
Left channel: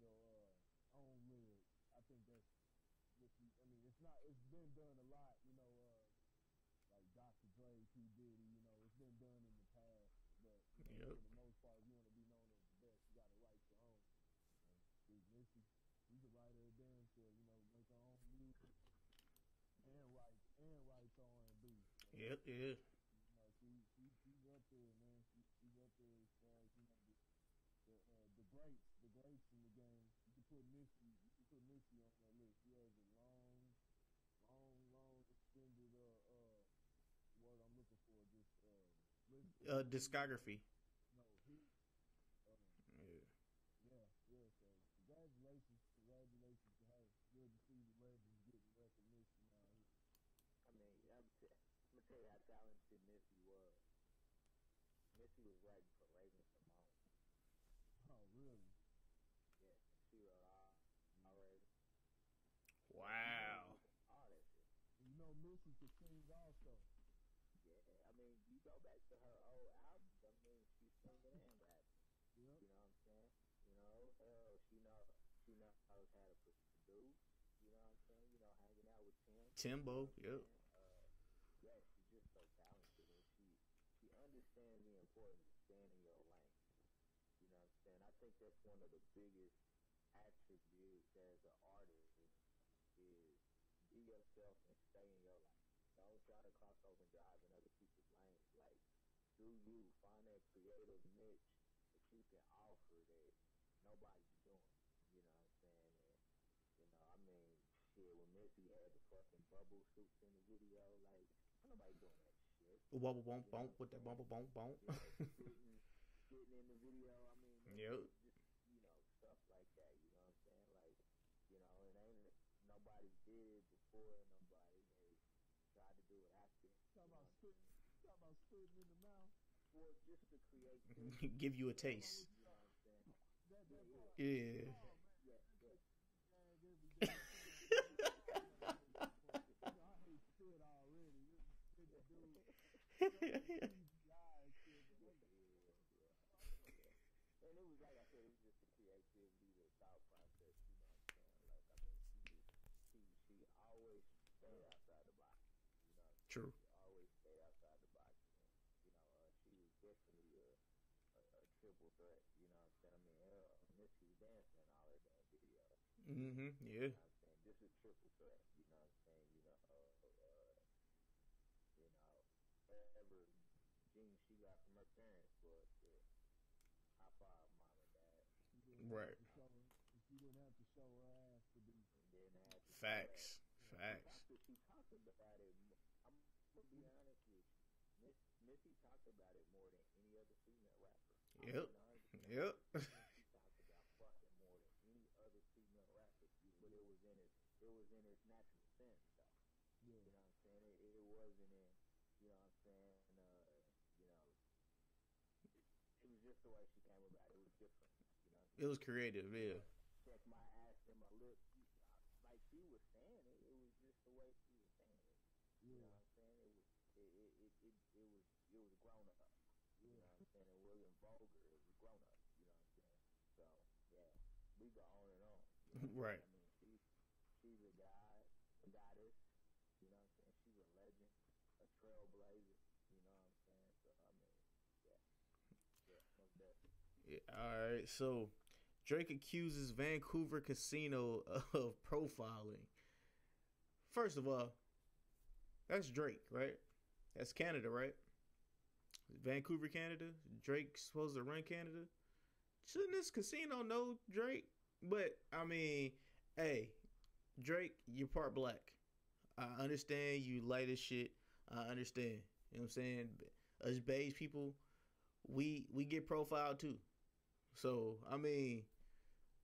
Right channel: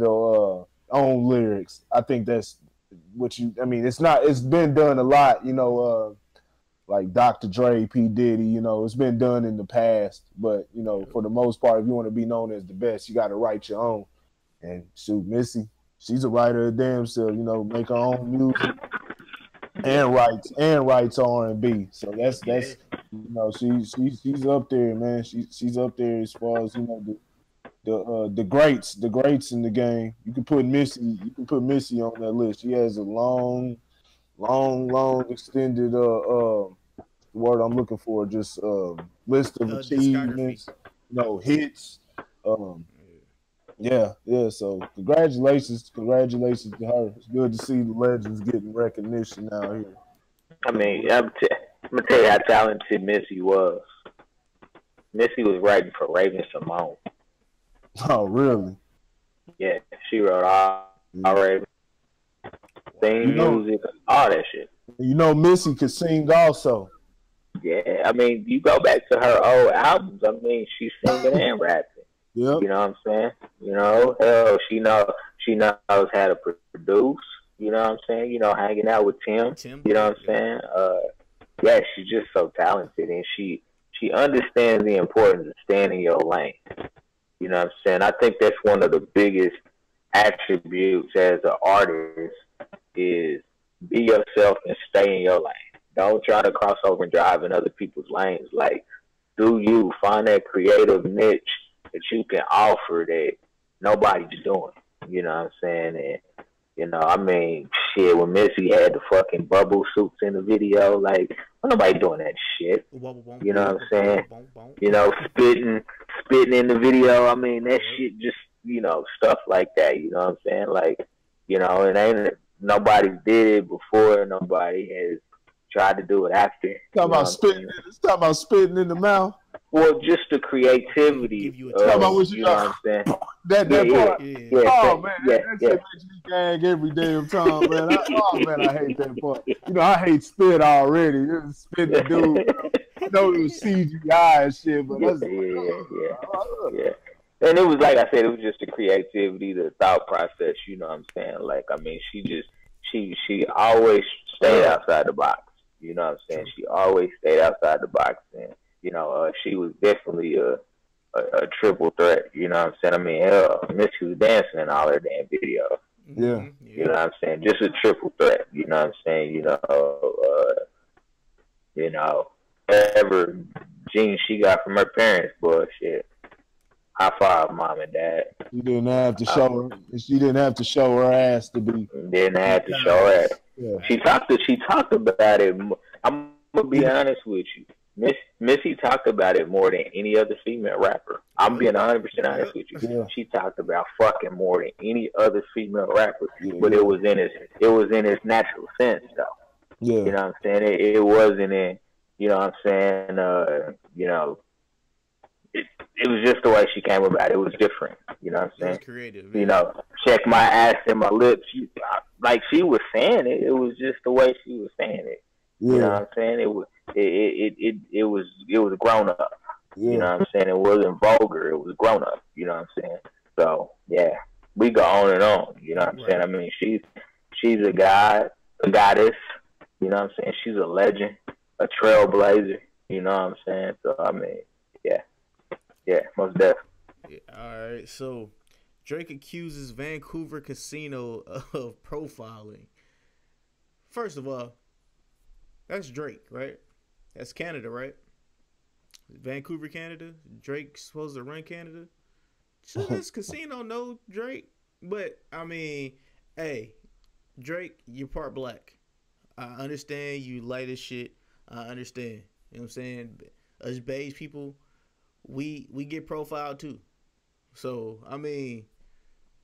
your own lyrics. I think that's what you. I mean, it's been done a lot. You know, like Dr. Dre, P. Diddy. You know, it's been done in the past. But you know, for the most part, if you want to be known as the best, you got to write your own. And shoot, Missy, she's a writer of damn self. You know, make her own music. And writes R&B, so that's you know she's up there, man. She's up there as far as, you know, the greats in the game. You can put Missy on that list. She has a long extended word I'm looking for, just list of achievements, you know, hits. Yeah. So congratulations to her. It's good to see the legends getting recognition out here. I mean, I'm gonna tell you how talented Missy was. Missy was writing for Raven Simone. Oh, really? Yeah, she wrote all Raven, theme music, all that shit. You know, Missy could sing also. Yeah, I mean, you go back to her old albums. I mean, she's singing and rapping. Yep. You know what I'm saying? You know, hell, she knows how to produce. You know what I'm saying? You know, hanging out with Tim. You know what I'm saying? Yeah, she's just so talented, and she understands the importance of staying in your lane. You know what I'm saying? I think that's one of the biggest attributes as an artist is be yourself and stay in your lane. Don't try to cross over and drive in other people's lanes. Like, do you find that creative niche that you can offer that nobody's doing? You know what I'm saying? And, you know, I mean, shit, when Missy had the fucking bubble suits in the video, like, nobody doing that shit. You know what I'm saying? You know, spitting in the video. I mean, that shit just, you know, stuff like that. You know what I'm saying? Like, you know, nobody did it before. Nobody has tried to do it after. Talking about spitting in the mouth. Well, just the creativity. You know what I'm saying? That part. Yeah, oh man, that shit makes me gag every damn time, man. I hate that part. You know, I hate spit already. Just spit the dude. I know it was CGI and shit, but yeah. And it was, like I said, it was just the creativity, the thought process. You know what I'm saying? Like, I mean, she always stayed outside the box. You know what I'm saying? She always stayed outside the box, and you know, she was definitely a triple threat. You know what I'm saying? I mean, hell, Missy was dancing in all her damn videos. Yeah. You know what I'm saying? Just a triple threat. You know what I'm saying? You know, whatever genes she got from her parents, bullshit. High five, mom and dad. She didn't have to show her. She didn't have to show her ass to be. Didn't have to show her ass. Yeah. She talked about it. I'm gonna be honest with you. Missy talked about it more than any other female rapper. I'm being 100% honest with you. Yeah. She talked about fucking more than any other female rapper, but it was in its natural sense though. Yeah. You know what I'm saying? It wasn't in, you know what I'm saying? You know, it was just the way she came about it. It was different. You know what I'm saying? It was creative. You know, check my ass and my lips. Like she was saying it. It was just the way she was saying it. Yeah. You know what I'm saying? It was grown up. Yeah. You know what I'm saying? It wasn't vulgar. It was grown up. You know what I'm saying? So yeah, we go on and on. You know what I'm saying? I mean, she's a goddess. You know what I'm saying? She's a legend, a trailblazer. You know what I'm saying? So I mean, yeah, most definitely. Yeah, all right, so Drake accuses Vancouver casino of profiling. First of all, that's Drake, right? That's Canada, right? Vancouver, Canada. Drake's supposed to run Canada. Should this casino know Drake? But I mean, hey, Drake, you're part black. I understand you light as shit. I understand. You know what I'm saying? Us beige people, we get profiled too. So I mean,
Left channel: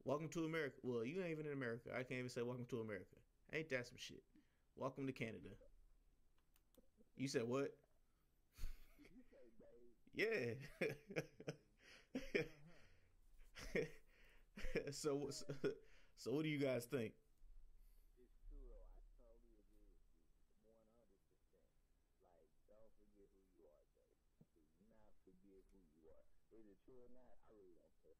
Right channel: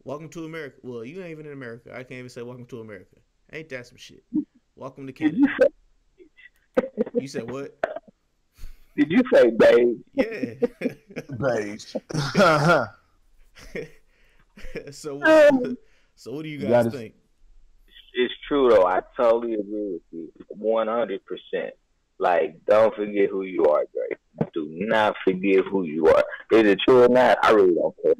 welcome to America. Well, you ain't even in America. I can't even say welcome to America. Ain't that some shit? Welcome to Canada. You said what? Did you say beige? Yeah. Beige. So what do you guys think? It's true though. I totally agree with you, 100%. Like, don't forget who you are, Drake. Do not forget who you are. Is it true or not? I really don't care.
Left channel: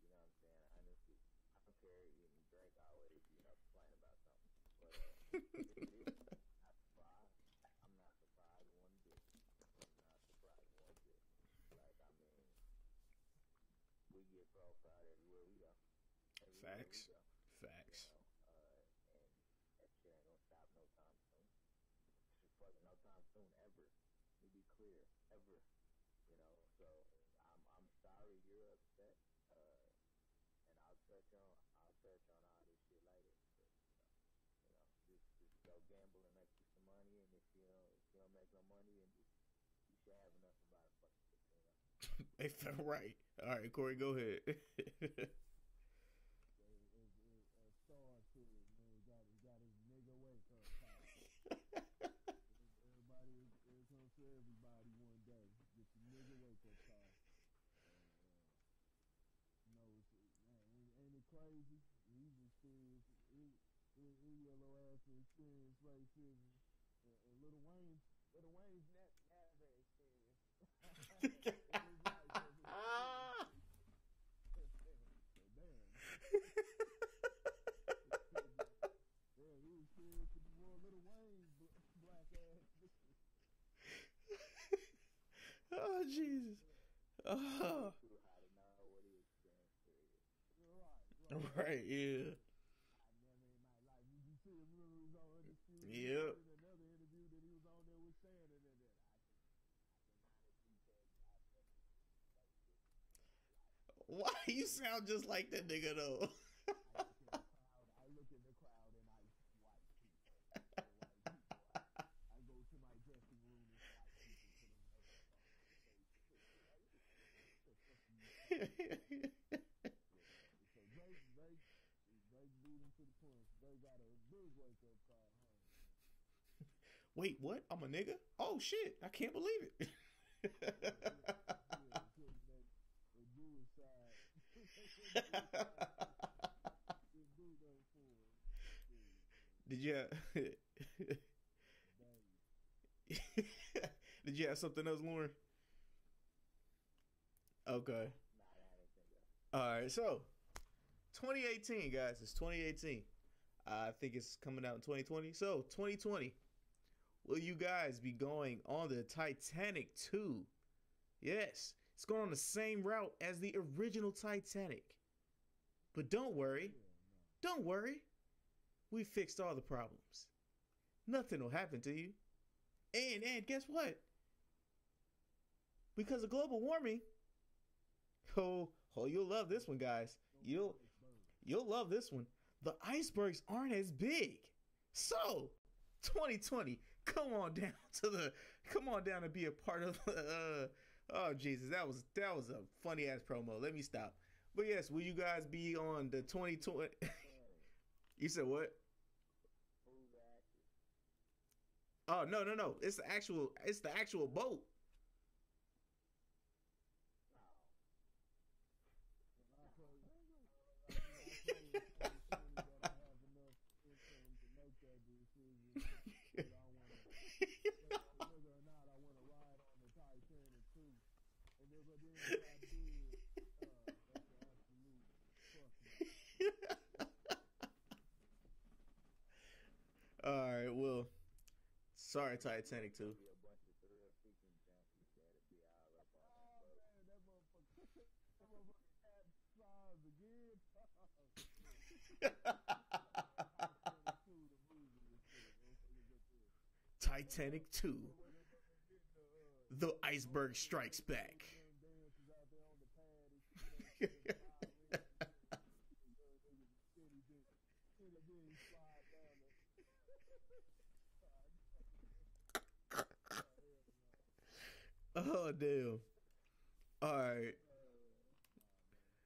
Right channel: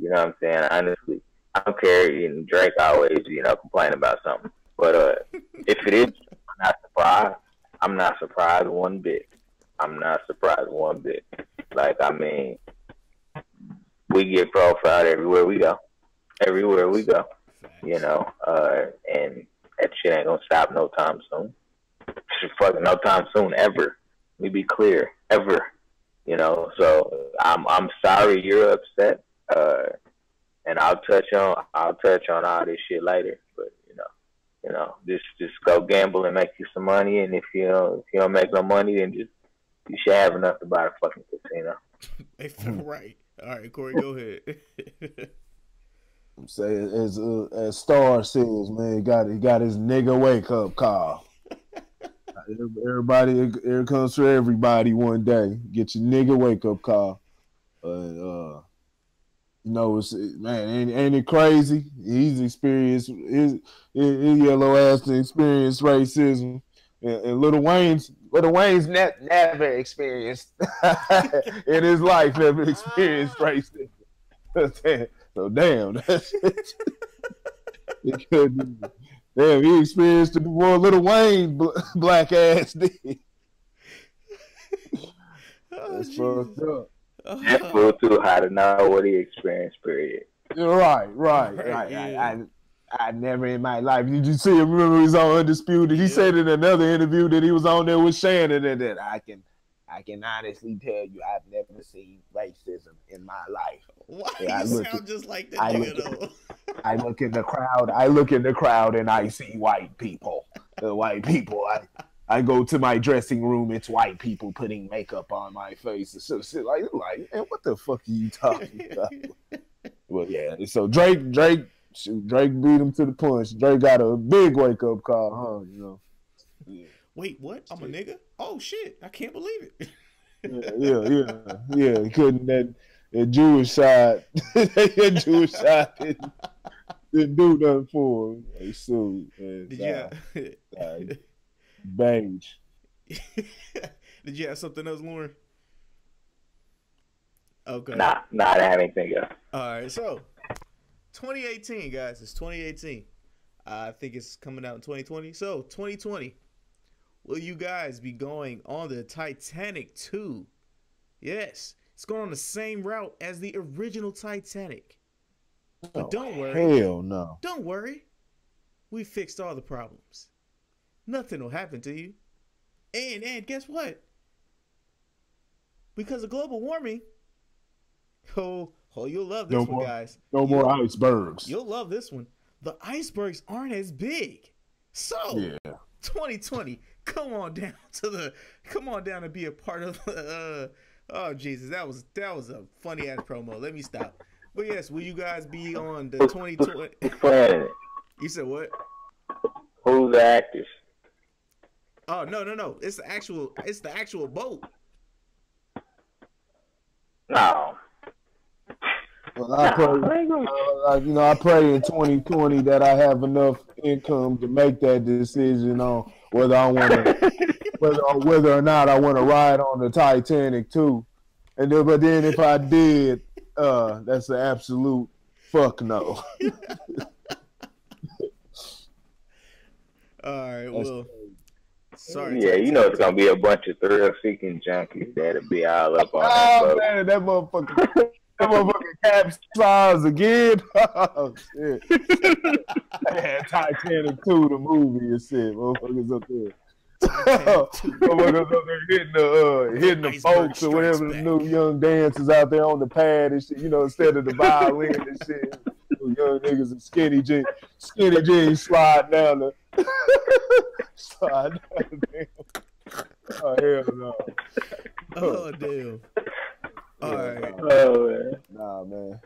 You know what I'm saying? Honestly, I don't care. Drake always, complain about something. But if it is, I'm not surprised. I'm not surprised one bit. Like, I mean, we get profiled everywhere we go. And that shit ain't gonna stop no time soon. Fucking no time soon, ever. Let me be clear, ever. So I'm sorry you're upset. And I'll touch on all this shit later. But just go gamble and make you some money. And if you don't make no money, then you should have enough to buy a fucking casino. Right. All right, Corey, go ahead. Say as Star says, man, he got his nigga wake up call. Everybody, it comes for everybody one day. Get your nigga wake up call. It's ain't it crazy? He's experienced his yellow ass to experience racism, and Lil Wayne's never experienced in his life never experienced racism. So damn, damn, he experienced it before Lil Wayne black ass did. That's fucked up. That's a little too high to know what he experienced. Period. Right. Yeah. I never in my life. Did you see him? Remember he was on Undisputed? He said in another interview that he was on there with Shannon, and that I can honestly tell you I've never seen racism in my life. Why you sound just like that nigga though? I look in the crowd and I see white people. White people. I go to my dressing room, it's white people putting makeup on my face. So like, man, what the fuck are you talking about? Well, yeah. So Drake beat him to the punch. Drake got a big wake up call, huh? Yeah. Wait, what? I'm a nigga? Oh shit! I can't believe it. Yeah. He couldn't that Jewish side. That Jewish side didn't do nothing for him. They sued. Did beige. Did you have something else, Lauren? Okay. Nah, I didn't have anything else. All right, so 2018, guys. It's 2018. I think it's coming out in 2020. So 2020. Will you guys be going on the Titanic 2? Yes. It's going on the same route as the original Titanic. But don't worry. Hell no. Don't worry. We fixed all the problems. Nothing will happen to you. And guess what? Because of global warming, you'll love this one, guys. No more icebergs. You'll love this one. The icebergs aren't as big. So, 2020, come on down to be a part of oh Jesus, that was a funny ass promo. Let me stop. But yes, will you guys be on the 2020? You said what? Who's the actors? Oh no. It's the actual boat. No. Well, I pray in 2020 that I have enough income to make that decision on whether I want to, whether or not I want to ride on the Titanic too. But then if I did, that's an absolute fuck no. All right, well, sorry. Yeah, it's gonna be a bunch of thrill-seeking junkies that'll be all up on that boat. Man, that motherfucker capsized again. Oh shit! Titanic 2, the movie, and shit. Motherfuckers up there Titanic 2. Hitting the folks or whatever the new young dancers out there on the pad and shit, you know, instead of the violin and shit. Young niggas in skinny jeans slide down the damn. Oh hell no. Oh damn. All right. Oh man. Nah, man.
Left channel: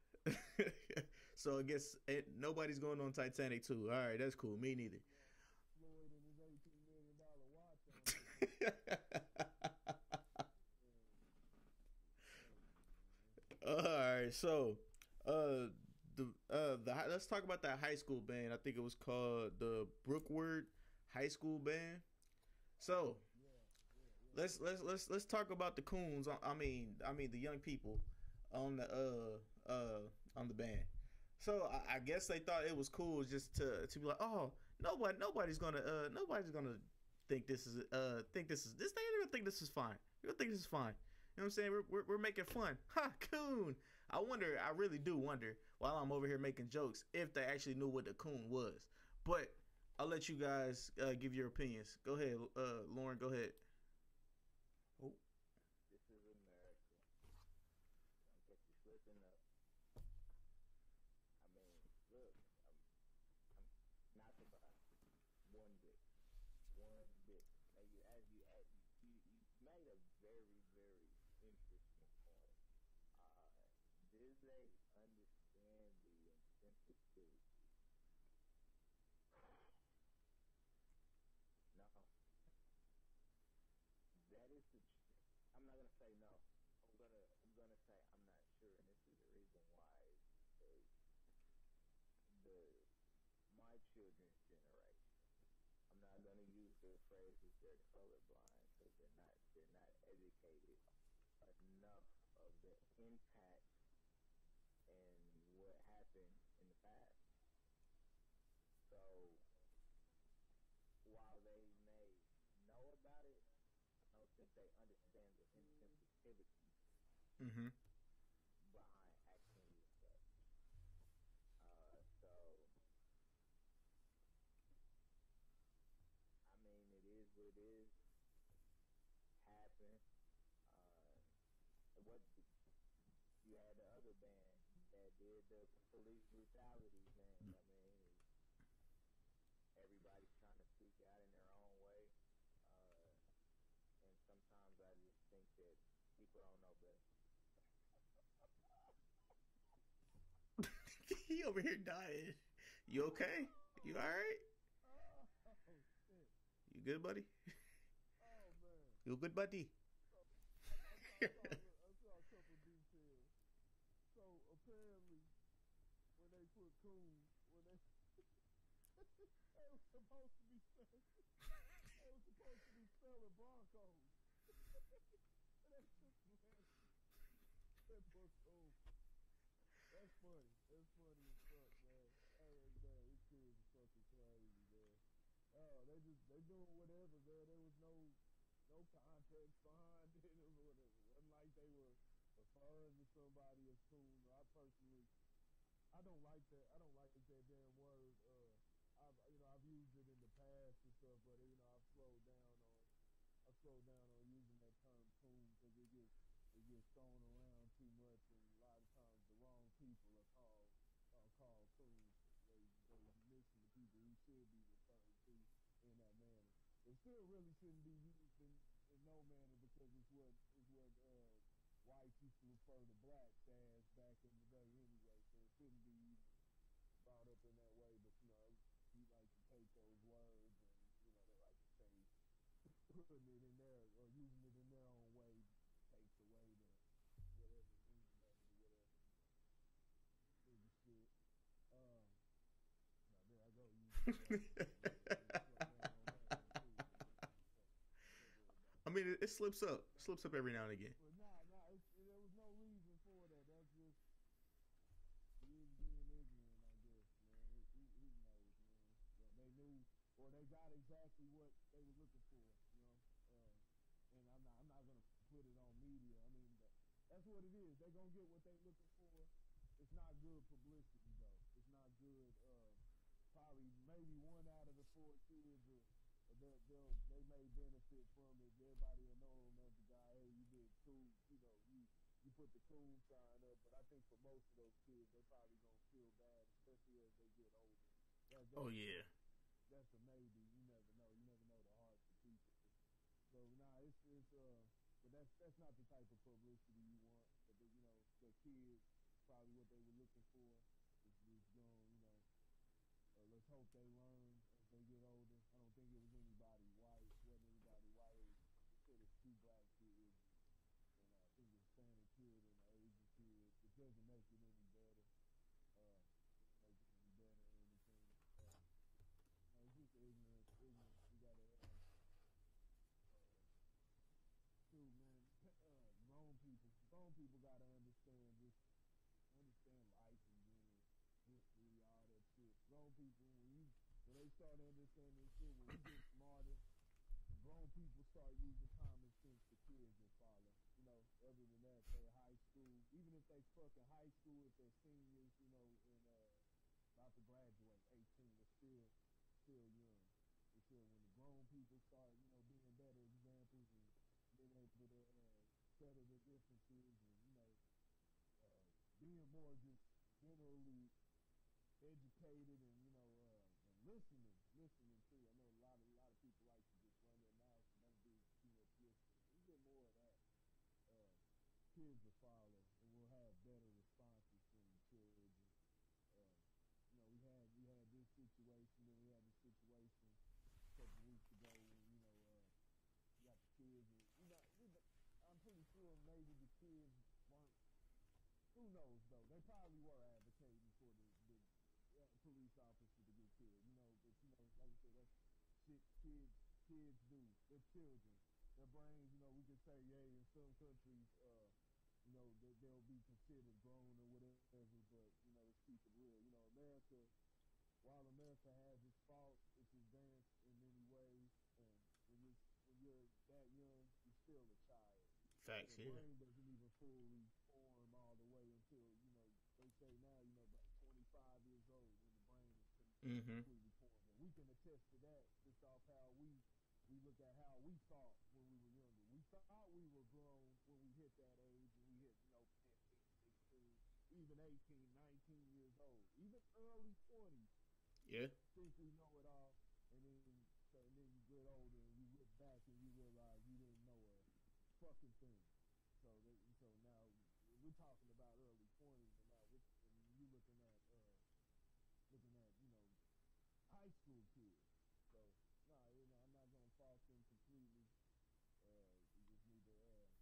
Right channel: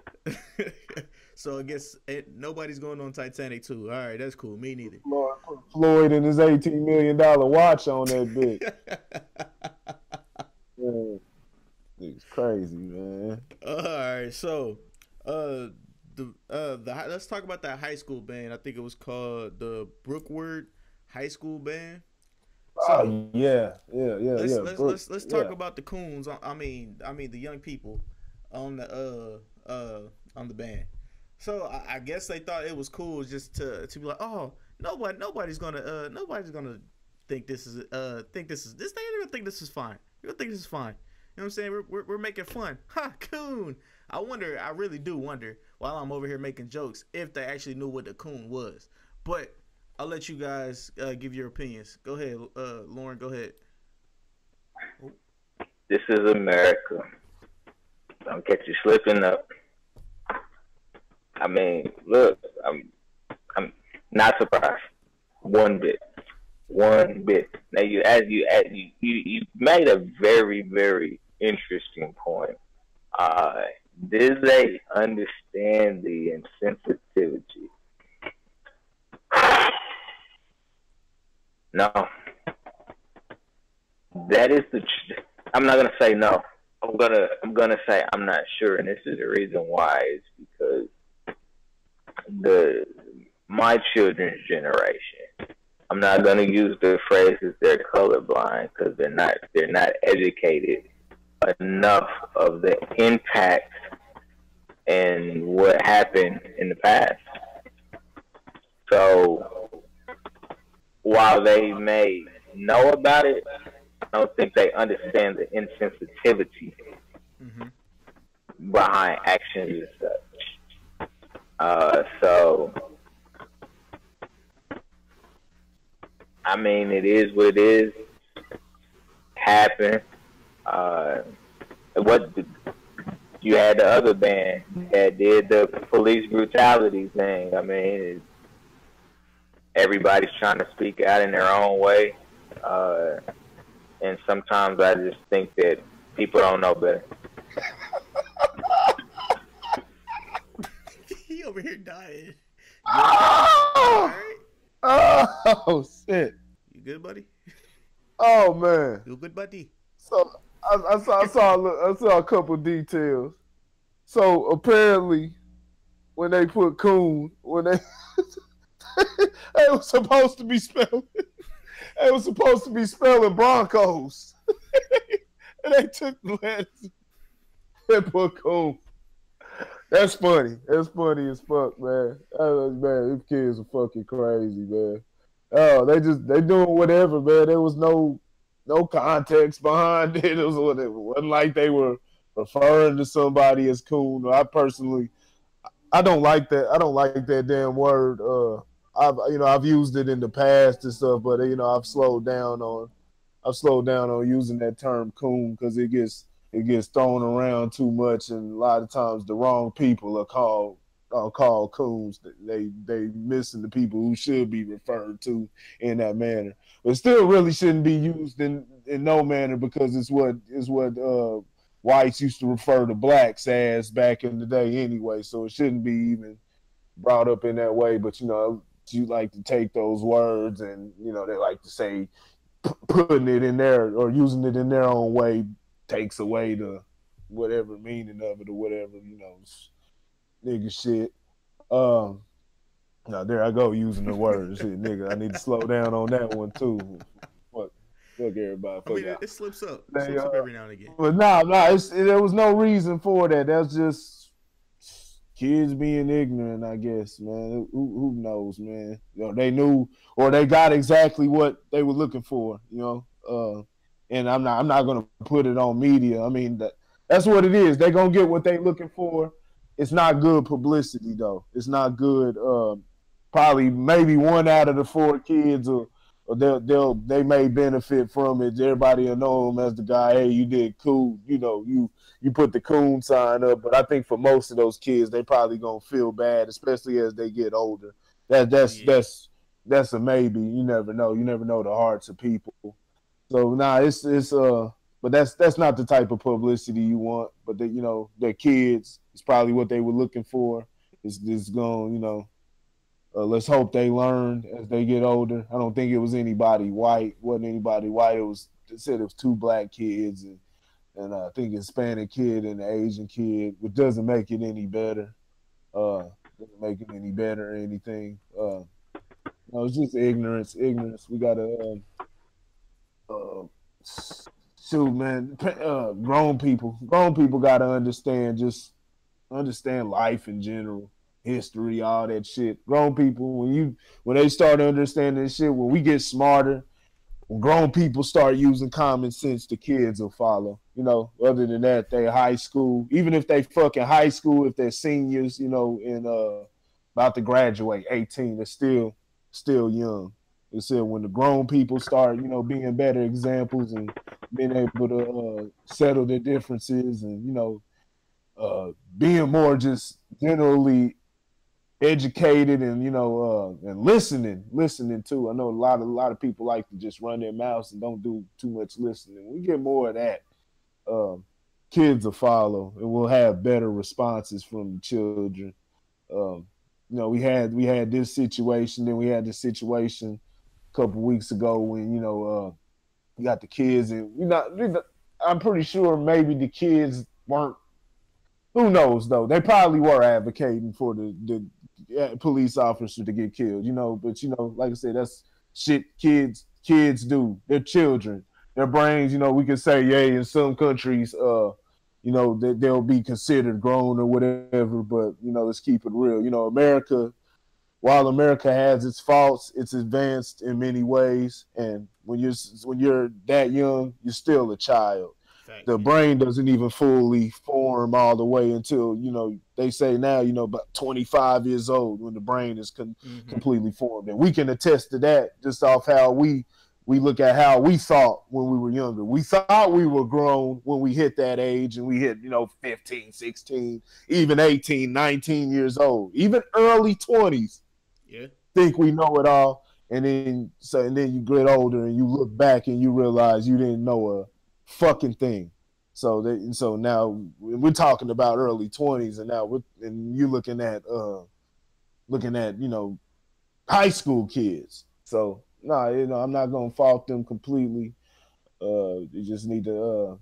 So I guess nobody's going on Titanic 2. All right, that's cool. Me neither. Floyd and his $18 million watch on that bitch. It's crazy, man. All right, so let's talk about that high school band. I think it was called the Brookwood High School Band. So let's talk about the coons. I mean the young people on the band. So I guess they thought it was cool just to be like, oh, nobody's gonna think this is this. They ain't gonna think this is fine. You're gonna think this is fine. You know what I'm saying? We're making fun. Ha, coon. I really do wonder while I'm over here making jokes if they actually knew what the coon was. But I'll let you guys give your opinions. Go ahead, Lauren. Go ahead. This is America. Don't catch you slipping up. I mean, look, I'm not surprised one bit. Now you made a very, very interesting point. Did they understand the insensitivity? No. That is I'm not gonna say no. I'm gonna say I'm not sure, and this is the reason why. It's because my children's generation. I'm not gonna use the phrases they're colorblind because they're not educated enough of the impact and what happened in the past. So while they may know about it, I don't think they understand the insensitivity behind actions and such. So I mean, it is what it is. Happened. You had the other band that did the police brutality thing. I mean, everybody's trying to speak out in their own way. And sometimes I just think that people don't know better. He over here dying. Oh, oh shit! You good, buddy? Oh man, You good, buddy? So I saw a couple details. So apparently, when they put coon, they was supposed to be spelling. They was supposed to be spelling Broncos, and they took the letters and put coon. That's funny. That's funny as fuck, man. Man, these kids are fucking crazy, man. Oh, they doing whatever, man. There was no context behind it. It wasn't like they were referring to somebody as coon. I personally, I don't like that. I don't like that damn word. I've used it in the past and stuff, but I've slowed down on using that term coon because it gets thrown around too much, and a lot of times the wrong people are called coons. They missing the people who should be referred to in that manner. But it still really shouldn't be used in no manner because it's what whites used to refer to blacks as back in the day anyway. So it shouldn't be even brought up in that way. But you like to take those words and they like to say putting it in there or using it in their own way takes away the whatever meaning of it or whatever, nigga shit. Now there I go using the words. Shit, nigga, I need to slow down on that one too. Fuck everybody. I mean, it slips up. It slips up every now and again. But there was no reason for that. That's just kids being ignorant, I guess, man. Who knows, man? They knew or they got exactly what they were looking for, and I'm not gonna put it on media. I mean, that's what it is. They're gonna get what they're looking for. It's not good publicity though. It's not good. Probably maybe one out of the four kids will or they may benefit from it. Everybody will know him as the guy. Hey, you did cool. You know, you put the coon sign up. But I think for most of those kids, they probably gonna feel bad, especially as they get older. That's a maybe. You never know. You never know the hearts of people. So nah, but that's not the type of publicity you want. But their kids, it's probably what they were looking for. It's going, let's hope they learn as they get older. I don't think it was anybody white. Wasn't anybody white. They said it was two black kids and I think a Hispanic kid and an Asian kid, which doesn't make it any better. Doesn't make it any better or anything. No, it's just ignorance. Ignorance. We gotta shoot, man. Grown people gotta understand life in general, history, all that shit. Grown people, when they start understanding this shit, when we get smarter, when grown people start using common sense, the kids will follow. Other than that, they high school. Even if they fucking high school, if they're seniors, and about to graduate, 18, they're still young. They said when the grown people start, being better examples and being able to settle their differences and being more just generally educated and and listening too. I know a lot of people like to just run their mouths and don't do too much listening. We get more of that. Kids will follow and we'll have better responses from the children. We had this situation, then we had this situation a couple weeks ago when you got the kids and I'm pretty sure maybe the kids weren't. Who knows though? They probably were advocating for the police officer to get killed, But like I said, that's shit kids do. They're children. Their brains, we can say, yeah, in some countries, they'll be considered grown or whatever. But let's keep it real. America, while America has its faults, it's advanced in many ways. And when you're that young, you're still a child. The brain doesn't even fully form all the way until they say now about 25 years old when the brain is completely formed, and we can attest to that just off how we look at how we thought when we were younger. We thought we were grown when we hit that age, and we hit 15, 16, even 18, 19 years old, even early 20s. Yeah, think we know it all, and then you get older and you look back and you realize you didn't know a fucking thing. So now we're talking about early 20s, and now you're looking at high school kids. So no, I'm not gonna fault them completely. You just need to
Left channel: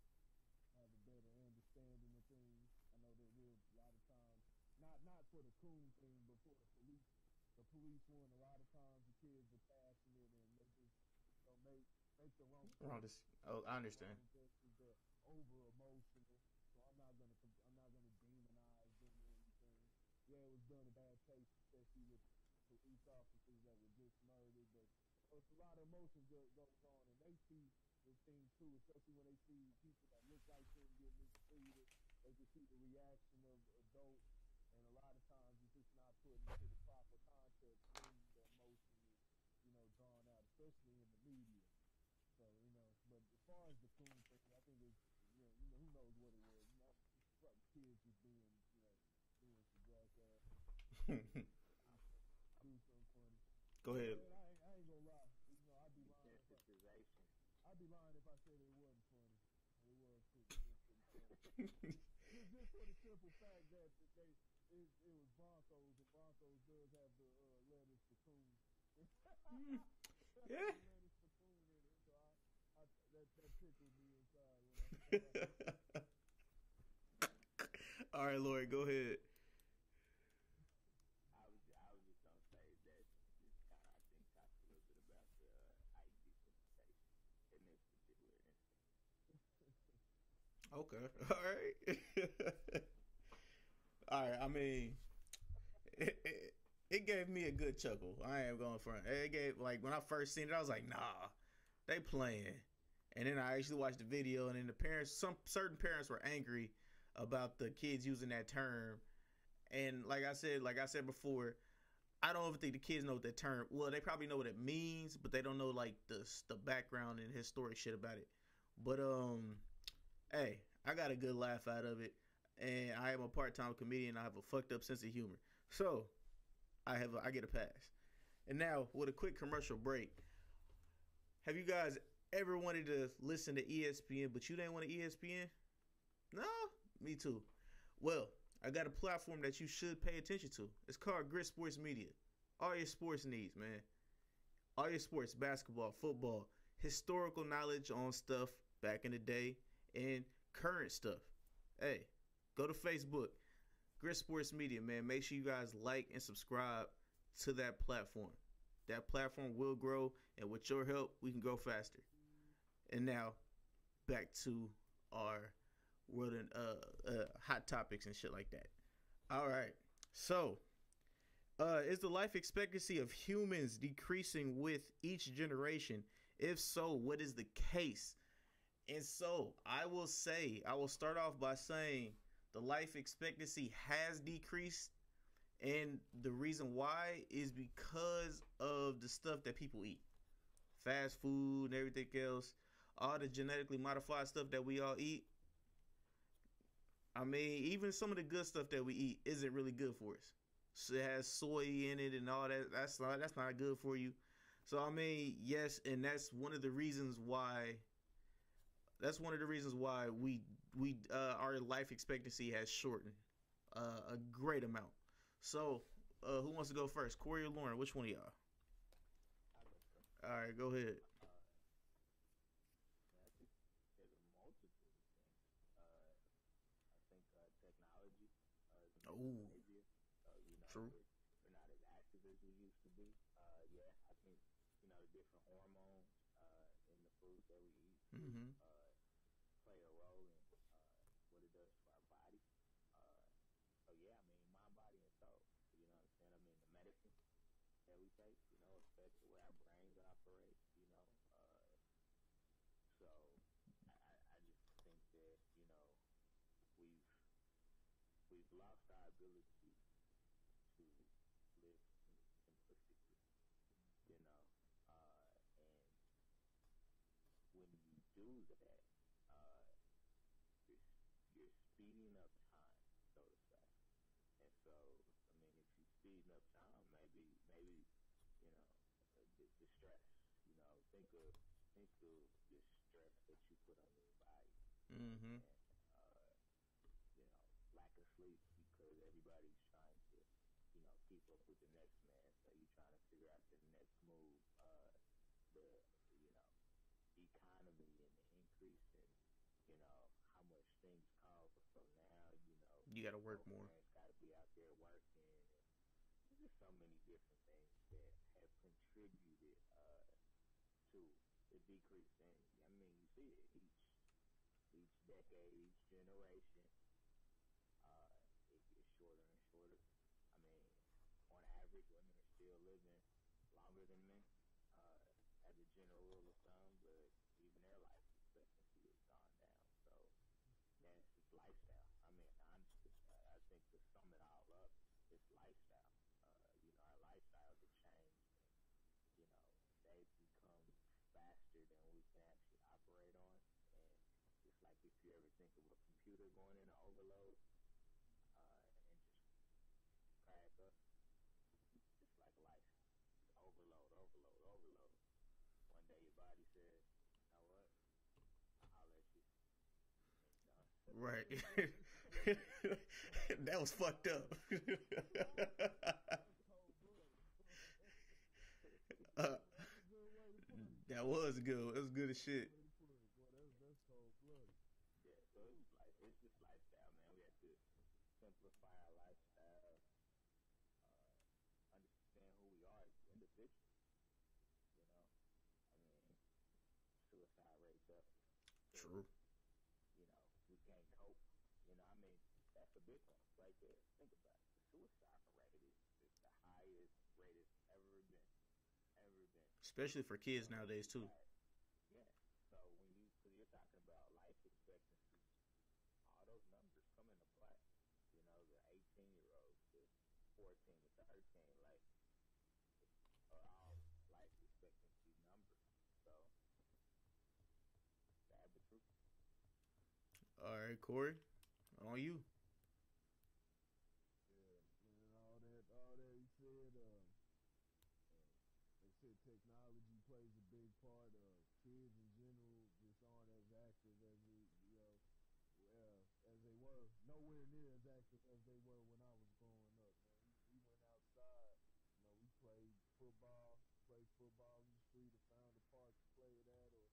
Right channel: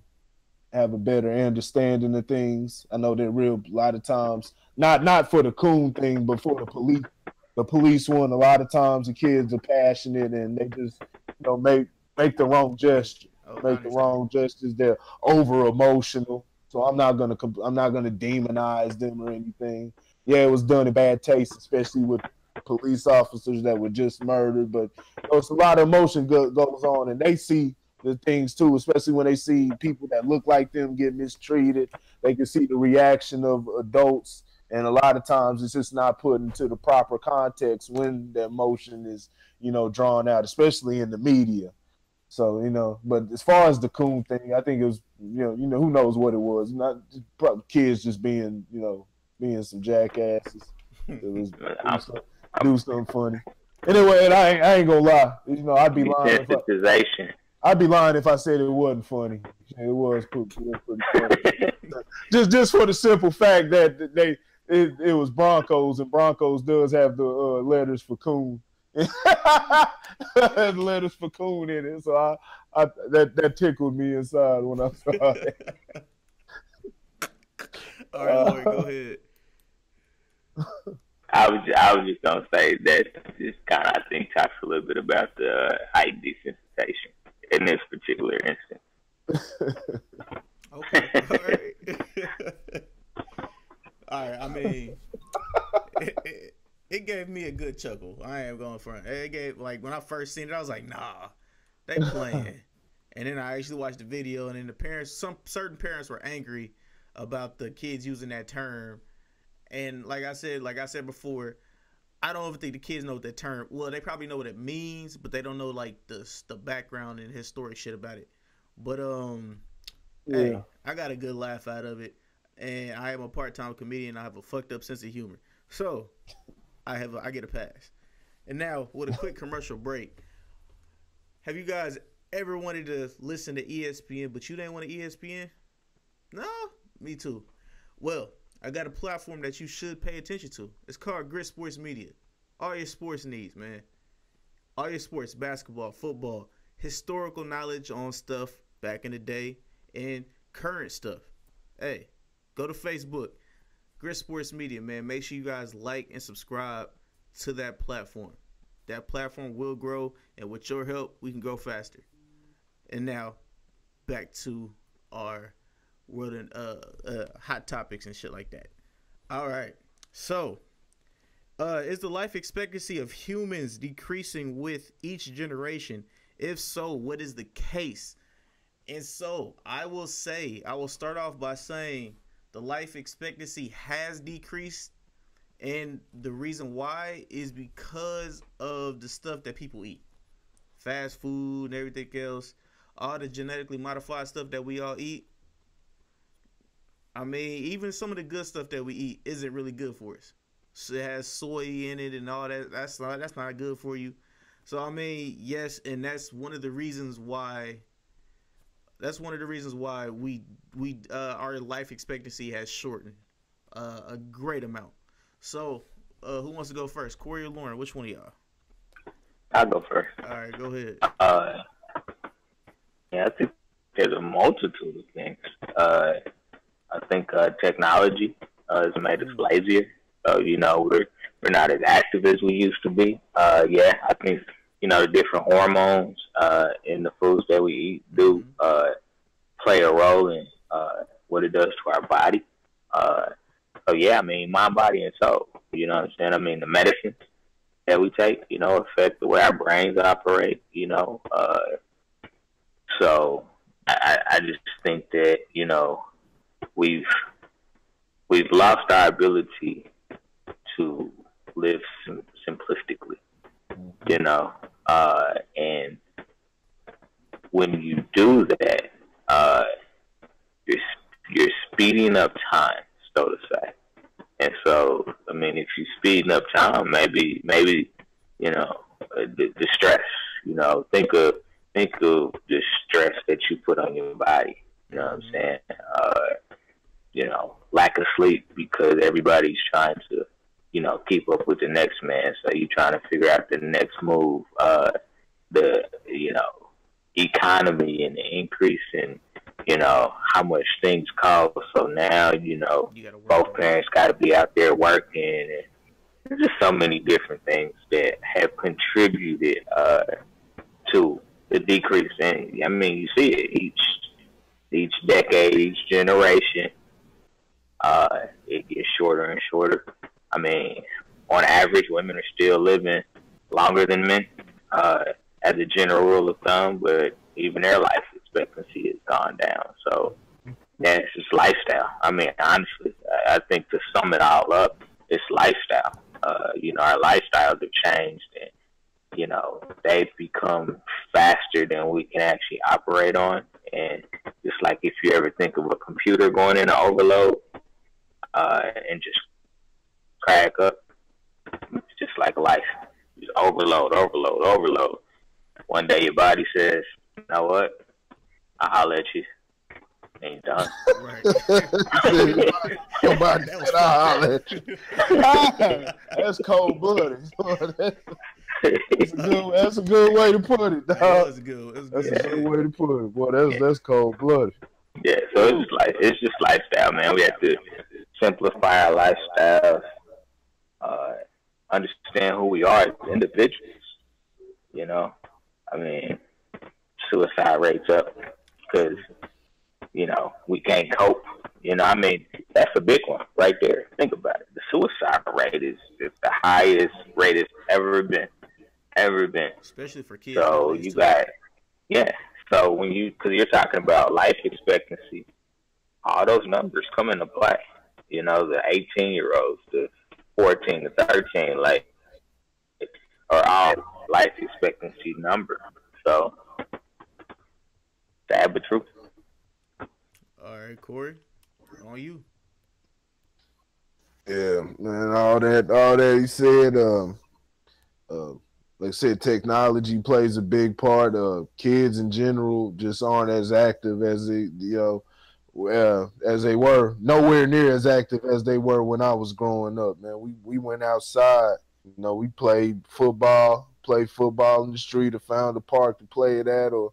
have a better understanding of things. I know that a lot of times, not for the coon thing, but for the police. The police one, a lot of times the kids are passionate and they just make the wrong gesture. Make the wrong gestures. They're over emotional. So I'm not gonna demonize them or anything. Yeah, it was done in bad taste, especially with police officers that were just murdered. But it's a lot of emotion goes on, and they see the things too, especially when they see people that look like them get mistreated. They can see the reaction of adults, and a lot of times it's just not put into the proper context when the emotion is drawn out, especially in the media. So, but as far as the coon thing, I think it was, who knows what it was. Not probably kids just being some jackasses. It was do something funny. Anyway, and I ain't gonna lie. I'd be lying. I'd be lying if I said it wasn't funny. It was pretty funny. just for the simple fact that it was Broncos, and Broncos does have the letters for coon. Letters for coon in it, so I that tickled me inside when I saw it. All right, Lloyd, go ahead. I was just gonna say that this kind of, I think, talks a little bit about the height desensitization in this particular instance. Okay, all right. All right, I mean, it gave me a good chuckle. I ain't going front. It gave, like, when I first seen it, I was like, nah, they playing. And then I actually watched the video, and then the parents, certain parents were angry about the kids using that term. And like I said before, I don't even think the kids know what that term. Well, they probably know what it means, but they don't know like the background and historic shit about it. But hey, I got a good laugh out of it, and I am a part-time comedian. I have a fucked up sense of humor, so I get a pass. And now with a quick commercial break, have you guys ever wanted to listen to ESPN, but you didn't want to ESPN? No, me too. Well, I got a platform that you should pay attention to. It's called Grit Sports Media. All your sports needs, man. All your sports, basketball, football, historical knowledge on stuff back in the day, and current stuff. Hey, go to Facebook, Grit Sports Media, man. Make sure you guys like and subscribe to that platform. That platform will grow, and with your help, we can grow faster. And now, back to our world and hot topics and shit like that. All right. So, is the life expectancy of humans decreasing with each generation? If so, what is the case? And so, I will start off by saying the life expectancy has decreased. And the reason why is because of the stuff that people eat. Fast food and everything else. All the genetically modified stuff that we all eat. I mean, even some of the good stuff that we eat isn't really good for us. So it has soy in it and all that. That's not good for you. So I mean, yes, and that's one of the reasons why. That's one of the reasons why our life expectancy has shortened a great amount. So, who wants to go first? Corey or Lauren? Which one of y'all? I'll go first. All right, go ahead. Yeah, I think there's a multitude of things. I think technology has made us lazier. You know, we're not as active as we used to be. Yeah, I think, you know, the different hormones in the foods that we eat do play a role in what it does to our body. So, yeah, I mean, mind, body, and soul. You know what I'm saying? I mean, the medicines that we take, you know, affect the way our brains operate, you know. So I just think that, you know, we've lost our ability to live simplistically, you know. And when you do that, you're speeding up time, so to say. And so, I mean, if you're speeding up time, maybe, you know, the stress, you know, think of the stress that you put on your body. You know what I'm saying? You know, lack of sleep because everybody's trying to, you know, keep up with the next man. So you're trying to figure out the next move. The, you know, economy and the increase in, you know, how much things cost. So now, you know, both parents got to be out there working. And there's just so many different things that have contributed to the decrease. And I mean, you see it each decade, each generation. It gets shorter and shorter. I mean, on average, women are still living longer than men, as a general rule of thumb, but even their life expectancy has gone down. So, yeah, it's just lifestyle. I mean, honestly, I think to sum it all up, it's lifestyle. You know, our lifestyles have changed, and, you know, they've become faster than we can actually operate on. And just like if you ever think of a computer going into overload and just crack up, it's just like life. Just overload. One day your body says, you know what? I'll holler at you. Ain't done. Right. Somebody said, I'll holler at you. That's cold-blooded. That's a good way to put it, dog. That's good. That's a good way to put it. Boy, that's cold-blooded. Yeah, so it's just lifestyle, man. We have to simplify our lifestyles, understand who we are as individuals. You know, I mean, suicide rates up because, you know, we can't cope. You know, I mean, that's a big one right there. Think about it. The suicide rate is the highest rate it's ever been. Especially for kids. So you got, yeah. So because you're talking about life expectancy, all those numbers come into play. You know, the 18-year-olds, the 14 to 13, like, or our life expectancy number. So, sad but true. All right, Corey, on you. Yeah, man, all that he said, uh, like I said, technology plays a big part. Kids in general just aren't as active as as they were. Nowhere near as active as they were when I was growing up. Man, we went outside. We played football in the street, or found a park to play it at, or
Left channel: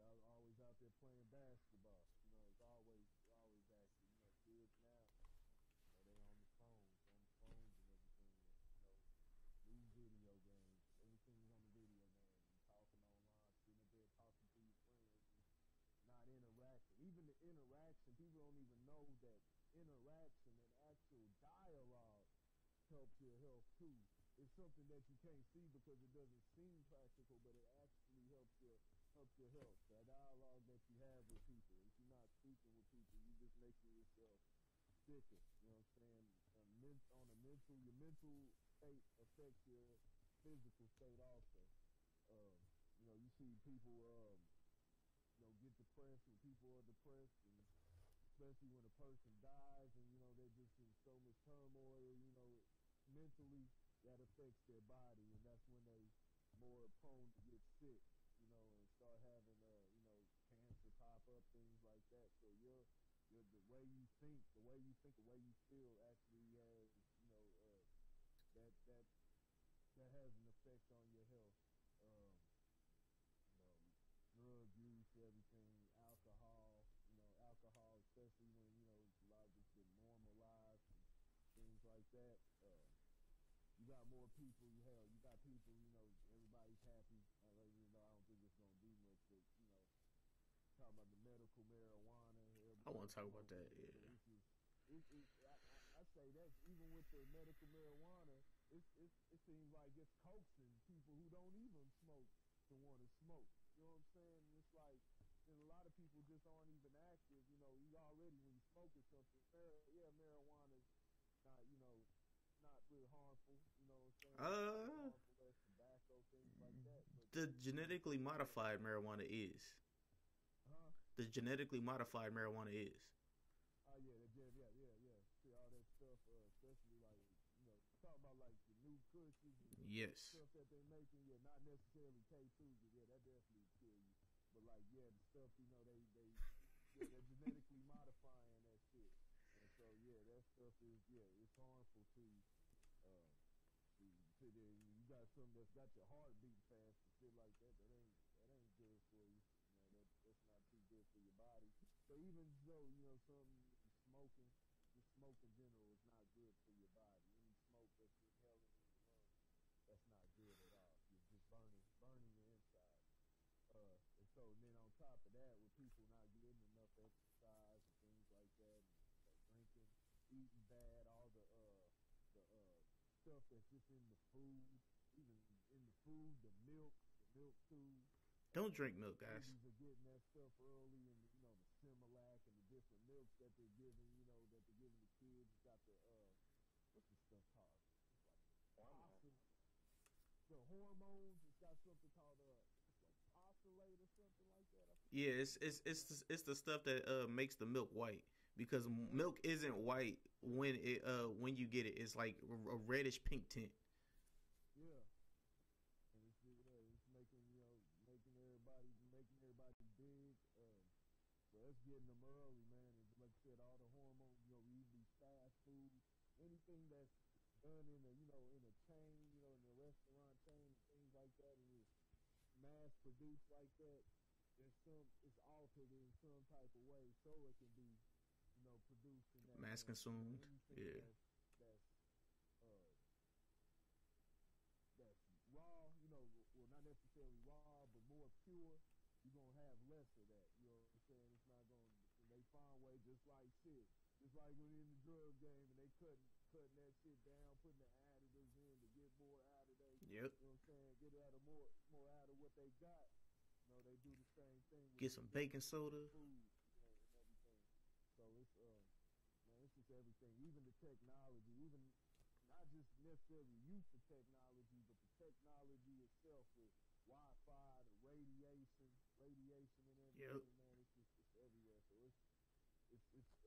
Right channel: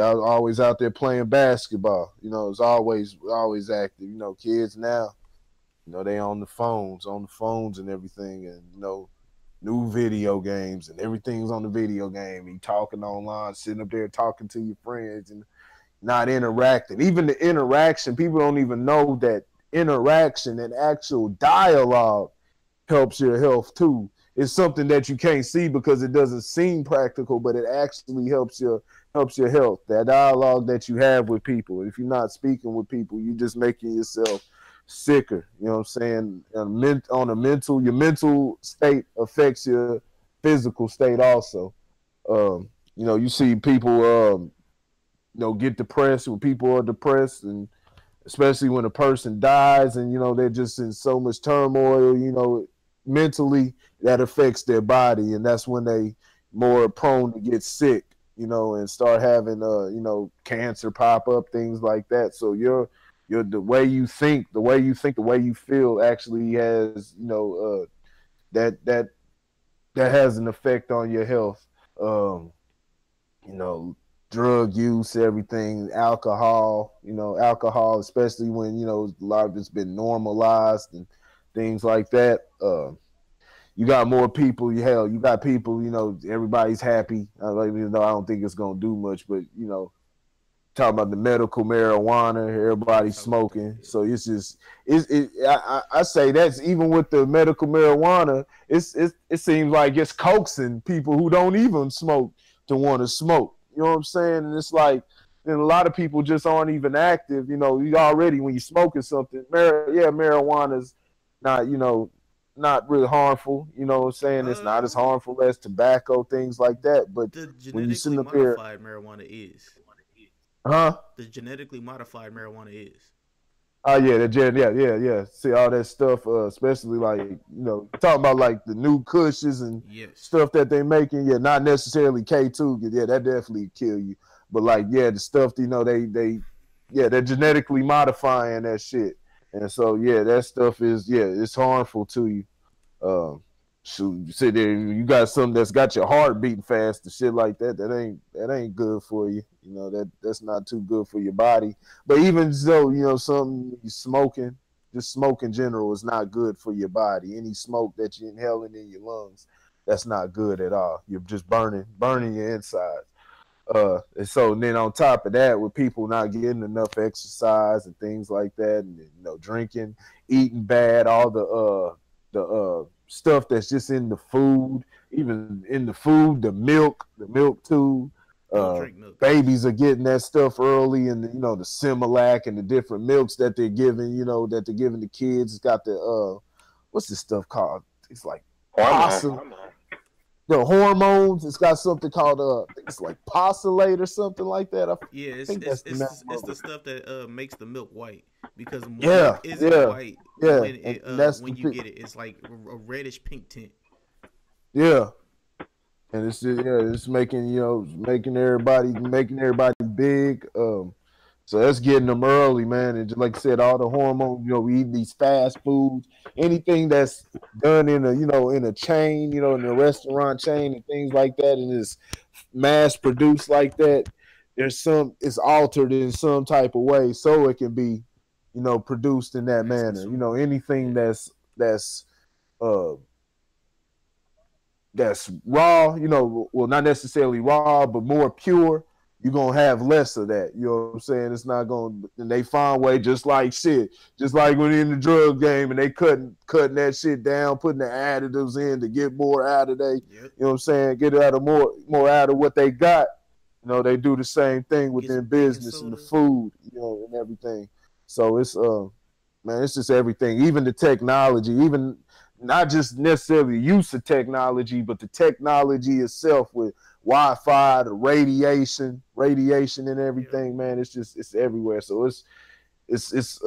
I was always out there playing basketball. It's always active. Kids now, they on the phones and everything, and new video games, and everything's on the video game. You talking online, sitting up there talking to your friends, and not interacting. Even the interaction, people don't even know that interaction and actual dialogue helps your health too. It's something that you can't see because it doesn't seem practical, but it actually helps your health. That dialogue that you have with people. If you're not speaking with people, you're just making yourself sicker. You know what I'm saying? Your mental state affects your physical state also. You see people get depressed when people are depressed, and especially when a person dies and they're just in so much turmoil, mentally, that affects their body, and that's when they more prone to get sick, and start having cancer pop up, things like that. So the way you think, the way you feel actually has that has an effect on your health. Drug use, everything, alcohol, especially when, a lot of it's been normalized and things like that. You got more people, you got people, everybody's happy. Even though I don't think it's going to do much, but, talking about the medical marijuana, everybody's smoking. So it's just, I say that's even with the medical marijuana, it seems like it's coaxing people who don't even smoke to want to smoke. You know what I'm saying? And it's like, and a lot of people just aren't even active. You already, when you're smoking something, marijuana's not, not really harmful. You know what I'm saying? It's not as harmful as tobacco, things like that. But the when you genetically sit up here, modified marijuana is. huh? The genetically modified marijuana is. Oh yeah. See all that stuff, especially like talking about like the new cushions and stuff that they making. Yeah, not necessarily K2. Yeah, that definitely kill you. But like the stuff they're genetically modifying that shit, and so that stuff is it's harmful to you. You sit there, you got something that's got your heart beating fast and shit like that. That ain't good for you. That's not too good for your body. But even though something you smoking, just smoke in general is not good for your body. Any smoke that you're inhaling in your lungs, that's not good at all. You're just burning your insides. And so then on top of that, with people not getting enough exercise and things like that, and drinking, eating bad, all the stuff that's just in the food, even in the food, the milk too. Drink milk. Babies are getting that stuff early, and the Similac and the different milks that they're giving, that they're giving the kids. It's got the what's this stuff called? It's like the hormones. It's got something called I think it's like Postulate or something like that. It's the stuff that makes the milk white, because milk isn't white when you get it. It's like a reddish pink tint. Yeah. And it's making making everybody big. So that's getting them early, man. And just like I said, all the hormones. We eat these fast foods, anything that's done in a chain, in a restaurant chain and things like that, and it's mass produced like that. It's altered in some type of way so it can be, produced in that manner. Anything that's raw, well, not necessarily raw, but more pure, you're going to have less of that. You know what I'm saying? It's not going to, and they find way just like when in the drug game and they cutting that shit down, putting the additives in to get more out of you know what I'm saying? Get out of more out of what they got. They do the same thing within business and the food, and everything. So it's, man, it's just everything, even the technology, even not just necessarily use of technology, but the technology itself with Wi-Fi, the radiation and everything, man. It's everywhere. So it's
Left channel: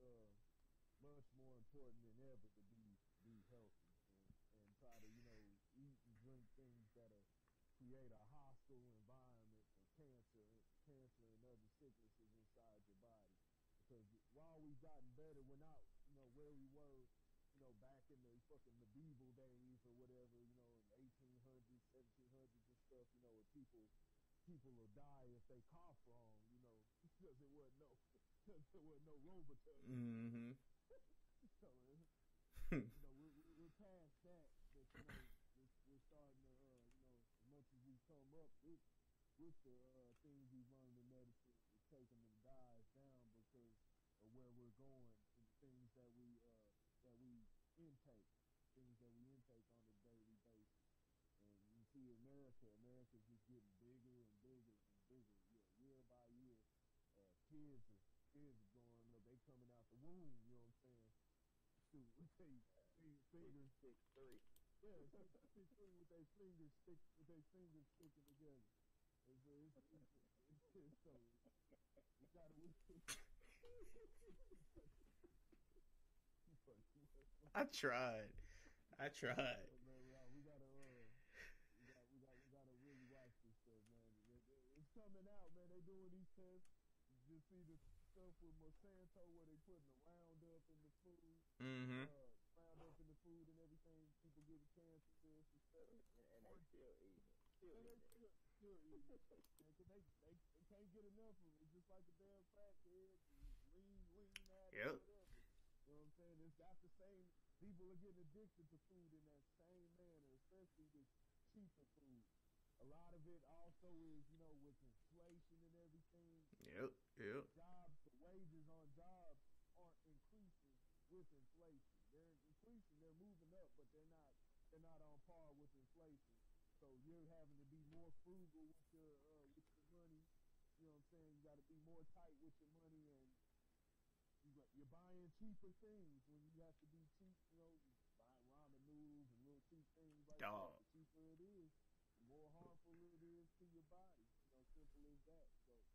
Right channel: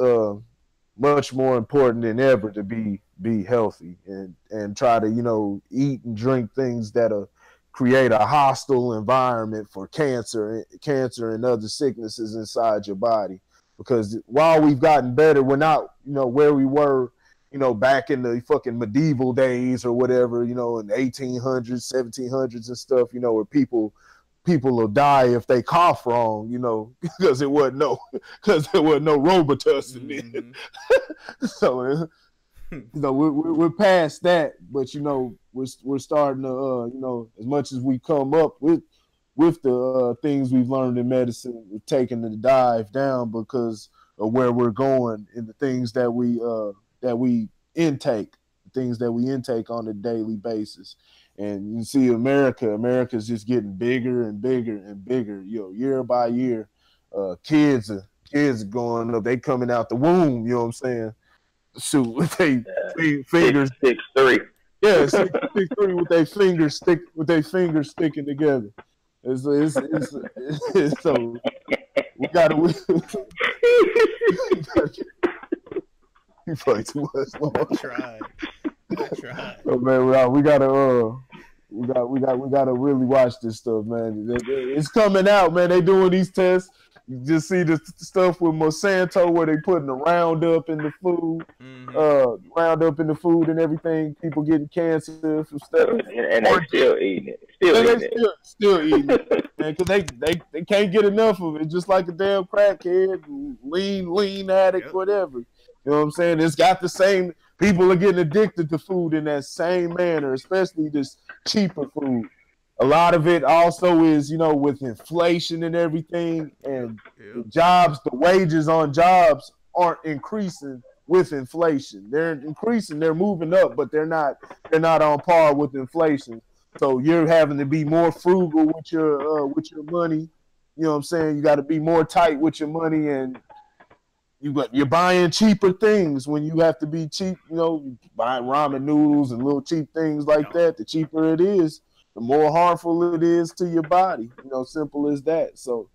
much more important than ever to be healthy and try to, you know, eat and drink things that'll create a hostile environment for cancer and other sicknesses inside your body. Because while we've gotten better, we're not, you know, where we were, you know, back in the fucking medieval days or whatever, you know, in the 1800s, 1700s and stuff, you know, where people will die if they cough wrong, you know, because there wasn't no Robitussin then. So, you know, we're past that, but you know, we're starting to, you know, as much as we come up with the things we've learned in medicine, we're taking the dive down because of where we're going and the things that we intake, things that we intake on a daily basis. And you see America's just getting bigger and bigger and bigger, you know, year by year. Kids are going up, they coming out the womb, you know what I'm saying? Shoot, with their fingers 6'3". Yeah, 6'3" with their fingers sticking together. It's so we gotta you play too much. I tried. So, man, we gotta really watch this stuff, man. It's coming out, man. They doing these tests. You just see the stuff with Monsanto where they putting the Roundup in the food, Roundup in the food and everything. People getting cancer from stuff, and they still eating it. Still eating it, man, because they can't get enough of it. Just like a damn crackhead, lean addict, whatever. You know what I'm saying? It's got the same. People are getting addicted to food in that same manner, especially this cheaper food. A lot of it also is, you know, with inflation and everything, and jobs, the wages on jobs aren't increasing with inflation. They're increasing, they're moving up, but they're not on par with inflation. So you're having to be more frugal with your money. You know what I'm saying? You got to be more tight with your money, and you're buying cheaper things when you have to be cheap. You know, buying ramen noodles and little cheap things like that. The cheaper it is, the more harmful it is to your body. You know, simple as that. So,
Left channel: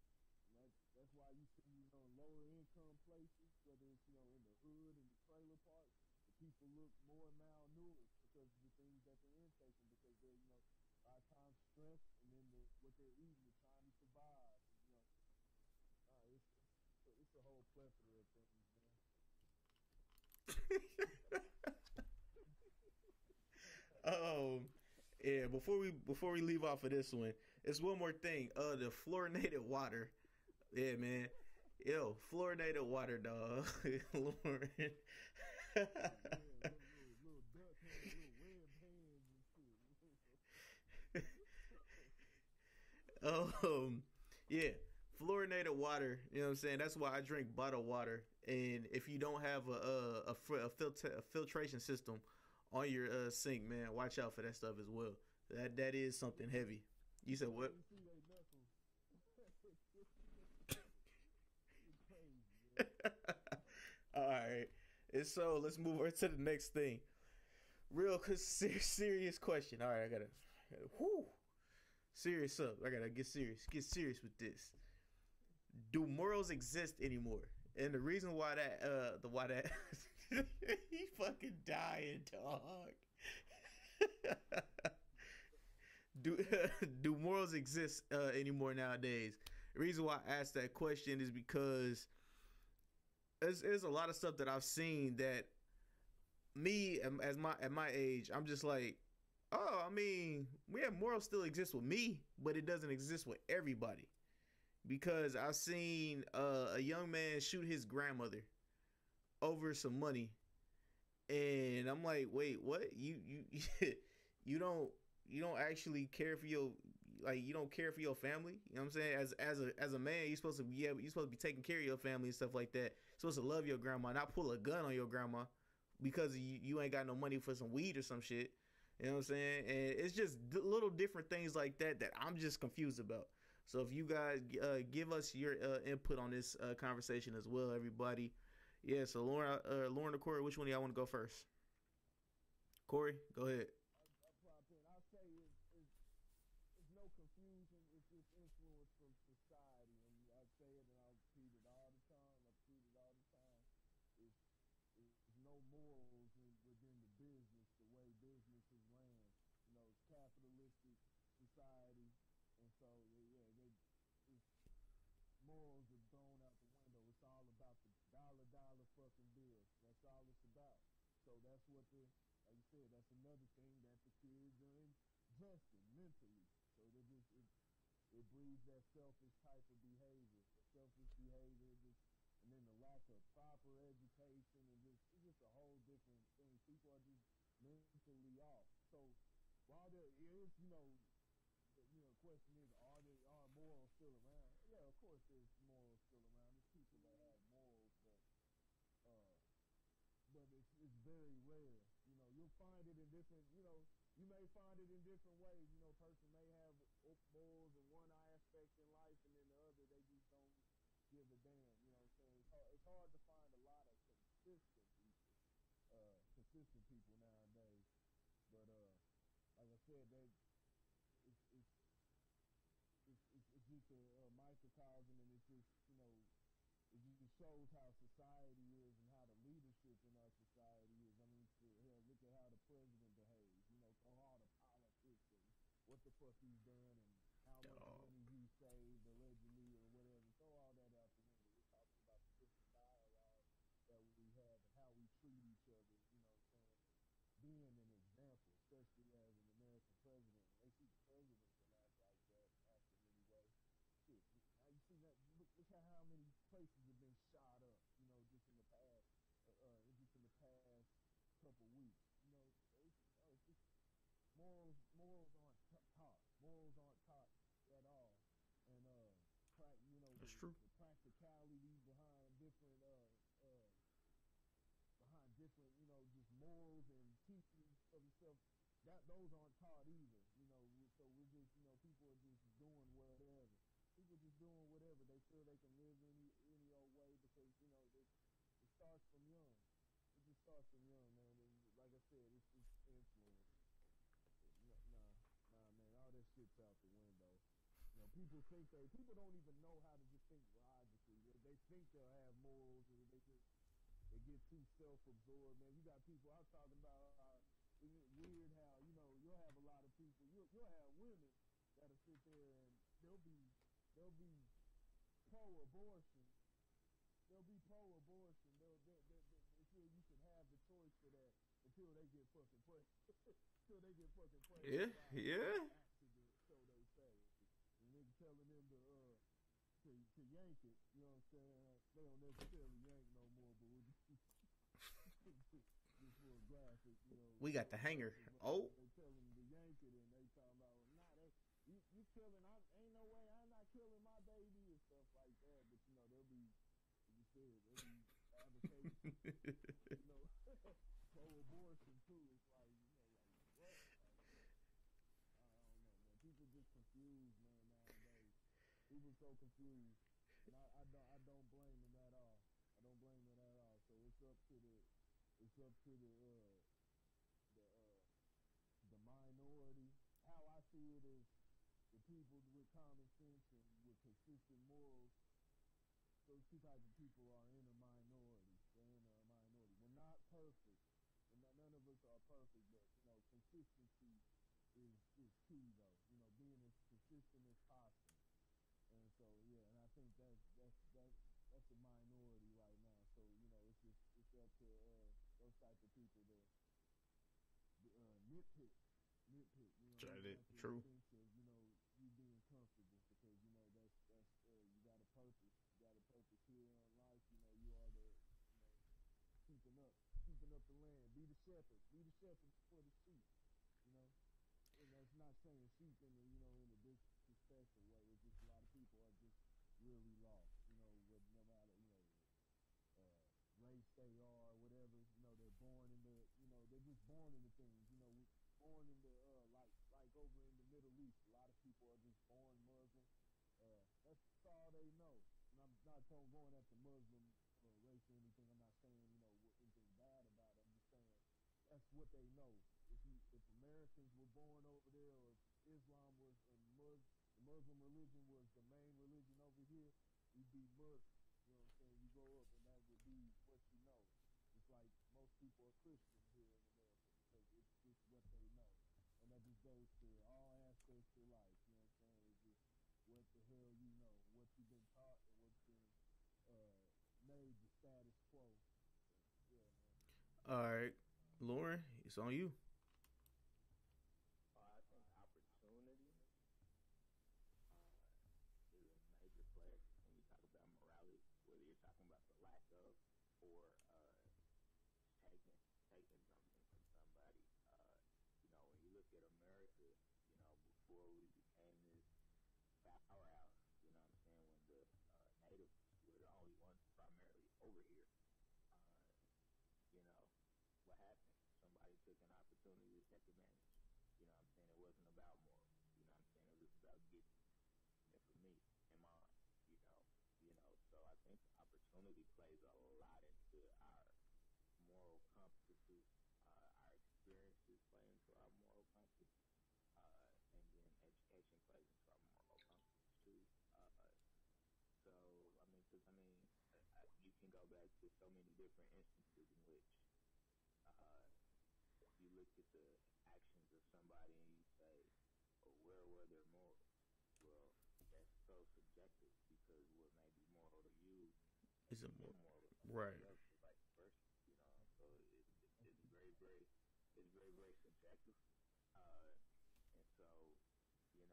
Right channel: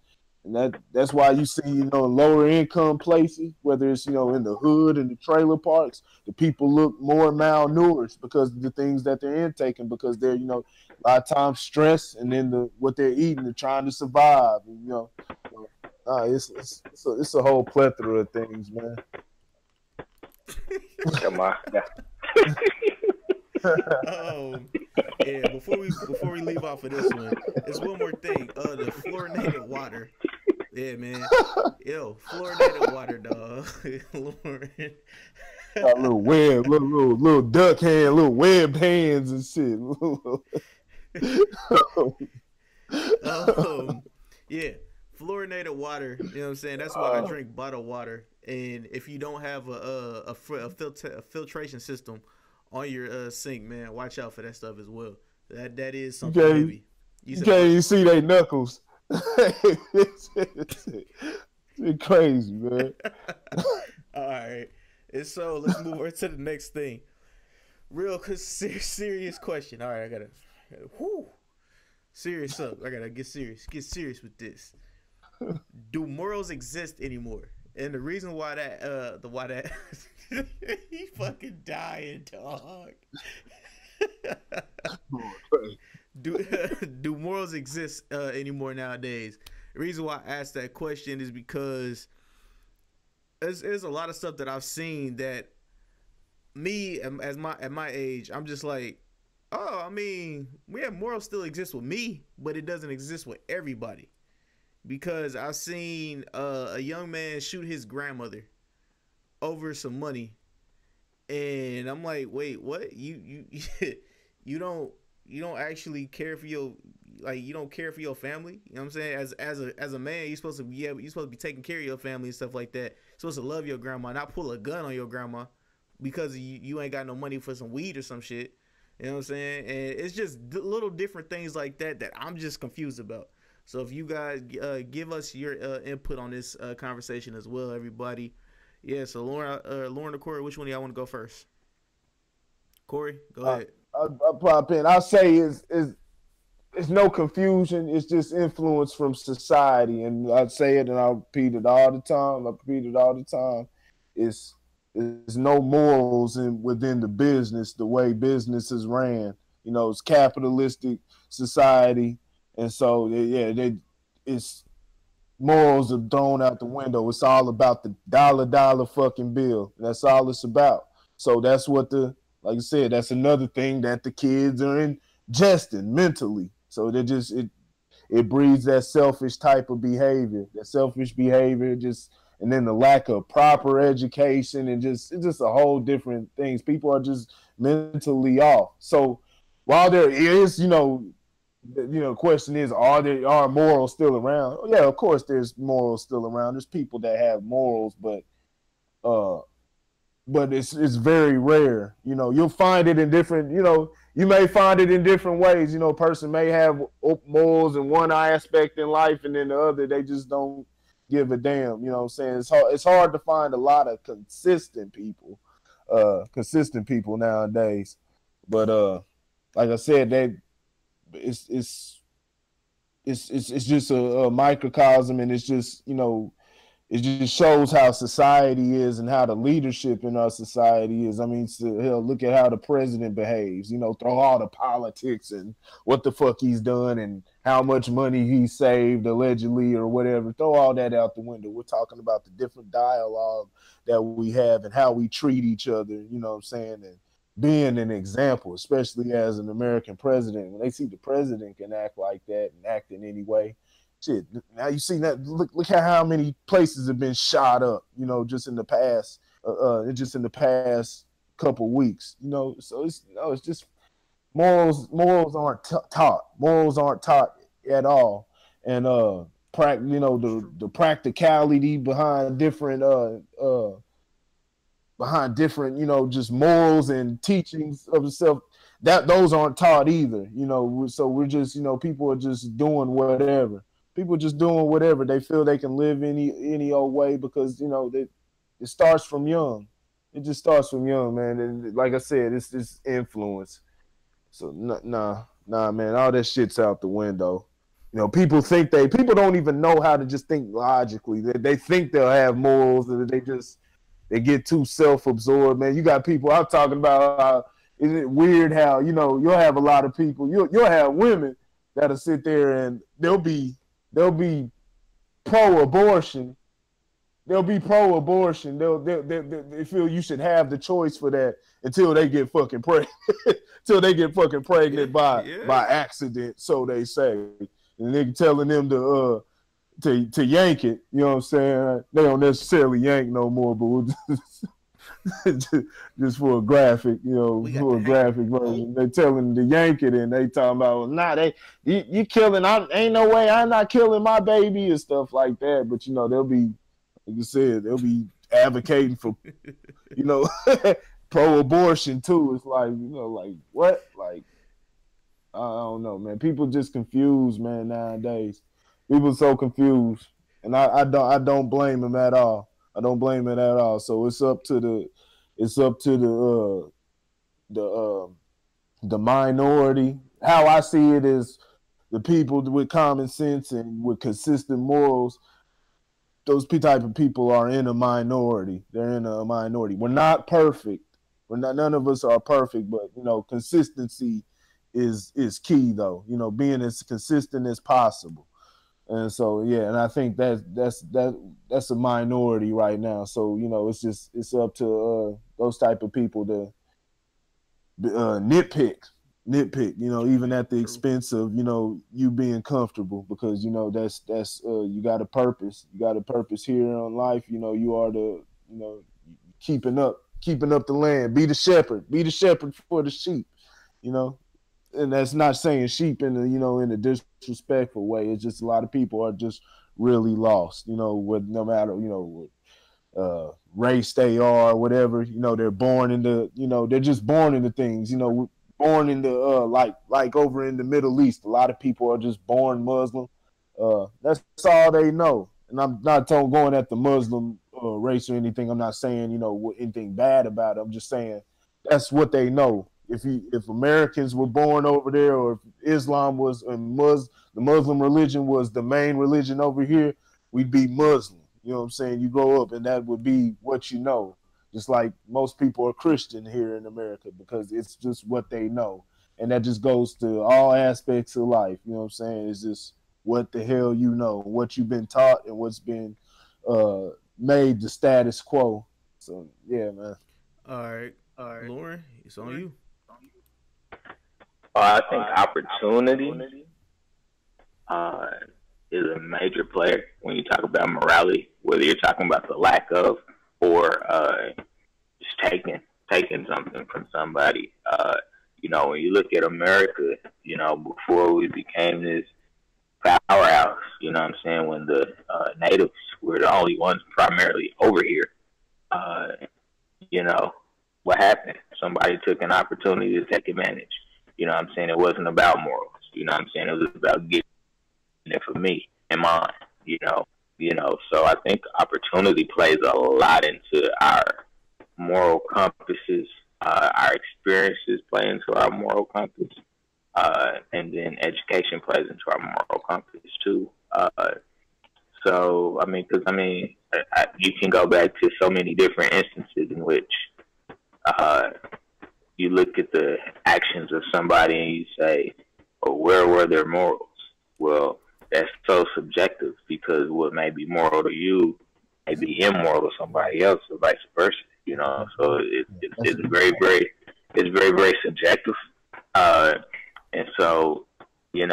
and that's why you see, you know, lower income places, whether it's, you know, in the hood and the trailer parks, the people look more malnourished because of the things that they're intaking, because they're, you know, a lot of times stress, and then what they're eating, they're trying to survive. And, you know, it's a whole plethora of things, man. Come on. Yeah, before we leave off of this one, there's one more thing. The fluorinated water. Yeah, man. Yo, fluorinated water, dog. Got a little web, little duck hand, little webbed hands and shit. Yeah, fluorinated water. You know what I'm saying? That's why I drink bottled water. And if you don't have a filtration system on your sink, man, watch out for that stuff as well. That is something heavy. You see they knuckles. It's crazy, man. All right. And so let's move on to the next thing. Real serious question. All right, I gotta serious up. I gotta get serious with this. Do morals exist anymore? And the reason why that he fucking dying, dog. Do morals exist anymore nowadays? The reason why I asked that question is because there's a lot of stuff that I've seen that me at my age, I'm just like, oh, I mean, morals still exist with me, but it doesn't exist with everybody. Because I've seen a young man shoot his grandmother over some money, and I'm like, wait, what? You don't actually care for your, like, you don't care for your family. You know what I'm saying? As a man, you're supposed to be taking care of your family and stuff like that. You're supposed to love your grandma, not pull a gun on your grandma because you ain't got no money for some weed or some shit. You know what I'm saying? And it's just little different things like that I'm just confused about. So if you guys give us your input on this conversation as well, everybody. Yeah, so Lauren or Corey, which one do y'all want to go first? Corey, go I, ahead. I pop in. I'll say it's no confusion. It's just influence from society, and I say it, and I repeat it all the time. I repeat it all the time. It's no morals within the business, the way business is ran. You know, it's capitalistic society, and so it's morals are thrown out the window. It's all about the dollar fucking bill. That's all it's about. So that's what like I said, that's another thing that the kids are ingesting mentally. So they just it breeds that selfish type of behavior, that selfish behavior, just and then the lack of proper education and just it's just a whole different things. People are just mentally off. So while there is, question is, are morals still around? Yeah, of course there's morals still around. There's people that have morals, but it's very rare. You'll find it in different, you may find it in different ways. A person may have morals in one aspect in life, and then the other they just don't give a damn. You know what I'm saying? It's hard to find a lot of consistent people nowadays. But like I said, it's just a microcosm, and it's just it just shows how society is and how the leadership in our society is. I mean, hell, look at how the president behaves. Throw all the politics and what the fuck he's done and how much money he saved allegedly or whatever. Throw all that out the window. We're talking about the different dialogue that we have and how we treat each other. You know what I'm saying? And being an example, especially as an American president, when they see the president can act like that and act in any way. Shit, now you see that. Look at how many places have been shot up. Just in the past couple weeks. So it's just morals. Morals aren't taught. Morals aren't taught at all. And the practicality behind different just morals and teachings of itself, that those aren't taught either. So we're just people are just doing whatever. People just doing whatever. They feel they can live any old way because it starts from young. It just starts from young, man. And like I said, it's this influence. So nah, man. All that shit's out the window. People don't even know how to just think logically. They think they'll have morals, and they get too self-absorbed, man. You got people. I'm talking about. Is it weird how you'll have a lot of people. You'll have women that'll sit there and they'll be pro-abortion. They'll be pro-abortion. They feel you should have the choice for that until they get fucking pregnant. Until they get fucking pregnant by accident, so they say. And they telling them to yank it. You know what I'm saying? They don't necessarily yank no more, but we'll just for a graphic, for a graphic version. They telling them to yank it, and they talking about, you killing. Ain't no way I'm not killing my baby and stuff like that. But they'll be, like you said, they'll be advocating for, pro-abortion too. It's like, like what? Like, I don't know, man. People just confused, man. Nowadays, people so confused, and I don't blame them at all. I don't blame it at all. So it's up to the minority. How I see it is the people with common sense and with consistent morals. Those type of people are in a minority. They're in a minority. We're not perfect. None of us are perfect, but consistency is key though. Being as consistent as possible. And so and I think that's a minority right now. So it's up to those type of people to nitpick. Even at the expense of you being comfortable, because that's you got a purpose. You got a purpose here on life. You are the keeping up the land. Be the shepherd for the sheep. And that's not saying sheep in a disrespectful way. It's just a lot of people are just really lost, with no matter, what race they are, whatever, they're born into, they're just born into things, born into, like over in the Middle East, a lot of people are just born Muslim. That's all they know. And I'm not going at the Muslim race or anything. I'm not saying, anything bad about it. I'm just saying that's what they know. if Americans were born over there, or if Islam was and the Muslim religion was the main religion over here, we'd be Muslim. You know what I'm saying? You grow up and that would be what you know. Just like most people are Christian here in America because it's just what they know. And that just goes to all aspects of life. You know what I'm saying? It's just what the hell you know, what you've been taught, and what's been made the status quo. So, yeah, man. All right. Lauren, it's on you. I think opportunity is a major player when you talk about morality, whether you're talking about the lack of or just taking something from somebody. When you look at America, before we became this powerhouse, you know what I'm saying, when the natives were the only ones primarily over here, what happened? Somebody took an opportunity to take advantage. You know what I'm saying? It wasn't about morals. You know what I'm saying? It was about getting it for me and mine, So I think opportunity plays a lot into our moral compasses. Our experiences play into our moral compass. And then education plays into our moral compass too. You can go back to so many different instances in which you look at the actions of somebody and you say, "Oh, where were their morals?" Well, that's so subjective because what may be moral to you may be immoral to somebody else, or vice versa. So it's very, very subjective. And so, it's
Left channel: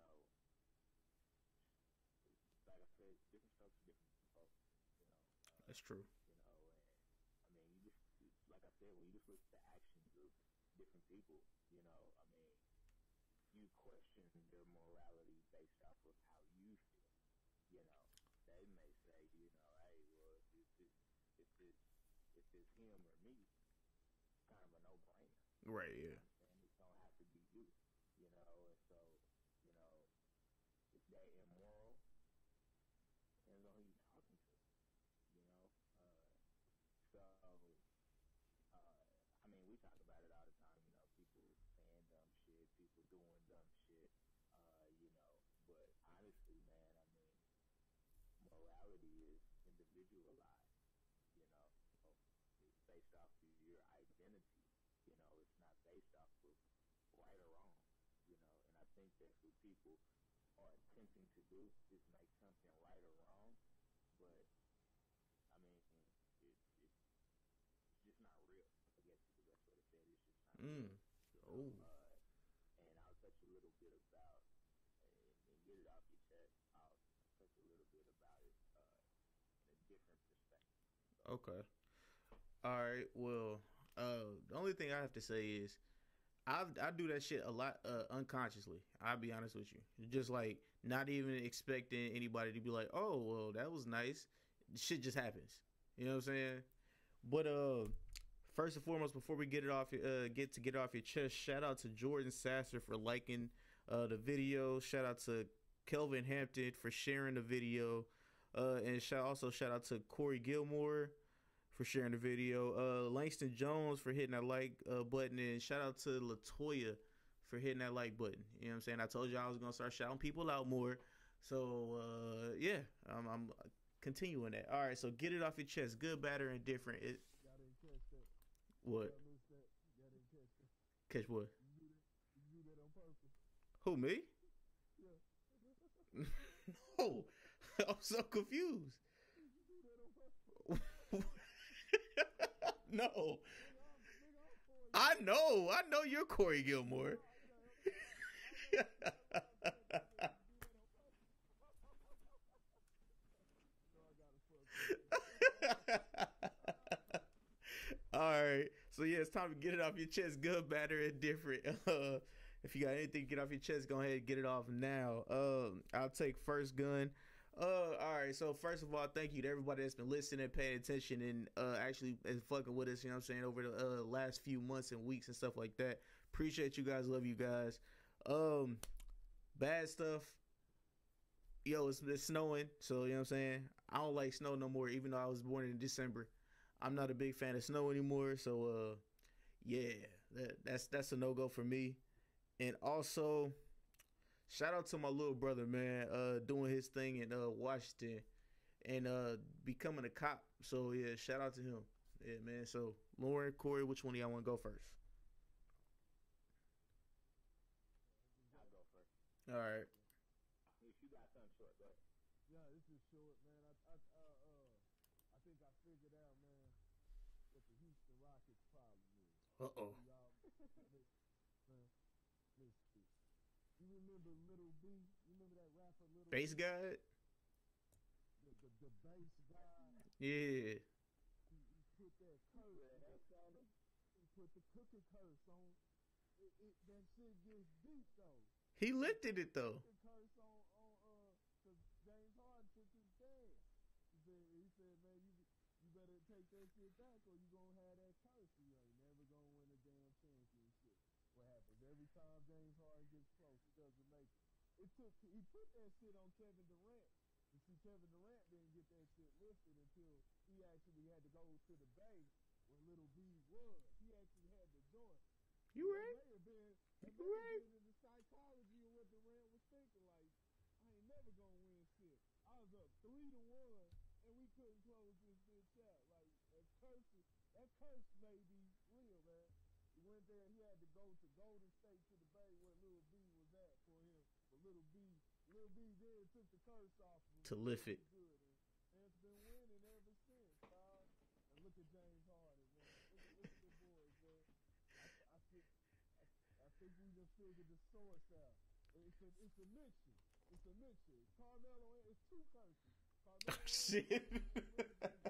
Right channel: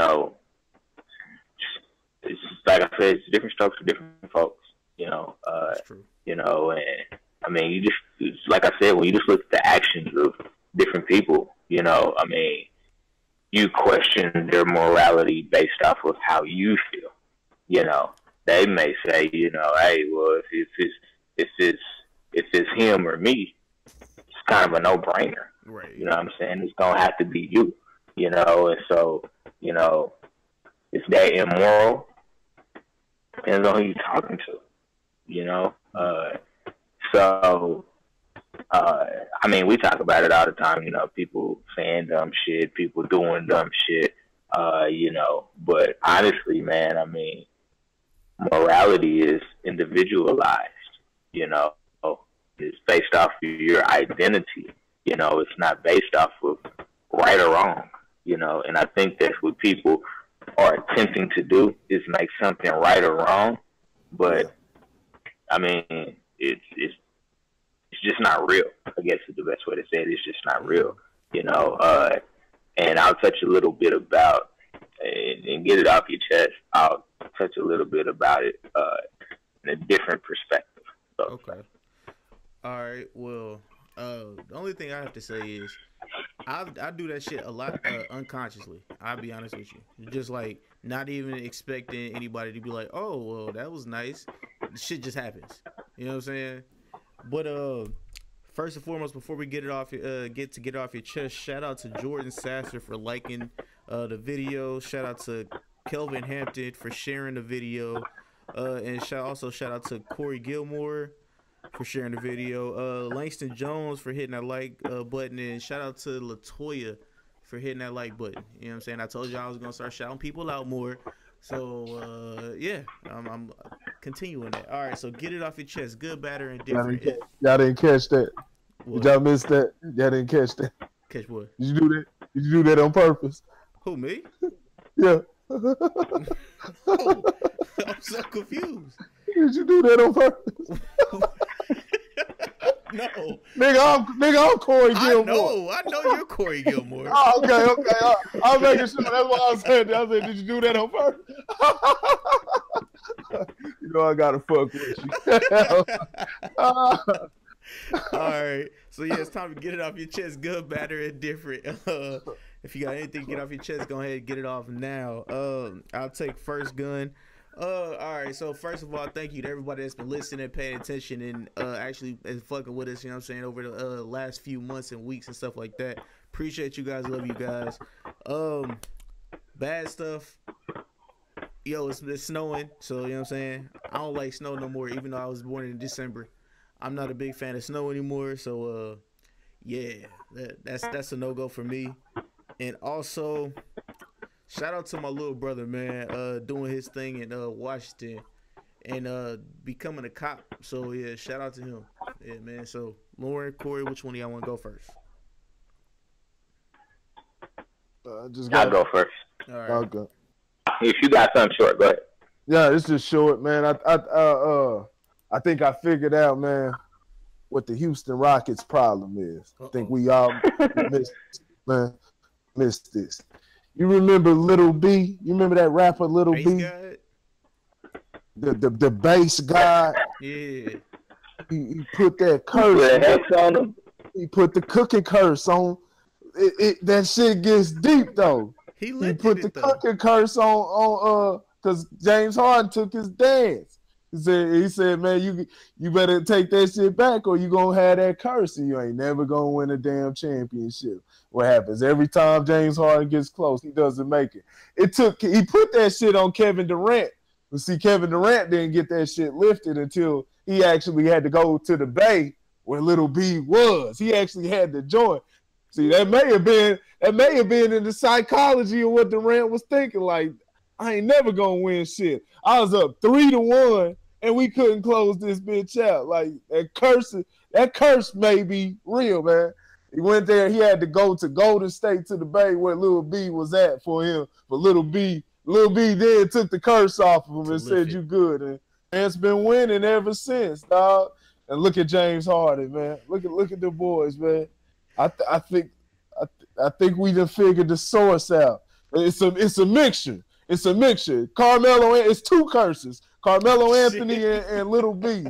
like I said, it's different strokes for different folks. That's true. Like I said, when you just look at the actions of different people, you question their morality based off of how you feel. They may say, hey, well, if it's him or me, it's kind of a no-brainer. Right. You know what I'm saying? It's gonna have to be you. And so, is that immoral? Depends on who you're talking to. We talk about it all the time, people saying dumb shit, people doing dumb shit, but honestly, man, morality is individualized, it's based off of your identity, it's not based off of right or wrong, and I think that's what people are attempting to do is make something right or wrong, but it's just not real. I guess is the best way to say it. It's just not real, and I'll touch a little bit about and get it off your chest. I'll touch a little bit about it in a different perspective. So, okay. All right. Well, the only thing I have to say is I do that shit a lot unconsciously. I'll be honest with you. Just like not even expecting anybody to be like, "Oh, well, that was nice." Shit just happens. You know what I'm saying? But first and foremost, before we get it off your chest, shout out to Jordan Sasser for liking the video. Shout out to Kelvin Hampton for sharing the video, and shout out to Corey Gilmore for sharing the video. Langston Jones for hitting that like button, and shout out to Latoya for hitting that like button. You know what I'm saying? I told you I was gonna start shouting people out more. So I'm continuing that. All right, so get it off your chest. Good, bad, or indifferent. Y'all didn't catch that. What? Did y'all miss that? Y'all didn't catch that. Catch what? Did you do that? Did you do that on purpose? Who, me? Yeah. Oh, I'm so confused. Did you do that on purpose? No. Nigga, I'm Corey Gilmore. I know you're Corey Gilmore. Oh, okay. I'm making sure. That's what I was saying. I said, did you do that on purpose? I gotta fuck with you. All right. So yeah, it's time to get it off your chest. Good, bad, or indifferent. If you got anything to get off your chest, go ahead and get it off now. I'll take first gun. All right, so first of all, thank you to everybody that's been listening, paying attention, and actually fucking with us, you know what I'm saying, over the last few months and weeks and stuff like that. Appreciate you guys, love you guys. Bad stuff. Yo, it's snowing, so you know what I'm saying? I don't like snow no more, even though I was born in December. I'm not a big fan of snow anymore, so Yeah, that's a no go for me. And also, shout out to my little brother, man, doing his thing in Washington and becoming a cop. So yeah, shout out to him. Yeah, man. So Lauren, Corey, which one of y'all want to go first? I'll go first. All right. Okay. If you got something short, go ahead. Yeah, it's just short, man. I think I figured out, man, what the Houston Rockets' problem is. I think we all missed this. You remember Little B? You remember that rapper Little B? The bass guy. Yeah. He put that curse on him. He put the cooking curse on. That shit gets deep though. He put the cooking curse on because James Harden took his dance. He said, man, you better take that shit back or you gonna have that curse and you ain't never gonna win a damn championship. What happens every time James Harden gets close, he doesn't make it. He put that shit on Kevin Durant. But see, Kevin Durant didn't get that shit lifted until he actually had to go to the Bay where Little B was. He actually had to join. See, that may have been in the psychology of what Durant was thinking. Like, I ain't never gonna win shit. I was up 3-1, and we couldn't close this bitch out. Like that curse may be real, man. He went there. He had to go to Golden State to the Bay where Little B was at for him. But Little B then took the curse off of him and said, "You good." And it's been winning ever since, dog. And look at James Harden, man. Look at the boys, man. I think we done figured the source out. It's a mixture. It's a mixture. Carmelo, it's two curses. Carmelo Anthony and Little B.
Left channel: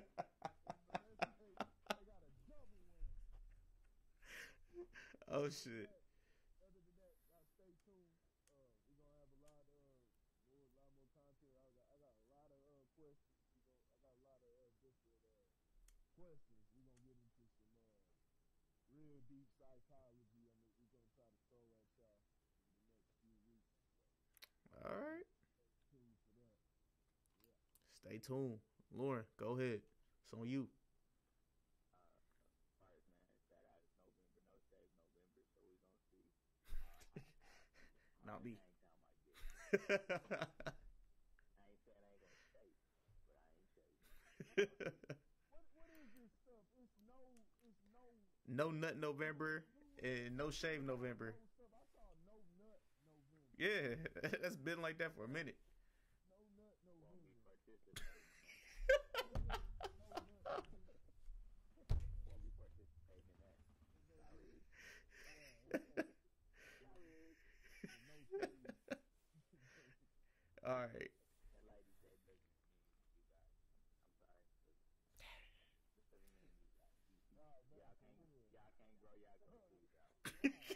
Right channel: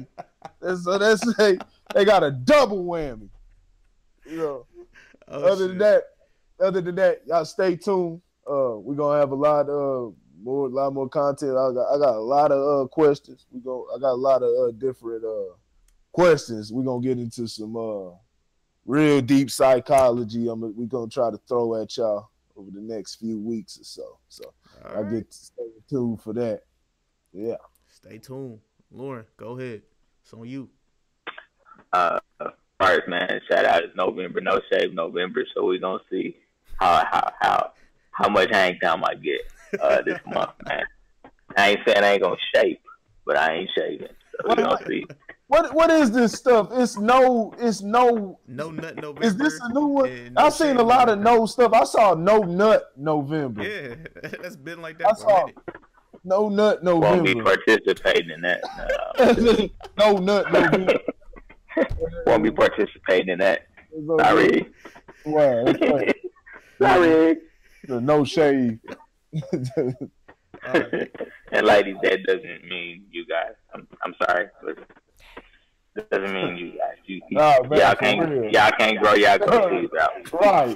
They got a double whammy. You know. Other than that, y'all stay tuned. We're gonna have a lot more content. I got a lot of questions. I got a lot of different questions. We're gonna get into some real deep psychology. We're gonna try to throw at y'all over the next few weeks or so. So I get to stay tuned for that. Yeah. Stay tuned. Lauren, go ahead. It's on you. First, man, shout out. It's November, No Shave November, so we're gonna see how much hang time I get this month, man. I ain't saying I ain't gonna shave, but I ain't shaving. So we're gonna see. What is this stuff? It's no nut November. Is this a new one? No I've seen a lot November. of no stuff. I saw no nut November. Yeah, that's been like that for a minute. No nut November. Won't be participating in that. No nut November. Won't be participating in that. Sorry. Wow. Sorry. No shave. Right. And ladies, that doesn't mean you guys. I'm sorry, but that doesn't mean you guys. Y'all can't grow y'all cookies out.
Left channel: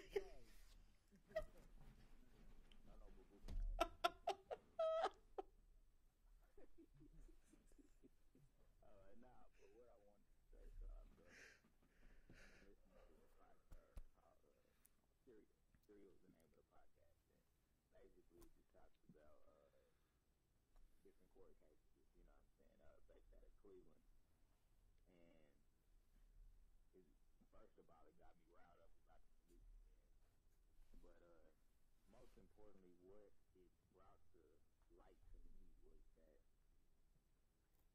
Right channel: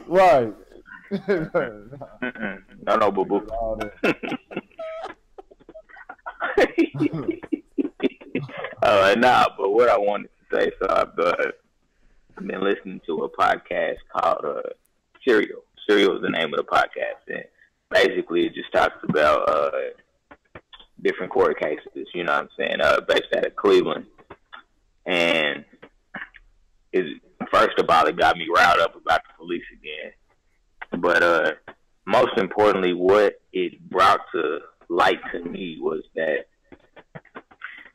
Right. No, boo boo. But what I wanted to say, so I've been listening to a podcast called Serial. Serial is the name of the podcast, and basically it just talks about different court cases, you know what I'm saying, based out of Cleveland. And first of all, it got me riled up about the police again. But most importantly, what it brought to light to me was that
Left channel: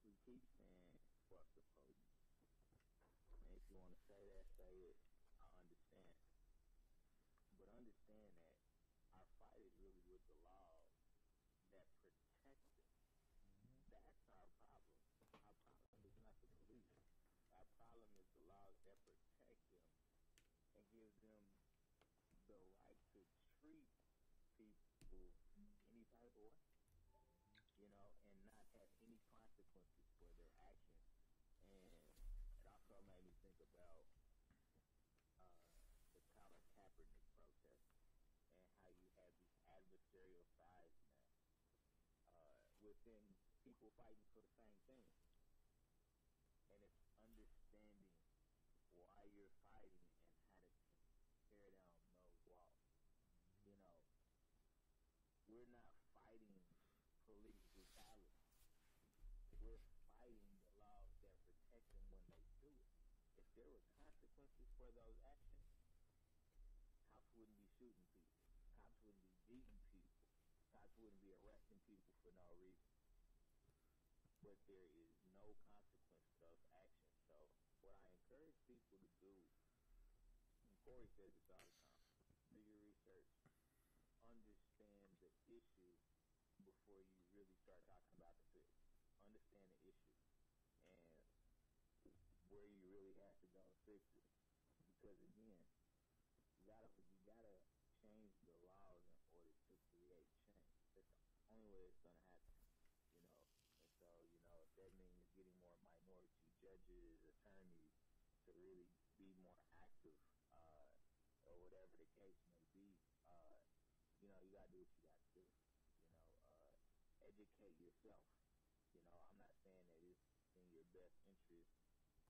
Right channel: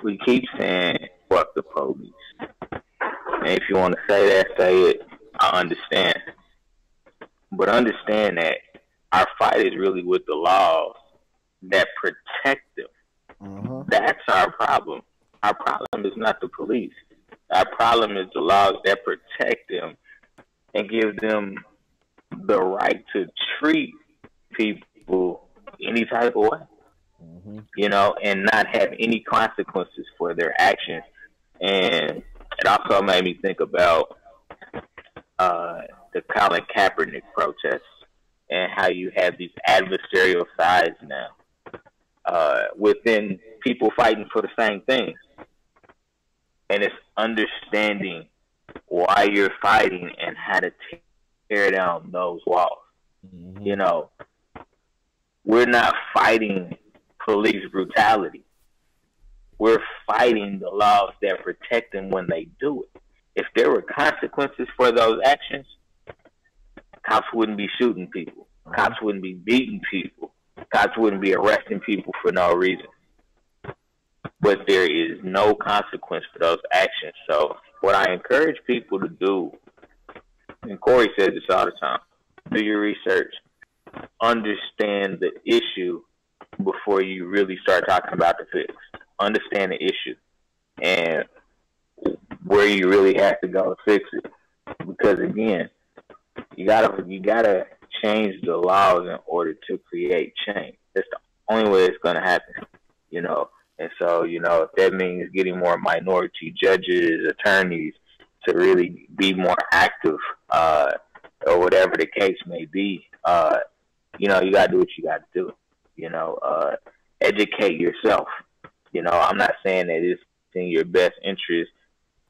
we keep saying, fuck the police. And if you want to say that, say it. I understand. But understand that our fight is really with the laws that protect them. Uh-huh. That's our problem. Our problem is not the police. Our problem is the laws that protect them and give them the right to treat people any type of way. Mm-hmm. You know, and not have any consequences for their actions. And it also made me think about the Colin Kaepernick protests and how you have these adversarial sides now within people fighting for the same things. And it's understanding why you're fighting and how to tear down those walls. Mm-hmm. You know, we're not fighting police brutality. We're fighting the laws that protect them when they do it. if there were consequences for those actions, cops wouldn't be shooting people. Cops wouldn't be beating people. Cops wouldn't be arresting people for no reason. But there is no consequence for those actions. So what I encourage people to do, and Corey says this all the time, do your research, understand the issue before you really start talking about the fix. Understand the issue and where you really have to go to fix it. Because again, you gotta change the laws in order to create change. That's the only way it's gonna happen, you know. And so, you know, if that means getting more minority judges, attorneys to really be more active, or whatever the case may be, you know, you gotta do what you gotta do. You know, educate yourself. You know, I'm not saying that it's in your best interest,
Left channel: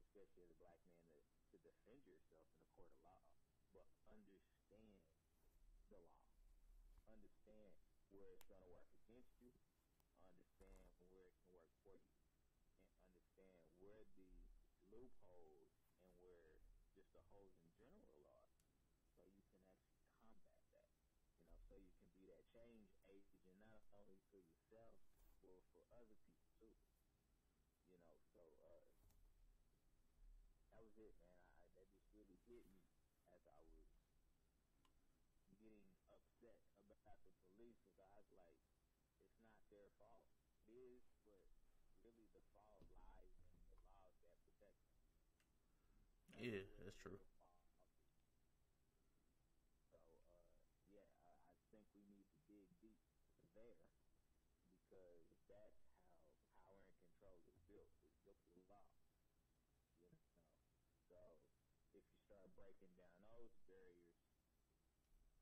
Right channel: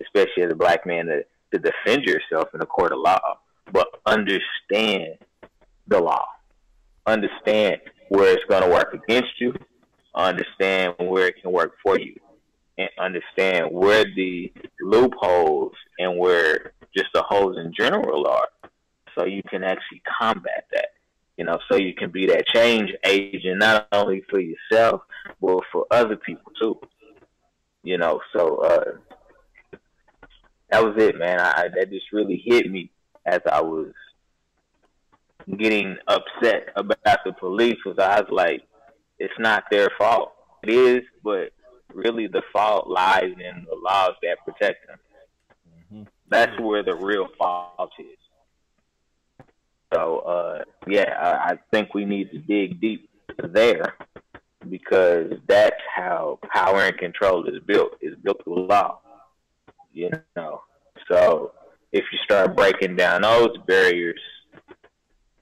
especially as a black man, to defend yourself in a court of law, but understand the law. Understand where it's going to work against you. Understand where it can work for you. And understand where the loopholes and where just the holes in general are, so you can actually combat that. You know, so you can be that change agent, not only for yourself, but for other people too. You know, so that was it, man. That just really hit me as I was getting upset about the police, because I was like, it's not their fault. It is, but really the fault lies in the laws that protect them. Mm-hmm. That's where the real fault is. So, I think we need to dig deep there, because that's how power and control is built. It's built through law, you know. So if you start breaking down those barriers,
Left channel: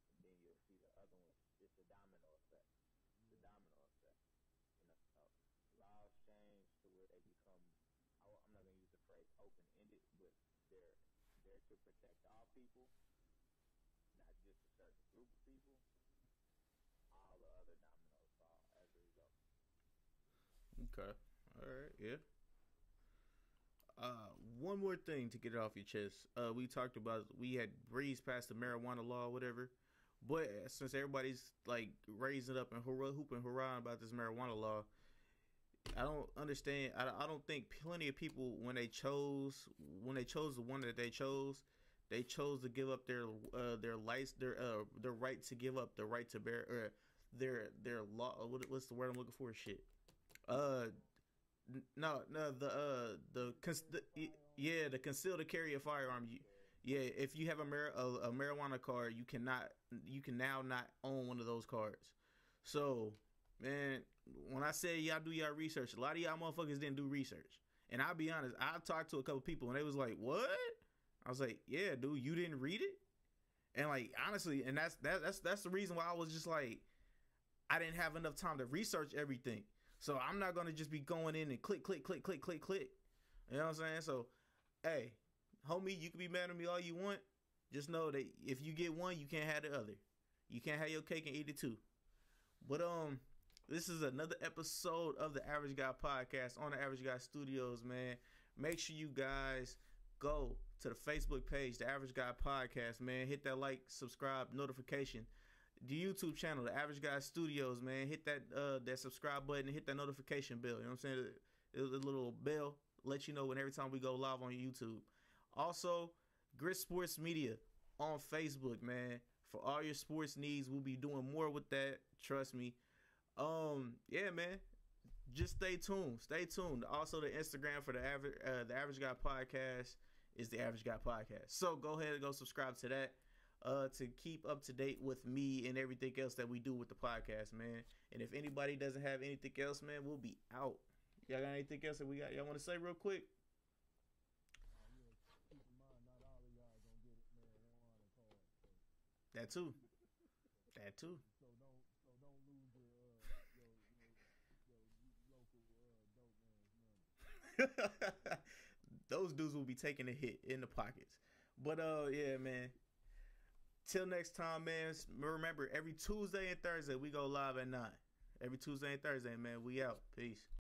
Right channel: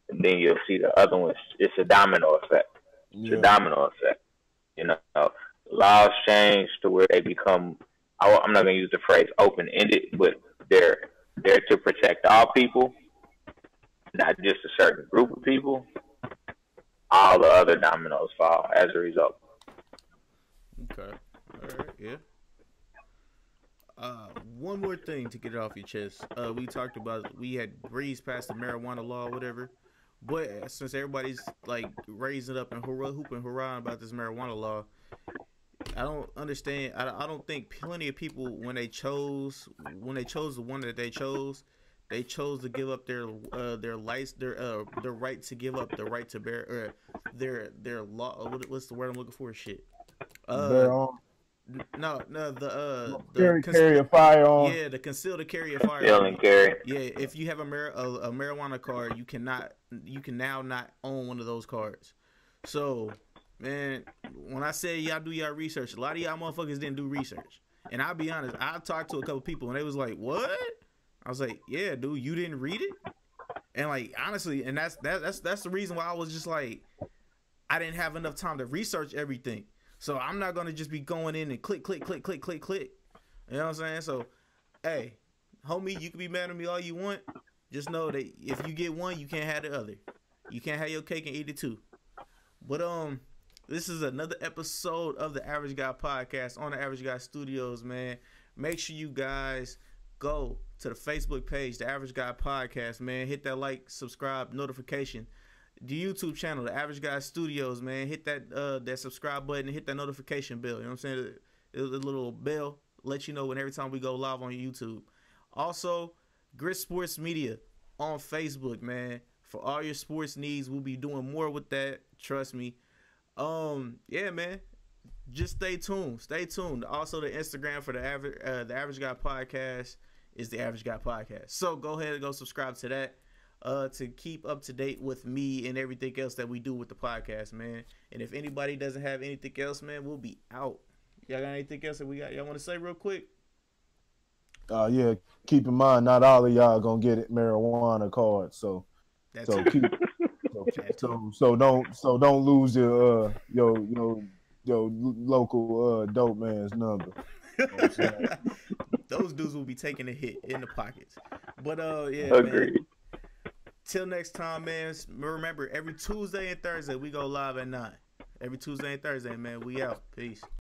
then you'll see the other ones. It's a domino effect. It's a domino effect. You know, laws change to where they become, I'm not going to use the phrase open-ended, but they're there to protect all people, not just a certain group of people. All the other dominoes fall as a result. Okay. All right. Yeah. One more thing to get it off your chest. We talked about, we had breezed past the marijuana law or whatever, but since everybody's like raising up and hooping hurrah about this marijuana law, I don't understand. I don't think plenty of people, when they chose the one that they chose to give up their right to give up the right to bear, or their law. What's the word I'm looking for? Shit. Carry a firearm. Yeah, the conceal to carry a firearm. Conceal and carry. Yeah, if you have a marijuana card, you can now not own one of those cards. So, man, when I say y'all do y'all research, a lot of y'all motherfuckers didn't do research. And I'll be honest, I talked to a couple people and they was like, "What?" I was like, "Yeah, dude, you didn't read it?" And like, honestly, and that's the reason why I was just like, I didn't have enough time to research everything. So I'm not gonna just be going in and click. You know what I'm saying? So, hey, homie, you can be mad at me all you want. Just know that if you get one, you can't have the other. You can't have your cake and eat it too. But this is another episode of the Average Guy Podcast on the Average Guy Studios, man. Make sure you guys go to the Facebook page, the Average Guy Podcast, man. Hit that like, subscribe, notification. The YouTube channel, the Average Guy Studios, man. Hit that subscribe button and hit that notification bell. You know what I'm saying? The little bell let you know when every time we go live on YouTube. Also, Grit Sports Media on Facebook, man. For all your sports needs, we'll be doing more with that. Trust me. Yeah, man. Just stay tuned. Stay tuned. Also, the Instagram for the Average Guy Podcast is the Average Guy Podcast. So go ahead and go subscribe to that. To keep up to date with me and everything else that we do with the podcast, man. And if anybody doesn't have anything else, man, we'll be out. Y'all got anything else that y'all want to say real quick? Yeah. Keep in mind, not all of y'all gonna get it marijuana cards, so don't lose your local dope man's number. You know what I'm saying? Those dudes will be taking a hit in the pockets. But yeah, Agreed. Man. Till next time, man. Remember, every Tuesday and Thursday we go live at 9. Every Tuesday and Thursday, man. We out. Peace.